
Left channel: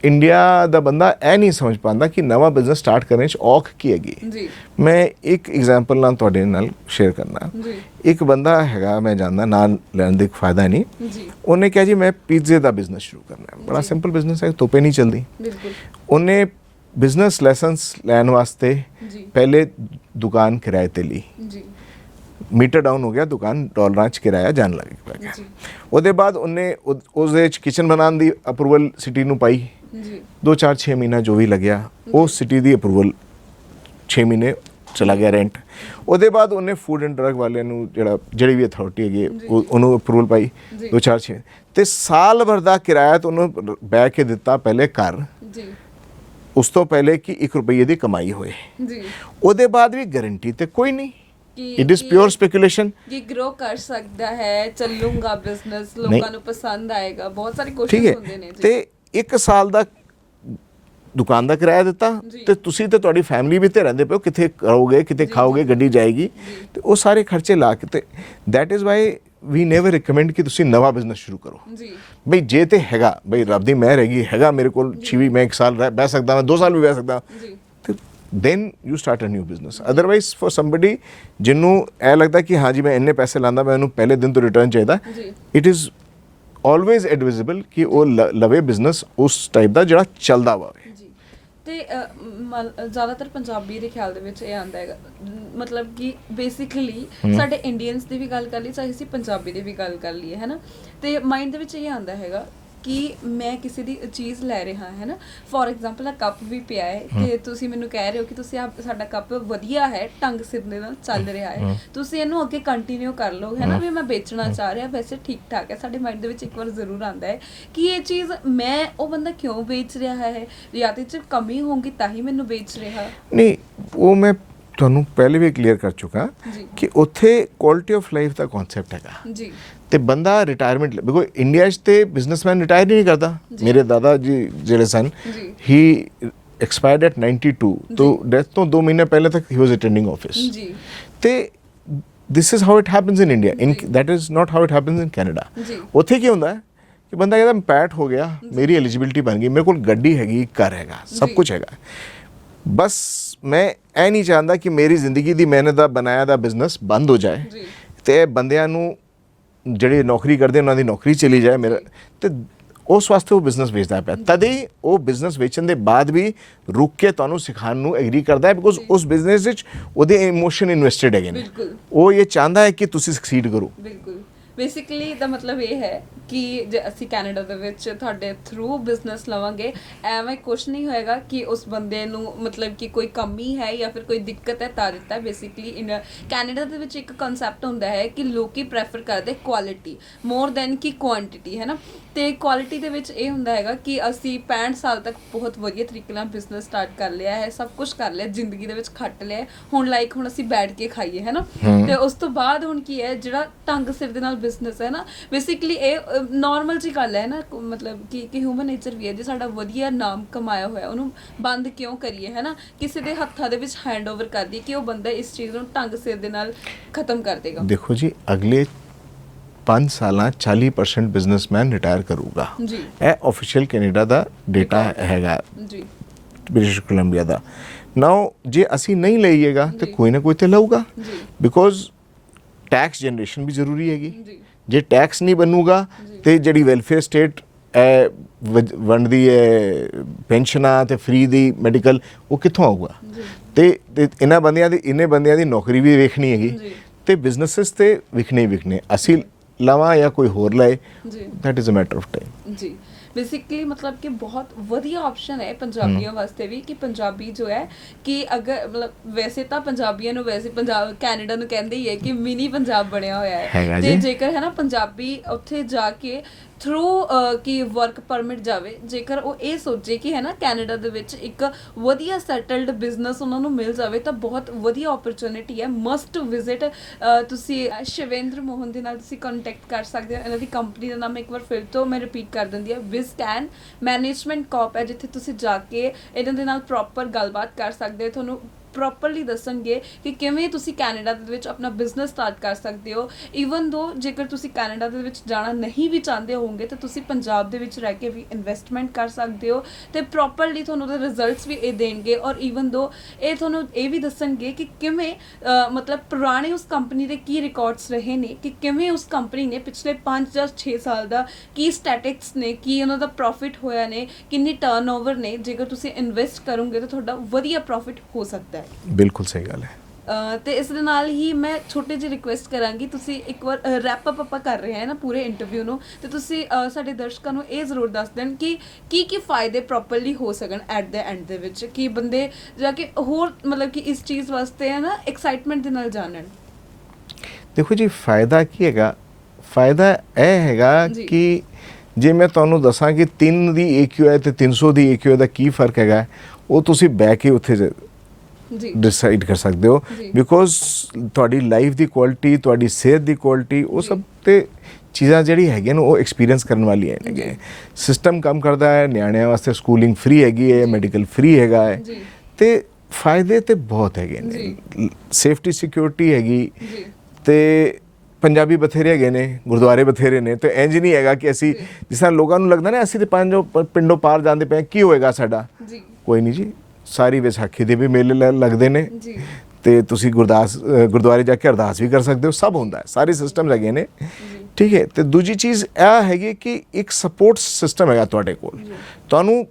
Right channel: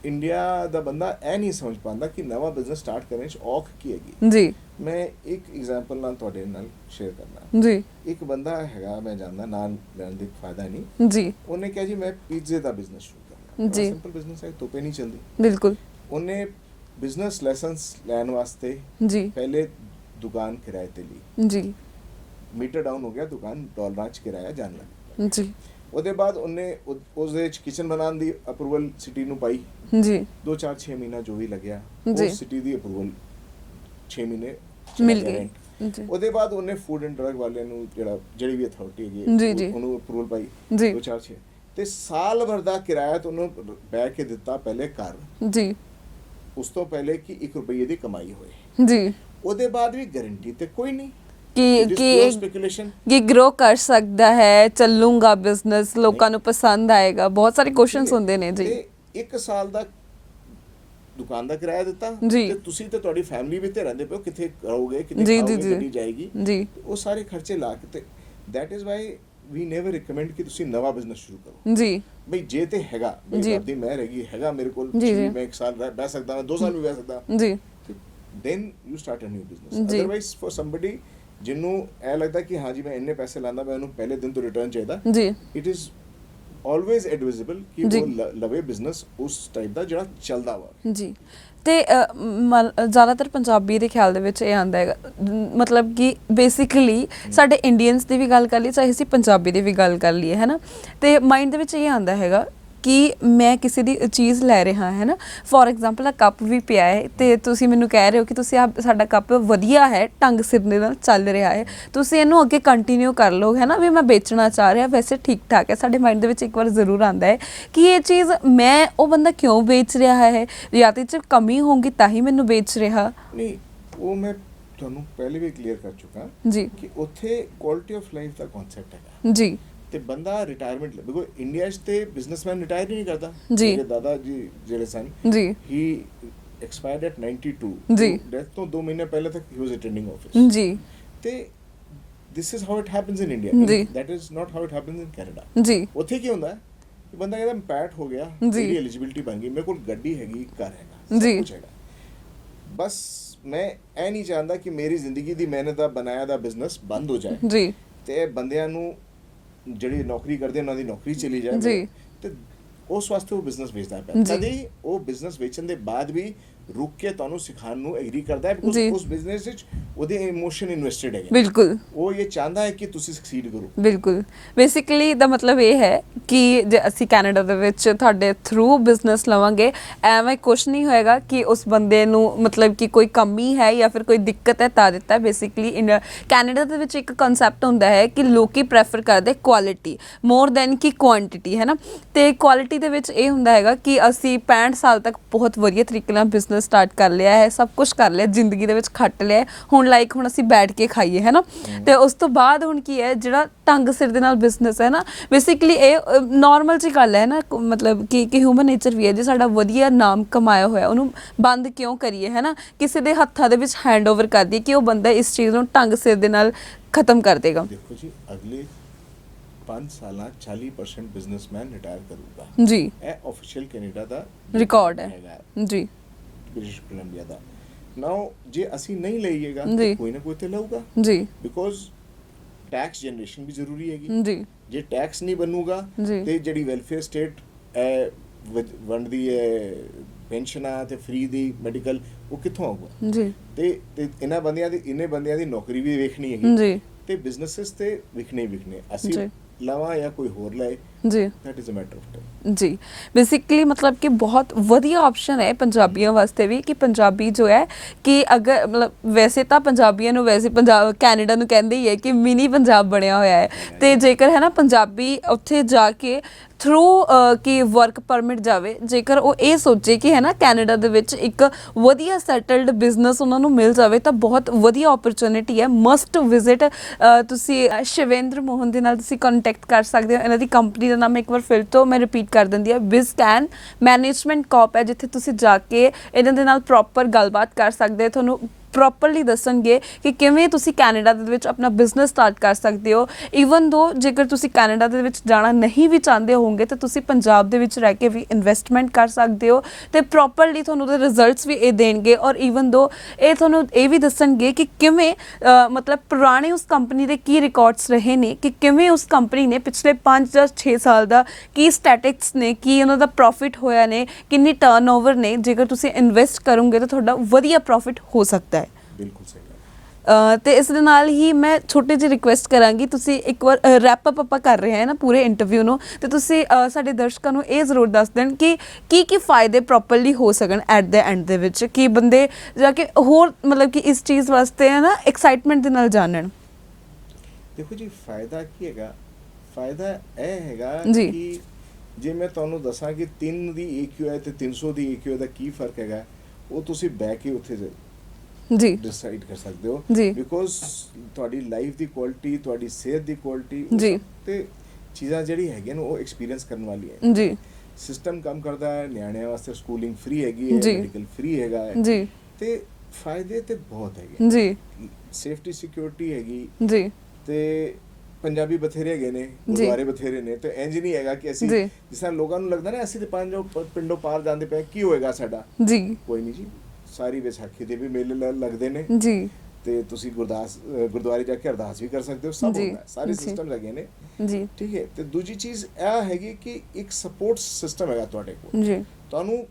ਇੰਡੀਆ ਦਾ ਬੰਦਾ ਇਹ ਨਹੀਂ ਸਮਝ ਪਾਉਂਦਾ ਕਿ ਨਵਾਂ ਬਿਜ਼ਨਸ ਸਟਾਰਟ ਕਰਨ 'ਚ ਔਖ ਕੀ ਹੈਗੀ। ਜੀ ਮੈਂ ਇੱਕ ਐਗਜ਼ਾਮਪਲ ਨਾਲ ਤੁਹਾਡੇ ਨਾਲ ਸ਼ੇਅਰ ਕਰਨਾ। ਜੀ ਇੱਕ ਬੰਦਾ ਹੈਗਾ, ਮੈਂ ਜਾਣਦਾ, ਨਾਂ ਲੈਣ ਦਾ ਫਾਇਦਾ ਨਹੀਂ। ਜੀ ਉਹਨੇ ਕਿਹਾ ਜੀ ਮੈਂ ਪੀਜ਼ੇ ਦਾ ਬਿਜ਼ਨਸ ਸ਼ੁਰੂ ਕਰਨਾ ਹੈ। ਬੜਾ ਜੀ। ਸਿੰਪਲ ਬਿਜ਼ਨਸ ਹੈ, ਤੋਪੇ ਨਹੀਂ ਚੱਲਦੀ। ਬਿਲਕੁਲ ਉਹਨੇ ਬਿਜ਼ਨਸ ਲੈਸਨਸ ਲੈਣ ਵਾਸਤੇ ਜੀ ਪਹਿਲੇ ਦੁਕਾਨ ਕਿਰਾਏ ਤੇ ਲਈ, ਜੀ ਮੀਟਰ ਡਾਊਨ ਹੋ ਗਿਆ, ਦੁਕਾਨ ਡਾਲਰਾਂ 'ਚ ਕਿਰਾਇਆ ਜਾਣ ਲੱਗ ਪਿਆ। ਜੀ ਉਹਦੇ ਬਾਅਦ ਉਹਨੇ ਉਸਦੇ ਵਿੱਚ ਕਿਚਨ ਬਣਾਉਣ ਦੀ ਅਪਰੂਵਲ ਸਿਟੀ ਨੂੰ ਪਾਈ। ਜੀ 2-4-6 ਮਹੀਨਾ ਜੋ ਵੀ ਲੱਗਿਆ, ਉਹ ਜੀ। ਸਿਟੀ ਦੀ ਅਪਰੂਵਲ 6 ਮਹੀਨੇ ਚਲਾ ਗਿਆ ਰੈਂਟ। ਜੀ। ਉਹਦੇ ਬਾਅਦ ਉਹਨੇ ਫੂਡ ਐਂਡ ਡਰਗ ਵਾਲਿਆਂ ਨੂੰ ਜਿਹੜੀ ਵੀ ਅਥਾਰਟੀ ਹੈਗੀ ਜੀ, ਜੀ। ਉਹਨੂੰ ਅਪਰੂਵਲ ਪਾਈ ਜੀ। 2-4-6 ਤੇ ਸਾਲ ਭਰ ਦਾ ਕਿਰਾਇਆ ਤਾਂ ਉਹਨੂੰ ਬਹਿ ਕੇ ਦਿੱਤਾ ਪਹਿਲੇ ਘਰ, ਜੀ ਉਸ ਤੋਂ ਪਹਿਲੇ ਕਿ 1 ਰੁਪਏ ਦੀ ਕਮਾਈ ਹੋਏ। ਜੀ ਉਹਦੇ ਬਾਅਦ ਵੀ ਗਾਰੰਟੀ ਤੇ ਕੋਈ ਨਹੀਂ, ਕਿ ਇਟ ਇਜ਼ ਪਿਓਰ ਸਪੈਕੂਲੇਸ਼ਨ ਕਿ ਗਰੋ ਕਰ ਸਕਦਾ ਹੈ, ਚੱਲੂਗਾ ਬਿਜ਼ਨਸ, ਲੋਕਾਂ ਨਹੀਂ। ਨੂੰ ਪਸੰਦ ਆਏਗਾ, ਬਹੁਤ ਸਾਰੇ ਠੀਕ ਕੁਐਸਚਨਸ ਹੈ, ਹੁੰਦੇ ਨੇ। ਜੀ ਤੇ 1 ਸਾਲ ਦਾ ਦੁਕਾਨ ਦਾ ਕਿਰਾਇਆ ਦਿੱਤਾ ਜੀ। ਤੇ ਤੁਸੀਂ ਤੇ ਤੁਹਾਡੀ ਫੈਮਿਲੀ ਵੀ ਤੇ ਰਹਿੰਦੇ ਪਏ ਹੋ, ਕਿੱਥੇ ਰਹੋਗੇ, ਕਿੱਥੇ ਜੀ, ਖਾਓਗੇ, ਜੀ, ਗੱਡੀ ਜਾਏਗੀ, ਜੀ। ਤੇ ਉਹ ਸਾਰੇ ਖਰਚੇ ਲਾ ਕੇ ਤੇ that is why we never recommend ਕਿ ਤੁਸੀਂ ਨਵਾਂ ਬਿਜ਼ਨਸ ਸ਼ੁਰੂ ਕਰੋ। ਜੀ ਬਈ ਜੇ ਤੇ ਹੈਗਾ, ਬਈ ਜੀ। ਰੱਬ ਦੀ ਮਿਹਰ ਹੈਗੀ, ਹੈਗਾ ਮੇਰੇ ਕੋਲ ਜੀ। 6 ਵੀ ਮੈਂ 1 ਸਾਲ ਬਹਿ ਸਕਦਾ, ਮੈਂ 2 ਸਾਲ ਵੀ ਬਹਿ ਸਕਦਾ, ਜੀ then you start a new business. Otherwise for somebody ਜਿਹਨੂੰ ਇਹ ਲੱਗਦਾ ਕਿ ਹਾਂ ਜੀ ਮੈਂ ਇੰਨੇ ਪੈਸੇ ਲਾਂਦਾ, ਮੈਂ ਉਹਨੂੰ ਪਹਿਲੇ ਦਿਨ ਤੋਂ ਰਿਟਰਨ ਚਾਹੀਦਾ, ਜੀ it is always advisable ਕਿ ਜੀ। ਉਹ ਲਵੇ ਬਿਜ਼ਨਸ ਉਸ ਟਾਈਪ ਦਾ ਜਿਹੜਾ ਚੱਲਦਾ ਹੋਵੇ। ਜੀ ਤੇ ਜ਼ਿਆਦਾਤਰ ਪੰਜਾਬੀ ਦੇ ਖਿਆਲ ਦੇ ਵਿੱਚ ਇਹ ਆਉਂਦਾ ਹੈਗਾ, ਮਤਲਬ ਕਿ ਬੇਸਿਕਲੀ ਸਾਡੇ ਇੰਡੀਅਨਸ ਦੀ ਵੀ ਗੱਲ ਕਰ ਲਈਏ, ਚਾਹੇ ਅਸੀਂ ਪੰਜਾਬੀ ਦੀ ਵੀ ਗੱਲ ਕਰ ਲਈਏ, ਹੈ ਨਾ, ਤੇ ਮਾਈਂਡ ਦੇ ਵਿੱਚ ਇਹ ਆਉਂਦਾ ਹੈਗਾ ਕਿ ਮੈਂ ਕਿਸੇ ਦੀ ਚੀਜ਼ ਲੈ ਰਿਹਾ ਹੈ ਨਾ, ਫੋਰ ਐਗਜ਼ਾਮਪਲ ਆ ਕੱਪ ਵੀ ਪਿਆ ਹੈ ਤੇ ਤੁਸੀਂ ਮੈਨੂੰ ਕਹਿ ਰਹੇ ਹੋ ਕਿ ਤੁਸੀਂ ਸਾਡਾ ਕੱਪ ਵਧੀਆ ਹੈ, ਢੰਗ ਸਿਰ ਦੇ ਨਾਲ ਚੱਲ ਰਿਹਾ ਹੈ, ਤੁਸੀਂ ਇਹਨੂੰ ਅੱਗੇ ਕੰਟੀਨਿਊ ਕਰ ਲਓ, ਹੈ ਨਾ, ਵੀ ਮੈਂ ਵੇਚਣਾ ਚਾਹ ਰਿਹਾ, ਵੈਸੇ ਠੀਕ ਠਾਕ ਹੈ। ਸਾਡੇ ਮਾਈਂਡ ਦੇ ਵਿੱਚ ਇੱਕ ਵਾਰ ਜ਼ਰੂਰ ਆਉਂਦਾ ਹੈ ਕਿ ਇਹ ਚੀਜ਼ ਮੈਂ ਉਹ ਬੰਦਾ ਕਿਉਂ ਵੇਚ ਰਿਹਾ ਹੈ, ਜਾਂ ਤੇ 'ਚ ਕਮੀ ਹੋਊਗੀ ਤਾਂ ਹੀ ਮੈਨੂੰ ਵੇਚ ਰਿਹਾ। ਨਹੀਂ, ਉਹ ਮੈਂ ਤੁਹਾਨੂੰ ਪਹਿਲੇ ਵੀ ਕਲੀਅਰ ਕਰ ਚੁੱਕਾ ਜੀ ਕਿ ਉੱਥੇ quality of life the concept ਹੈਗਾ ਜੀ ਤੇ ਬੰਦਾ ਰਿਟਾਇਰਮੈਂਟ, ਬਿਕੋਜ਼ ਇੰਡੀਆ 'ਚ ਤੇ ਬਿਜ਼ਨਸਮੈਨ ਰਿਟਾਇਰ ਹੀ ਨਹੀਂ ਕਰਦਾ। ਜੀ। ਮੇਰੇ ਦਾਦਾ ਜੀ ਜਿਹੜੇ ਸਨ, ਜੀ ਹੀ ਐਕਸਪਾਇਰਡ ਐਟ 92 ਜੀ। ਤੋਂ ਡੈਥ ਤੋਂ 2 ਮਹੀਨੇ ਪਹਿਲੇ ਤੱਕ ਹੀ ਵਾਸ ਅਟੈਂਡਿੰਗ ਆਫਿਸ। ਜੀ ਤੇ this is how it happens in India, ਜੀ। That is not how it happens in Canada. ਜੀ ਉੱਥੇ ਕੀ ਹੁੰਦਾ ਹੈ ਕਿ ਬੰਦਾ ਕਹਿੰਦਾ ਪੈਟ ਹੋ ਗਿਆ, ਜੀ। ਮੇਰੀ ਐਲੀਜੀਬਿਲਟੀ ਬਣ ਗਈ, ਮੇਰੇ ਕੋਲ ਗੱਡੀ ਹੈਗੀ, ਘਰ ਹੈਗਾ, ਸਭ ਜੀ। ਕੁਝ ਹੈਗਾ, ਬਸ ਮੈਂ ਇਹ ਨਹੀਂ ਚਾਹੁੰਦਾ ਕਿ ਮੇਰੀ ਜ਼ਿੰਦਗੀ ਦੀ ਮਿਹਨਤ ਦਾ ਬਣਾਇਆ ਦਾ ਬਿਜ਼ਨਸ ਬੰਦ ਹੋ ਜਾਏ ਜੀ ਤੇ ਬੰਦਿਆਂ ਨੂੰ ਜਿਹੜੇ ਨੌਕਰੀ ਕਰਦੇ ਉਹਨਾਂ ਦੀ ਨੌਕਰੀ ਚਲੀ ਜਾਏ। ਮੇਰਾ ਜੀ। ਤੇ ਉਸ ਵਾਸਤੇ ਉਹ ਬਿਜ਼ਨਸ ਵੇਚਦਾ ਪਿਆ, ਜੀ। ਤਦ ਹੀ ਉਹ ਬਿਜ਼ਨਸ ਵੇਚਣ ਦੇ ਬਾਅਦ ਵੀ ਰੁਕ ਕੇ ਤੁਹਾਨੂੰ ਸਿਖਾਉਣ ਨੂੰ ਐਗਰੀ ਕਰਦਾ ਹੈ, ਬਿਕੋਜ਼ ਜੀ। ਉਸ ਬਿਜ਼ਨਸ ਵਿੱਚ ਉਹਦੇ ਇਮੋਸ਼ਨ ਇਨਵੈਸਟਡ ਹੈਗੇ ਨੇ। ਬਿਲਕੁਲ ਉਹ ਇਹ ਚਾਹੁੰਦਾ ਹੈ ਕਿ ਤੁਸੀਂ ਸਕਸੀਡ ਕਰੋ। ਬਿਲਕੁਲ ਬੇਸਿਕਲੀ ਦਾ ਮਤਲਬ ਇਹ ਹੈ ਕਿ ਜੇ ਅਸੀਂ ਕੈਨੇਡਾ ਦੇ ਵਿੱਚ ਤੁਹਾਡੇ ਥਰੂ ਬਿਜ਼ਨਸ ਲਵਾਂਗੇ, ਐਵੇਂ ਕੁਛ ਨਹੀਂ ਹੋਏਗਾ ਕਿ ਉਸ ਬੰਦੇ ਨੂੰ ਮਤਲਬ ਕਿ ਕੋਈ ਕਮੀ ਹੈ ਜਾਂ ਫਿਰ ਕੋਈ ਦਿੱਕਤ ਹੈ ਤਾਂ ਦਿੱਤਾ। ਬੇਸਿਕਲੀ ਕੈਨੇਡਾ ਦੇ ਵਿੱਚ ਇੱਕ ਕਨਸੈਪਟ ਹੁੰਦਾ ਹੈ ਕਿ ਲੋਕੀ ਪ੍ਰੈਫਰ ਕਰਦੇ ਕੁਆਲਿਟੀ ਮੋਰ ਦੈਨ ਕਿ ਕੁਆਂਟੀਟੀ, ਹੈ ਨਾ, ਤੇ ਕੁਆਲਿਟੀ ਦੇ ਵਿੱਚ ਇਹ ਹੁੰਦਾ ਹੈਗਾ ਕਿ ਅਸੀਂ 65 ਸਾਲ ਤੱਕ ਬਹੁਤ ਵਧੀਆ ਤਰੀਕੇ ਨਾਲ ਬਿਜ਼ਨਸ ਸਟਾਰਟ ਕਰ ਲਿਆ ਹੈ, ਸਭ ਕੁਝ ਕਰ ਲਿਆ, ਜ਼ਿੰਦਗੀ ਦੇ ਵਿੱਚ ਖੱਟ ਲਿਆ, ਹੁਣ ਹੁਣ ਅਸੀਂ ਬੈਠ ਕੇ ਖਾਈਏ, ਹੈ ਨਾ, ਤੇ ਉਸ ਤੋਂ ਬਾਅਦ ਹੁਣ ਕੀ ਹੈ, ਜਿਹੜਾ ਢੰਗ ਸਿਰ ਦੇ ਨਾਲ ਬਿਜ਼ਨਸ ਹੈ ਨਾ, ਬੇਸਿਕਲੀ ਇਹ ਨਾਰਮਲ ਜੀ ਗੱਲ ਹੈ ਨਾ, ਮਤਲਬ ਕਿ ਹਿਊਮਨ ਨੇਚਰ ਵੀ ਹੈ, ਜੇ ਸਾਡਾ ਵਧੀਆ ਨਾਮ ਕਮਾਇਆ ਹੋਇਆ ਉਹਨੂੰ ਬੰਦ ਕਿਉਂ ਕਰੀਏ, ਹੈ ਨਾ, ਕਿਸੇ ਦੇ ਹੱਥਾਂ ਦੇ ਵਿੱਚ ਹੈਂਡ ਓਵਰ ਕਰ ਦਈਏ ਕਿ ਉਹ ਬੰਦਾ ਇਸ ਚੀਜ਼ ਨੂੰ ਢੰਗ ਸਿਰ ਦੇ ਨਾਲ ਖਤਮ ਕਰ ਦੇਗਾ। ਦੇਖੋ ਜੀ, ਅਗਲੇ 5 ਸਾਲਾਂ 40% ਬਿਜ਼ਨਸਮੈਨ ਰਿਟਾਇਰ ਕਰੂਗਾ ਜੀ ਇਹ ਆਫੀਸ਼ੀਅਲ ਕੈਨੇਡਾ ਦਾ ਡੇਟਾ Record ਹੈ। ਹੈਗਾ, ਜੀ ਬ੍ਰਿਟਿਸ਼ ਕੋਲੰਬੀਆ ਦਾ। ਨਾਓ ਜੇ ਅਸੀਂ ਨਹੀਂ ਲਈਏਗਾ ਜੀ। ਤੇ ਕੋਈ ਨਾ ਕੋਈ ਤੇ ਲਊਗਾ, ਜੀ ਬਿਕੋਜ਼ ਟੈਕਸ ਜਨਰੇਸ਼ਨ ਵੀ ਜ਼ਰੂਰੀ ਹੈਗੀ। ਜੀ ਜੇ ਟੈਕਸ ਨਹੀਂ ਬਣੂਗਾ ਜੀ। ਤੇ ਜਿਹੜੀ ਵੈਲਫੇਅਰ ਸਟੇਟ ਵੰਡਦੀ ਹੈ ਪੈਨਸ਼ਨਾਂ ਤੇ ਫ੍ਰੀ ਦੀ ਮੈਡੀਕਲ, ਉਹ ਕਿੱਥੋਂ ਆਊਗਾ? ਜੀ ਤੇ ਇੰਨੇ ਬੰਦਿਆਂ ਦੀ ਨੌਕਰੀ ਵੀ ਵੇਖਣੀ ਹੈਗੀ ਜੀ ਤੇ ਬਿਜ਼ਨੈਸਸ ਤੇ ਵਿਖਣੇ ਹੀ ਵਿਖਣੇ, ਅਸੀਂ ਜੀ। ਲਵਾਂ ਜਾਂ ਕੋਈ ਹੋਰ ਲਏ, ਜੀ that is a matter of time. ਜੀ ਬੇਸਿਕਲੀ ਮਤਲਬ ਕਿ ਬਹੁਤ ਵਧੀਆ ਆਪਸ਼ਨ ਹੈ ਪੰਜਾਬੀਆਂ ਵਾਸਤੇ ਵੀ, ਕਿ ਪੰਜਾਬੀ ਜੋ ਹੈ ਕਿ ਅਗਰ ਮਤਲਬ ਵੈਸੇ ਤਾਂ ਪੰਜਾਬੀਆਂ ਨੂੰ ਵੈਸੇ ਪੰਜਾਬ ਕੈਨੇਡਾ ਨੂੰ ਕਹਿੰਦੇ ਹੀ ਹੈ ਕਿ ਮਿਨੀ ਪੰਜਾਬ ਬਣਿਆ ਹੋਇਆ ਹੈ, ਤੇ ਜੇਕਰ ਹੈ ਨਾ ਪੰਜਾਬੀ ਉੱਥੇ ਜਾ ਕੇ ਥਰੂ ਕਿ ਵਰਕ ਪਰਮਿਟ ਜਾਵੇ, ਜੇਕਰ ਉਹ ਇਹ ਸੋਚੇ ਕਿ ਹੈ ਨਾ ਕੈਨੇਡਾ ਦੇ ਵਿੱਚ ਇੱਕ ਵਧੀਆ ਸੈਟਲਡ ਬਿਜ਼ਨਸ ਉਹਨਾਂ ਨੂੰ ਮਿਲ ਜਾਵੇ ਤਾਂ ਬਹੁਤ ਵਧੀਆ ਓਪਰਚੁਨਿਟੀ ਹੈ। Must visit. ਤੁਸੀਂ ਸ਼ਿਵੇਂਦਰ ਮੋਹਨ ਦੇ ਨਾਲ ਤੁਸੀਂ ਕੰਟੈਕਟ ਕਰ ਸਕਦੇ ਹੋ। ਇਹਨਾਂ ਦੀ ਕੰਪਨੀ ਦਾ ਨਾਮ ਇੱਕ ਵਾਰ ਫਿਰ ਤੋਂ ਮੈਂ ਰਿਪੀਟ ਕਰ ਦਿੰਦੀ ਹਾਂ, ਬਿਜ਼ਕੈਨ ਮੈਨੇਜਮੈਂਟ ਕਾਰਪ ਹੈ, ਜਿੱਥੇ ਤੁਸੀਂ ਜਾ ਕੇ ਇਹਨਾਂ ਦੇ ਨਾਲ ਪ੍ਰੋਪਰ ਗੱਲਬਾਤ ਕਰ ਸਕਦੇ ਹੋ। ਤੁਹਾਨੂੰ ਪ੍ਰੋਪਰਲੀ ਦੱਸਣਗੇ ਕਿ ਕਿਵੇਂ ਤੁਸੀਂ ਕੈਨੇਡਾ ਦੇ ਵਿੱਚ ਆਪਣਾ ਬਿਜ਼ਨਸ ਸਟਾਰਟ ਕਰ ਸਕਦੇ ਹੋ। ਈਵਨ ਦੋ ਜੇਕਰ ਤੁਸੀਂ ਕੈਨੇਡਾ ਦੇ ਵਿੱਚ ਜਾਣਾ ਨਹੀਂ ਵੀ ਚਾਹੁੰਦੇ ਹੋਵੋਗੇ ਤਾਂ ਤੁਸੀਂ ਪੰਜਾਬ ਦੇ ਵਿੱਚ ਰਹਿ ਕੇ ਵੀ ਇਨਵੈਸਟਮੈਂਟ ਕਰ ਸਕਦੇ ਹੋ, ਤੇ ਪ੍ਰੋਪਰਲੀ ਤੁਹਾਨੂੰ ਉਹਦੇ ਰਿਜ਼ਲਟਸ ਵੀ ਇਹ ਦੇਣਗੇ। ਔਰ ਈਵਨ ਦੋ ਇਹ ਤੁਹਾਨੂੰ ਇਹ ਵੀ ਦੱਸਣਗੇ ਕਿ ਕਿਵੇਂ ਮਤਲਬ ਪੁਰਾਣੇ ਉਸ ਕੰਪਨੀ ਦੇ ਕੀ ਰਿਕਾਰਡਸ ਰਹੇ ਨੇ, ਕਿ ਕਿਵੇਂ ਉਸ ਕੰਪਨੀ ਨੇ ਪਿਛਲੇ 5 ਜਾਂ 6 ਸਾਲ ਦਾ ਕੀ ਸਟੈਟਿਕਸ ਨੇ, ਕੀ ਉਹਨਾਂ ਦਾ ਪ੍ਰੋਫਿਟ ਹੋਇਆ ਨੇ, ਕਿੰਨੀ ਟਰਨਓਵਰ ਨੇ। ਜੇਕਰ ਤੁਸੀਂ ਇਨਵੈਸਟ ਕਰੋਗੇ ਤਾਂ ਤੁਹਾਡਾ ਵਧੀਆ ਪ੍ਰੋਫਿਟ ਹੋ ਸਕਦਾ ਹੈ। ਬਿਲਕੁਲ ਸਹੀ ਗੱਲ ਹੈ। ਤੇ ਇਸ ਦੇ ਨਾਲ ਹੀ ਮੈਂ ਛੋਟੀ ਜਿਹੀ ਰਿਕੁਐਸਟ ਕਰਾਂਗੀ, ਤੁਸੀਂ ਇੱਕ ਵਾਰ ਰੈਪ ਅਪ ਆਪਾਂ ਕਰ ਰਹੇ ਹਾਂ ਨਾ ਪੂਰੇ ਇੰਟਰਵਿਊ ਨੂੰ, ਤੇ ਤੁਸੀਂ ਸਾਡੇ ਦਰਸ਼ਕਾਂ ਨੂੰ ਇਹ ਜ਼ਰੂਰ ਦੱਸ ਦੇਣ ਕਿ ਕੀ ਫਾਇਦੇ ਪ੍ਰੋਪਰਲੀ ਹੋ ਸਕਣ ਐਟ ਦ ਐਂਡ ਦੇ ਵਿੱਚ, ਕਿ ਬੰਦੇ ਜਾ ਕੇ ਹੋਰ ਮਤਲਬ ਕਿ ਇਸ ਚੀਜ਼ ਵਾਸਤੇ ਹੈ ਨਾ ਐਕਸਾਈਟਮੈਂਟ ਦੇ ਨਾਲ ਜਾਣਨ। ਦੇਖੋ ਜੀ, ਫਾਇਦਾ ਕੀ ਹੈਗਾ? ਫਾਇਦਾ ਇਹ ਹੈਗਾ ਕਿ ਜੇ ਮੈਂ ਤੁਹਾਨੂੰ ਦੱਸਾਂ ਕਿ 3 ਦੀ AQI ਤੇ 300 ਦੀ AQI ਦਾ ਕੀ ਫਰਕ ਹੈਗਾ, ਉਹ ਤੁਸੀਂ ਬਹਿ ਕੇ ਉੱਥੇ ਜੀ ਡਿਸਾਈਡ ਕਰ ਸਕਦੇ ਹੋ, ਬਿਕੋਜ਼ ਤੁਹਾਡੀ ਲਾਈਫ ਦੀ ਕੁਆਲਿਟੀ, ਤੁਹਾਡੀ ਸਿਹਤ ਦੀ ਕੁਆਲਿਟੀ, ਉਹ ਸਭ ਤੇ ਚੀਜ਼ਾਂ ਜਿਹੜੀ ਹੈਗੀਆਂ ਨੇ ਉਹ ਐਕਸਪੀਰੀਅੰਸ ਕਰਨ ਵਾਲੀਆਂ ਨੇ। ਸਿਸਟਮ ਕੰਮ ਕਰਦਾ ਹੈ, ਨਿਆਣਿਆਂ ਵਾਸਤੇ ਸਕੂਲਿੰਗ ਫ੍ਰੀ ਹੈਗੀ ਹੈ, ਮੈਡੀਕਲ ਫ੍ਰੀ ਹੈਗਾ ਹੈ ਜੀ, ਤੇ ਫਾਇਦੇ ਤੇ ਬਹੁਤ ਹੈਗੇ ਨੇ ਜੀ। ਸੇਫਟੀ ਸਿਕਿਉਰਿਟੀ ਹੈਗੀ ਜੀ, ਤੇ ਪੰਜਾਬੀ ਬਥੇਰੇ ਹੈਗੇ ਨੇ, ਗੁਰਦੁਆਰੇ ਬਥੇਰੇ ਨੇ, ਤੇ ਇੰਜ ਨਹੀਂ ਹੈਗਾ ਕਿ ਅਸੀਂ ਜਿਸ ਤਰ੍ਹਾਂ ਲੋਕਾਂ ਨੂੰ ਲੱਗਦਾ ਨਾ ਅਸੀਂ ਤੇ ਪਿੰਡੋਂ ਪਾਰ ਜਾਂਦੇ ਪਏ ਕੀ ਹੋਏਗਾ ਸਾਡਾ ਜੀ। ਕੋਈ ਨਹੀਂ ਜੀ, ਸਾਰੀ ਵਿਸਾਖੀ ਦੇ ਵੀ ਮੇਲੇ ਲੱਗਦੇ ਨੇ ਜੀ, ਤੇ ਤੁਸੀਂ ਗੁਰਦੁਆਰੇ ਜਾ ਕੇ ਅਰਦਾਸ ਵੀ ਕਰ ਸਕਦੇ ਹੋ, ਸਭ ਹੁੰਦਾ ਹੈ, ਸਾਰੇ ਸਿਸਟਮ ਹੈਗੇ ਨੇ ਜੀ। ਠੀਕ ਹੈ, ਤੇ ਦੂਜੀ ਚੀਜ਼ ਇਹ ਹੈਗੀ ਕਿ ਇੱਕ ਸਪੋਰਟ ਸਿਸਟਮ ਹੈਗਾ ਤੁਹਾਡੇ ਕੋਲ, ਤੁਹਾਨੂੰ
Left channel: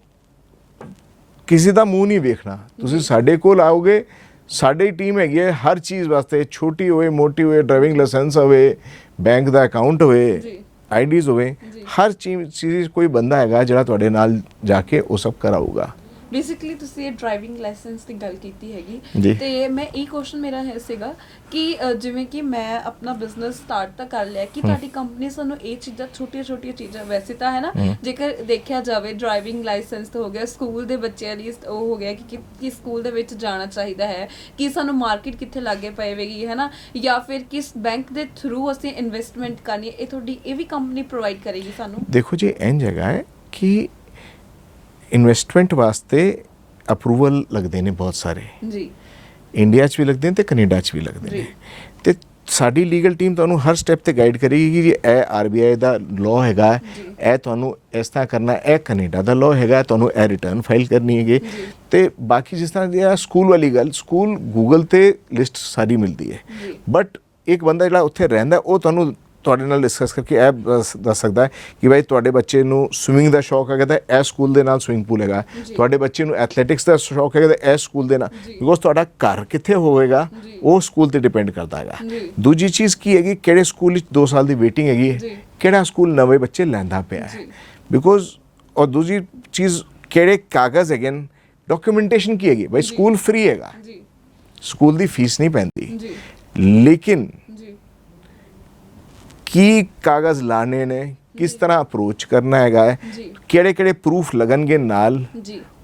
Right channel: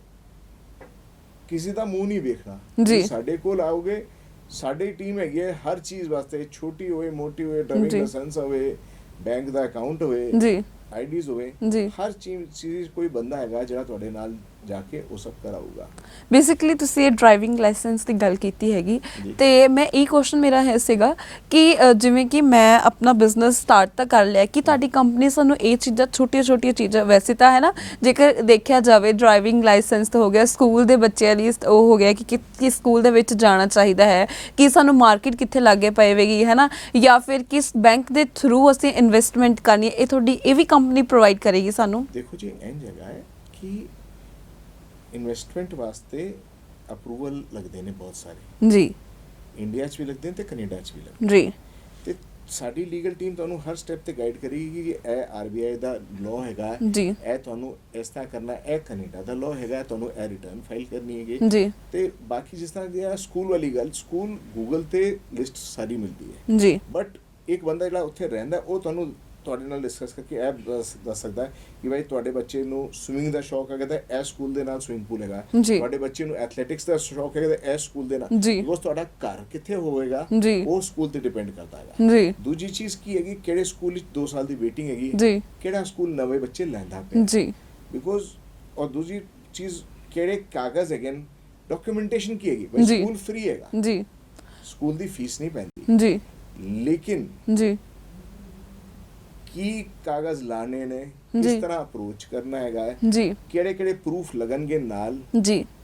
ਕਿਸੇ ਦਾ ਮੂੰਹ ਨਹੀਂ ਵੇਖਣਾ। ਤੁਸੀਂ ਸਾਡੇ ਕੋਲ ਆਓਗੇ, ਸਾਡੀ ਟੀਮ ਹੈਗੀ ਹੈ ਹਰ ਚੀਜ਼ ਵਾਸਤੇ, ਛੋਟੀ ਹੋਵੇ ਮੋਟੀ ਹੋਵੇ, ਡਰਾਈਵਿੰਗ ਲਾਇਸੈਂਸ ਹੋਵੇ, ਬੈਂਕ ਦਾ ਅਕਾਊਂਟ ਹੋਵੇ, ਆਈਡੀਜ਼ ਹੋਵੇ, ਹਰ ਚੀਜ਼ ਕੋਈ ਬੰਦਾ ਹੈਗਾ ਜਿਹੜਾ ਤੁਹਾਡੇ ਨਾਲ ਜਾ ਕੇ ਉਹ ਸਭ ਕਰਾਊਗਾ। ਬੇਸਿਕਲੀ ਤੁਸੀਂ ਇਹ ਡਰਾਈਵਿੰਗ ਲਾਇਸੈਂਸ ਦੀ ਗੱਲ ਕੀਤੀ ਹੈਗੀ, ਤੇ ਮੈਂ ਇਹ ਕੁਐਸਚਨ ਮੇਰਾ ਹੈ ਸੀਗਾ ਕਿ ਜਿਵੇਂ ਕਿ ਮੈਂ ਆਪਣਾ ਬਿਜ਼ਨਸ ਸਟਾਰਟ ਤਾਂ ਕਰ ਲਿਆ, ਕਿ ਤੁਹਾਡੀ ਕੰਪਨੀ ਸਾਨੂੰ ਇਹ ਚੀਜ਼ਾਂ ਛੋਟੀਆਂ ਚੀਜ਼ਾਂ, ਵੈਸੇ ਤਾਂ ਹੈ ਨਾ ਜੇਕਰ ਦੇਖਿਆ ਜਾਵੇ ਡਰਾਈਵਿੰਗ ਲਾਇਸੈਂਸ ਤਾਂ ਹੋ ਗਿਆ, ਸਕੂਲ ਦੇ ਬੱਚਿਆਂ ਲਈ ਉਹ ਹੋ ਗਿਆ ਕਿ ਸਕੂਲ ਦੇ ਵਿੱਚ ਜਾਣਾ ਚਾਹੀਦਾ ਹੈ, ਕਿ ਸਾਨੂੰ ਮਾਰਕੀਟ ਕਿੱਥੇ ਲਾਗੇ ਪਵੇਗੀ ਹੈ ਨਾ, ਜਾਂ ਫਿਰ ਕਿਸ ਬੈਂਕ ਦੇ ਥਰੂ ਅਸੀਂ ਇਨਵੈਸਟਮੈਂਟ ਕਰਨੀ ਹੈ, ਇਹ ਤੁਹਾਡੀ ਇਹ ਵੀ ਕੰਪਨੀ ਪ੍ਰੋਵਾਈਡ ਕਰੇਗੀ ਸਾਨੂੰ। ਦੇਖੋ ਜੀ, ਇੰਜ ਹੈਗਾ ਹੈ ਕਿ ਇਨਵੈਸਟਮੈਂਟ ਵਾਸਤੇ ਅਪਰੂਵਲ ਲੱਗਦੇ ਨੇ ਬਹੁਤ ਸਾਰੇ ਜੀ, ਇੰਡੀਆ 'ਚ ਵੀ ਲੱਗਦੇ ਨੇ ਤੇ ਕੈਨੇਡਾ 'ਚ ਵੀ ਲੱਗਦੇ ਨੇ, ਤੇ ਸਾਡੀ ਲੀਗਲ ਟੀਮ ਤੁਹਾਨੂੰ ਹਰ ਸਟੈਪ ਤੇ ਗਾਈਡ ਕਰੇਗੀ ਕਿ ਇਹ ਆਰਬੀਆਈ ਦਾ ਲਾਅ ਹੈਗਾ, ਇਹ ਤੁਹਾਨੂੰ ਇਸ ਤਰ੍ਹਾਂ ਕਰਨਾ, ਇਹ ਕੈਨੇਡਾ ਦਾ ਲਾਅ ਹੈਗਾ, ਤੁਹਾਨੂੰ ਇਹ ਰਿਟਰਨ ਫਾਈਲ ਕਰਨੀ ਹੈਗੀ। ਤੇ ਬਾਕੀ ਜਿਸ ਤਰ੍ਹਾਂ ਦੀ ਸਕੂਲ ਵਾਲੀ ਗੱਲ, ਸਕੂਲ ਗੂਗਲ ਤੇ ਲਿਸਟ ਸਾਰੀ ਮਿਲਦੀ ਹੈ, ਬਟ ਇੱਕ ਬੰਦਾ ਜਿਹੜਾ ਉੱਥੇ ਰਹਿੰਦਾ ਉਹ ਤੁਹਾਨੂੰ ਤੁਹਾਡੇ ਨਾਲ ਡਿਸਕਸ ਕਰਕੇ ਇਹ ਦੱਸ ਸਕਦਾ ਹੈ ਕਿ ਭਾਈ ਤੁਹਾਡੇ ਬੱਚੇ ਨੂੰ ਸਵਿਮਿੰਗ ਦਾ ਸ਼ੌਕ ਹੈਗਾ ਤਾਂ ਇਹ ਸਕੂਲ ਦੇ ਨਾਲ ਸਵਿਮਿੰਗ ਪੂਲ ਹੈਗਾ, ਤੁਹਾਡੇ ਬੱਚੇ ਨੂੰ ਐਥਲੈਟਿਕਸ ਦਾ ਸ਼ੌਕ ਹੈਗਾ ਤਾਂ ਇਹ ਸਕੂਲ ਦੇ ਨਾਲ, ਬਿਕੋਜ਼ ਤੁਹਾਡਾ ਘਰ ਕਿੱਥੇ ਹੋਵੇਗਾ ਉਹ ਸਕੂਲ ਤੇ ਡਿਪੈਂਡ ਕਰਦਾ ਹੈਗਾ। ਦੂਜੀ ਚੀਜ਼ ਕੀ ਹੈਗੀ, ਕਿਹੜੇ ਸਕੂਲ ਵਿੱਚ 2 ਸਾਲ ਦੀ ਵੇਟਿੰਗ ਹੈਗੀ, ਕਿਹੜਾ ਸਕੂਲ ਨਵੇਂ ਬੱਚੇ ਲੈਂਦਾ ਪਿਆ, ਬਿਕੋਜ਼ ਔਰ ਦੂਜੀ ਚੀਜ਼ ਕਿਹੜੇ ਕਾਗਜ਼ ਹੈਗੇ, ਡਾਕੂਮੈਂਟੇਸ਼ਨ ਕੀ ਹੈਗੀ, ਭਾਈ ਸਕੂਲ ਫ੍ਰੀ ਹੈਗਾ, ਸਕੂਲ ਦੀ ਫੀਸ ਨਹੀਂ ਪੈਂਦੀ, ਲੇਕਿਨ ਕੀ ਕਾਗਜ਼ ਲਾਣੇ ਨੇ, ਕਿਸ ਤਰ੍ਹਾਂ ਅਪਰੋਚ ਕਰਨਾ ਹੈਗਾ ਹੈ, ਕਿਹੜੇ ਪ੍ਰੂਫ ਲੱਗਣਗੇ ਨਾਲ,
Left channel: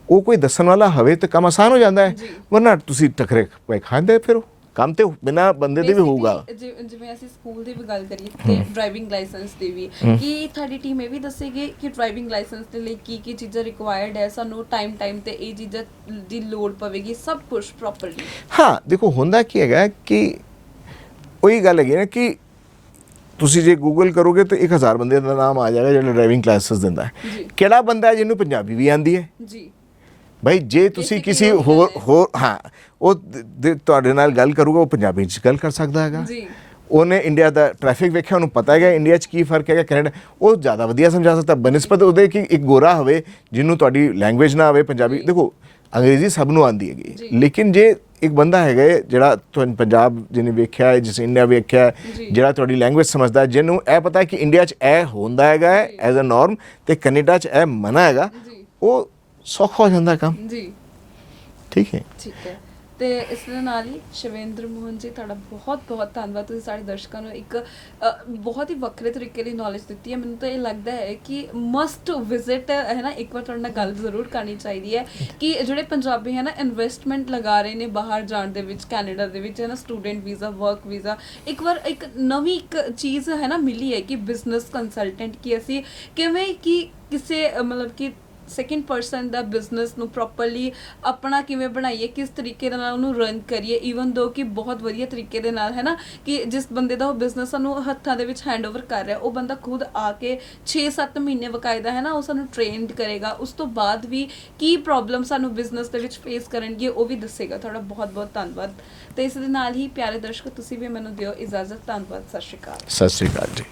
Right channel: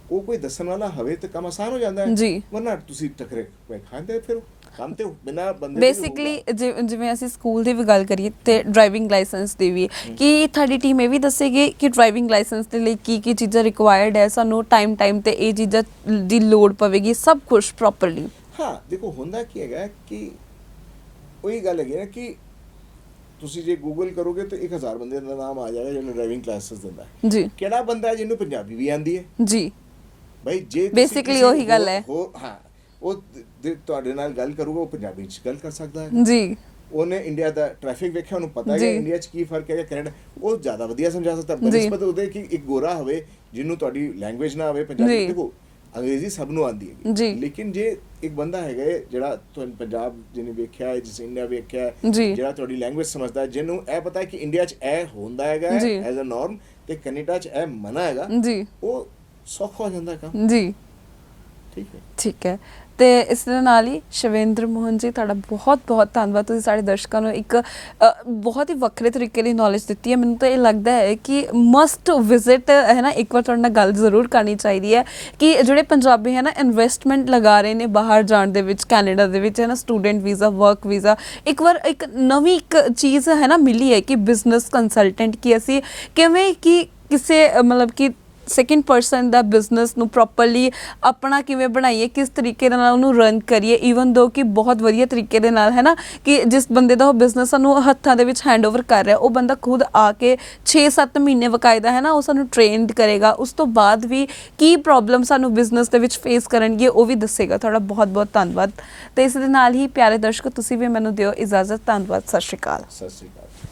ਉਹ ਕੋਈ ਦੱਸਣ ਵਾਲਾ ਹੋਵੇ ਤਾਂ ਕੰਮ ਆਸਾਨ ਹੋ ਜਾਂਦਾ ਹੈ, ਵਰਨਾ ਤੁਸੀਂ ਟਕਰੇ ਪਏ ਖਾਂਦੇ ਫਿਰ ਕੰਮ ਤੇ ਬਿਨਾਂ ਬੰਦੇ ਦੇ ਵੀ ਹੋਊਗਾ। ਜਿਵੇਂ ਅਸੀਂ ਸਕੂਲ ਦੀ ਵੀ ਗੱਲ ਕਰੀਏ ਤੇ ਡਰਾਈਵਿੰਗ ਲਾਇਸੈਂਸ ਦੀ ਵੀ, ਕਿ ਤੁਹਾਡੀ ਟੀਮ ਇਹ ਵੀ ਦੱਸੇਗੀ ਕਿ ਡਰਾਈਵਿੰਗ ਲਾਇਸੈਂਸ ਦੇ ਲਈ ਕੀ ਚੀਜ਼ਾਂ ਰਿਕੁਆਇਰਡ ਹੈ, ਸਾਨੂੰ ਟਾਈਮ ਤੇ ਇਹ ਚੀਜ਼ਾਂ ਦੀ ਲੋੜ ਪਵੇਗੀ, ਸਭ ਕੁਝ ਪ੍ਰੋਪਰਲੀ। ਹਾਂ ਦੇਖੋ, ਹੁੰਦਾ ਕੀ ਹੈਗਾ ਕਿ ਉਹੀ ਗੱਲ ਹੈਗੀ ਨਾ ਕਿ ਤੁਸੀਂ ਜੇ ਗੂਗਲ ਕਰੋਗੇ ਤਾਂ 1000 ਬੰਦੇ ਦਾ ਨਾਮ ਆ ਜਾਏਗਾ ਜਿਹੜਾ ਡਰਾਈਵਿੰਗ ਕਲਾਸਿਸ ਦਿੰਦਾ ਹੈ, ਕਿਹੜਾ ਬੰਦਾ ਹੈ ਜਿਹਨੂੰ ਪੰਜਾਬੀ ਵੀ ਆਉਂਦੀ ਹੈ ਜੀ, ਭਾਈ ਜੇ ਤੁਸੀਂ ਕਿਸੇ ਹੋਰ ਉਹ ਤੁਹਾਡੇ ਨਾਲ ਗੱਲ ਕਰੂਗਾ ਉਹ ਪੰਜਾਬੀ 'ਚ ਗੱਲ ਕਰ ਸਕਦਾ ਹੈਗਾ ਜੀ, ਉਹਨੇ ਇੰਡੀਆ ਦਾ ਟ੍ਰੈਫਿਕ ਵੇਖਿਆ, ਉਹਨੂੰ ਪਤਾ ਹੈਗਾ ਇੰਡੀਆ 'ਚ ਕੀ ਫਰਕ ਹੈਗਾ, ਕੈਨੇਡਾ, ਉਹ ਜ਼ਿਆਦਾ ਵਧੀਆ ਸਮਝਾ ਸਕਦਾ ਬਨਿਸਬਤ ਉਹਦੇ ਕਿ ਇੱਕ ਗੋਰਾ ਹੋਵੇ ਜਿਹਨੂੰ ਤੁਹਾਡੀ ਲੈਂਗੁਏਜ ਨਾ ਆਵੇ ਪੰਜਾਬੀ। ਦੇਖੋ ਅੰਗਰੇਜ਼ੀ ਸਭ ਨੂੰ ਆਉਂਦੀ ਹੈਗੀ, ਲੇਕਿਨ ਜੇ ਇੱਕ ਬੰਦਾ ਹੈਗਾ ਜਿਹੜਾ ਤੁਹਾਨੂੰ ਪੰਜਾਬ ਜਿਹਨੇ ਵੇਖਿਆ ਹੈ, ਜਿਸ ਇੰਡੀਆ ਵੇਖਿਆ ਹੈ, ਜਿਹੜਾ ਤੁਹਾਡੀ ਲੈਂਗੁਏਜ ਸਮਝਦਾ, ਜਿਹਨੂੰ ਇਹ ਪਤਾ ਹੈ ਕਿ ਇੰਡੀਆ 'ਚ ਇਹ ਹੁੰਦਾ ਹੈਗਾ ਐਜ਼ ਅ ਨਾਰਮ ਤੇ ਕੈਨੇਡਾ 'ਚ ਇਹ ਮਨਾ ਹੈਗਾ, ਉਹ ਸੌਖਾ ਹੋ ਜਾਂਦਾ ਕੰਮ ਜੀ। ਠੀਕ ਹੈ, ਤੇ ਇਸ ਦੇ ਨਾਲ ਹੀ ਸ਼ਿਵੇਂਦਰ ਮੋਹਨ ਜੀ, ਤੁਹਾਡਾ ਬਹੁਤ ਧੰਨਵਾਦ, ਤੁਸੀਂ ਸਾਡੇ ਦਰਸ਼ਕਾਂ ਨੂੰ ਇੱਕ ਬਹੁਤ ਹੀ ਵੱਖਰੇ ਤਰੀਕੇ ਦੀ ਨੌਲੇਜ ਦਿੱਤੀ ਹੈ। ਮੈਨੂੰ ਤਾਂ ਇਹ ਲੱਗਦਾ ਹੈ ਕਿ ਮਸਟ ਵਿਜ਼ਿਟ ਹੈ ਨਾ, ਇੱਕ ਵਾਰ ਤੁਹਾਡੇ ਨਾਲ ਗੱਲ ਜ਼ਰੂਰ ਕਰਨੀ ਚਾਹੀਦੀ ਹੈ ਕਿ ਜਿਹੜੇ ਪੰਜਾਬੀ ਹੈ ਨਾ ਇਨਵੈਸਟਮੈਂਟ ਲਗਾ ਰਹੇ ਨੇ ਬਾਹਰ ਜਾਣ ਦੇ ਵਿੱਚ, ਕੈਨੇਡਾ ਦੇ ਵਿੱਚ ਹੈ ਨਾ, ਸਟੂਡੈਂਟ ਵੀਜ਼ਾ, ਵਰਕ ਵੀਜ਼ਾ, ਇੱਕ ਵਾਰ ਇੱਕ ਨਵੀਂ ਇੱਕ ਚੀਜ਼ ਹੈ ਨਾ ਮਿਲੀ ਹੈ ਕਿ ਬਿਜ਼ਨਸ ਕੰਸਲਟੈਂਟ, ਕਿ ਅਸੀਂ ਕਿਵੇਂ ਕਿ ਕਿਸੇ ਮਤਲਬ ਕਿ ਸੈਕਿੰਡ ਪਰਸਨ ਦਾ ਬਿਜ਼ਨਸ ਨੂੰ ਪ੍ਰੋਪਰਲੀ ਆਪਣਾ ਕਿਵੇਂ ਬਣਾਈਏ, ਕਿਸ ਤਰੀਕੇ ਦੇ ਨਾਲ ਉਹਨੂੰ ਰਨ ਕਰੀਏ, ਈਵਨ ਦੋ ਕਿ ਬਹੁਤ ਵਧੀਆ ਤਰੀਕੇ ਦੇ ਨਾਲ ਹੈ ਨਾ, ਕਿ ਜਿਸ ਬੰਦੇ ਦਾ ਉਹ ਬਿਜ਼ਨਸ ਸਾਨੂੰ ਹੱਥਾਂ ਦੇ ਵਿੱਚ ਹੈਂਡਓਵਰ ਕਰ ਰਿਹਾ, ਉਹ ਬੰਦਾ ਖੁਦ ਆ ਕੇ 6-7 ਮਹੀਨੇ ਬਕਾਇਦਾ ਹੈ ਨਾ ਉਹ ਸਾਨੂੰ ਟ੍ਰੇਨਡ ਕਰੇਗਾ, ਉਸ ਤੋਂ ਬਾਅਦ ਵੀ ਕੀ ਪ੍ਰੋਬਲਮ ਸਾਨੂੰ ਬਿਜ਼ਨਸ ਦੇ ਵਿੱਚ ਫੇਸ ਕਰਨਗੇ ਉਹ ਵੀ ਦੱਸੇਗਾ। ਤੁਹਾਡਾ ਬਹੁਤ ਧੰਨਵਾਦ। ਤੇ ਇਸ ਦੇ ਨਾਲ ਹੀ ਪਿਆਰੇ ਦਰਸ਼ਕੋ, ਤੁਸੀਂ ਵੀ ਮੈਨੂੰ ਦਿਓ ਇਜਾਜ਼ਤ। ਧੰਨਵਾਦ, ਸਤਿ ਸ਼੍ਰੀ ਅਕਾਲ। ਸਤਿ ਸ਼੍ਰੀ ਅਕਾਲ ਜੀ।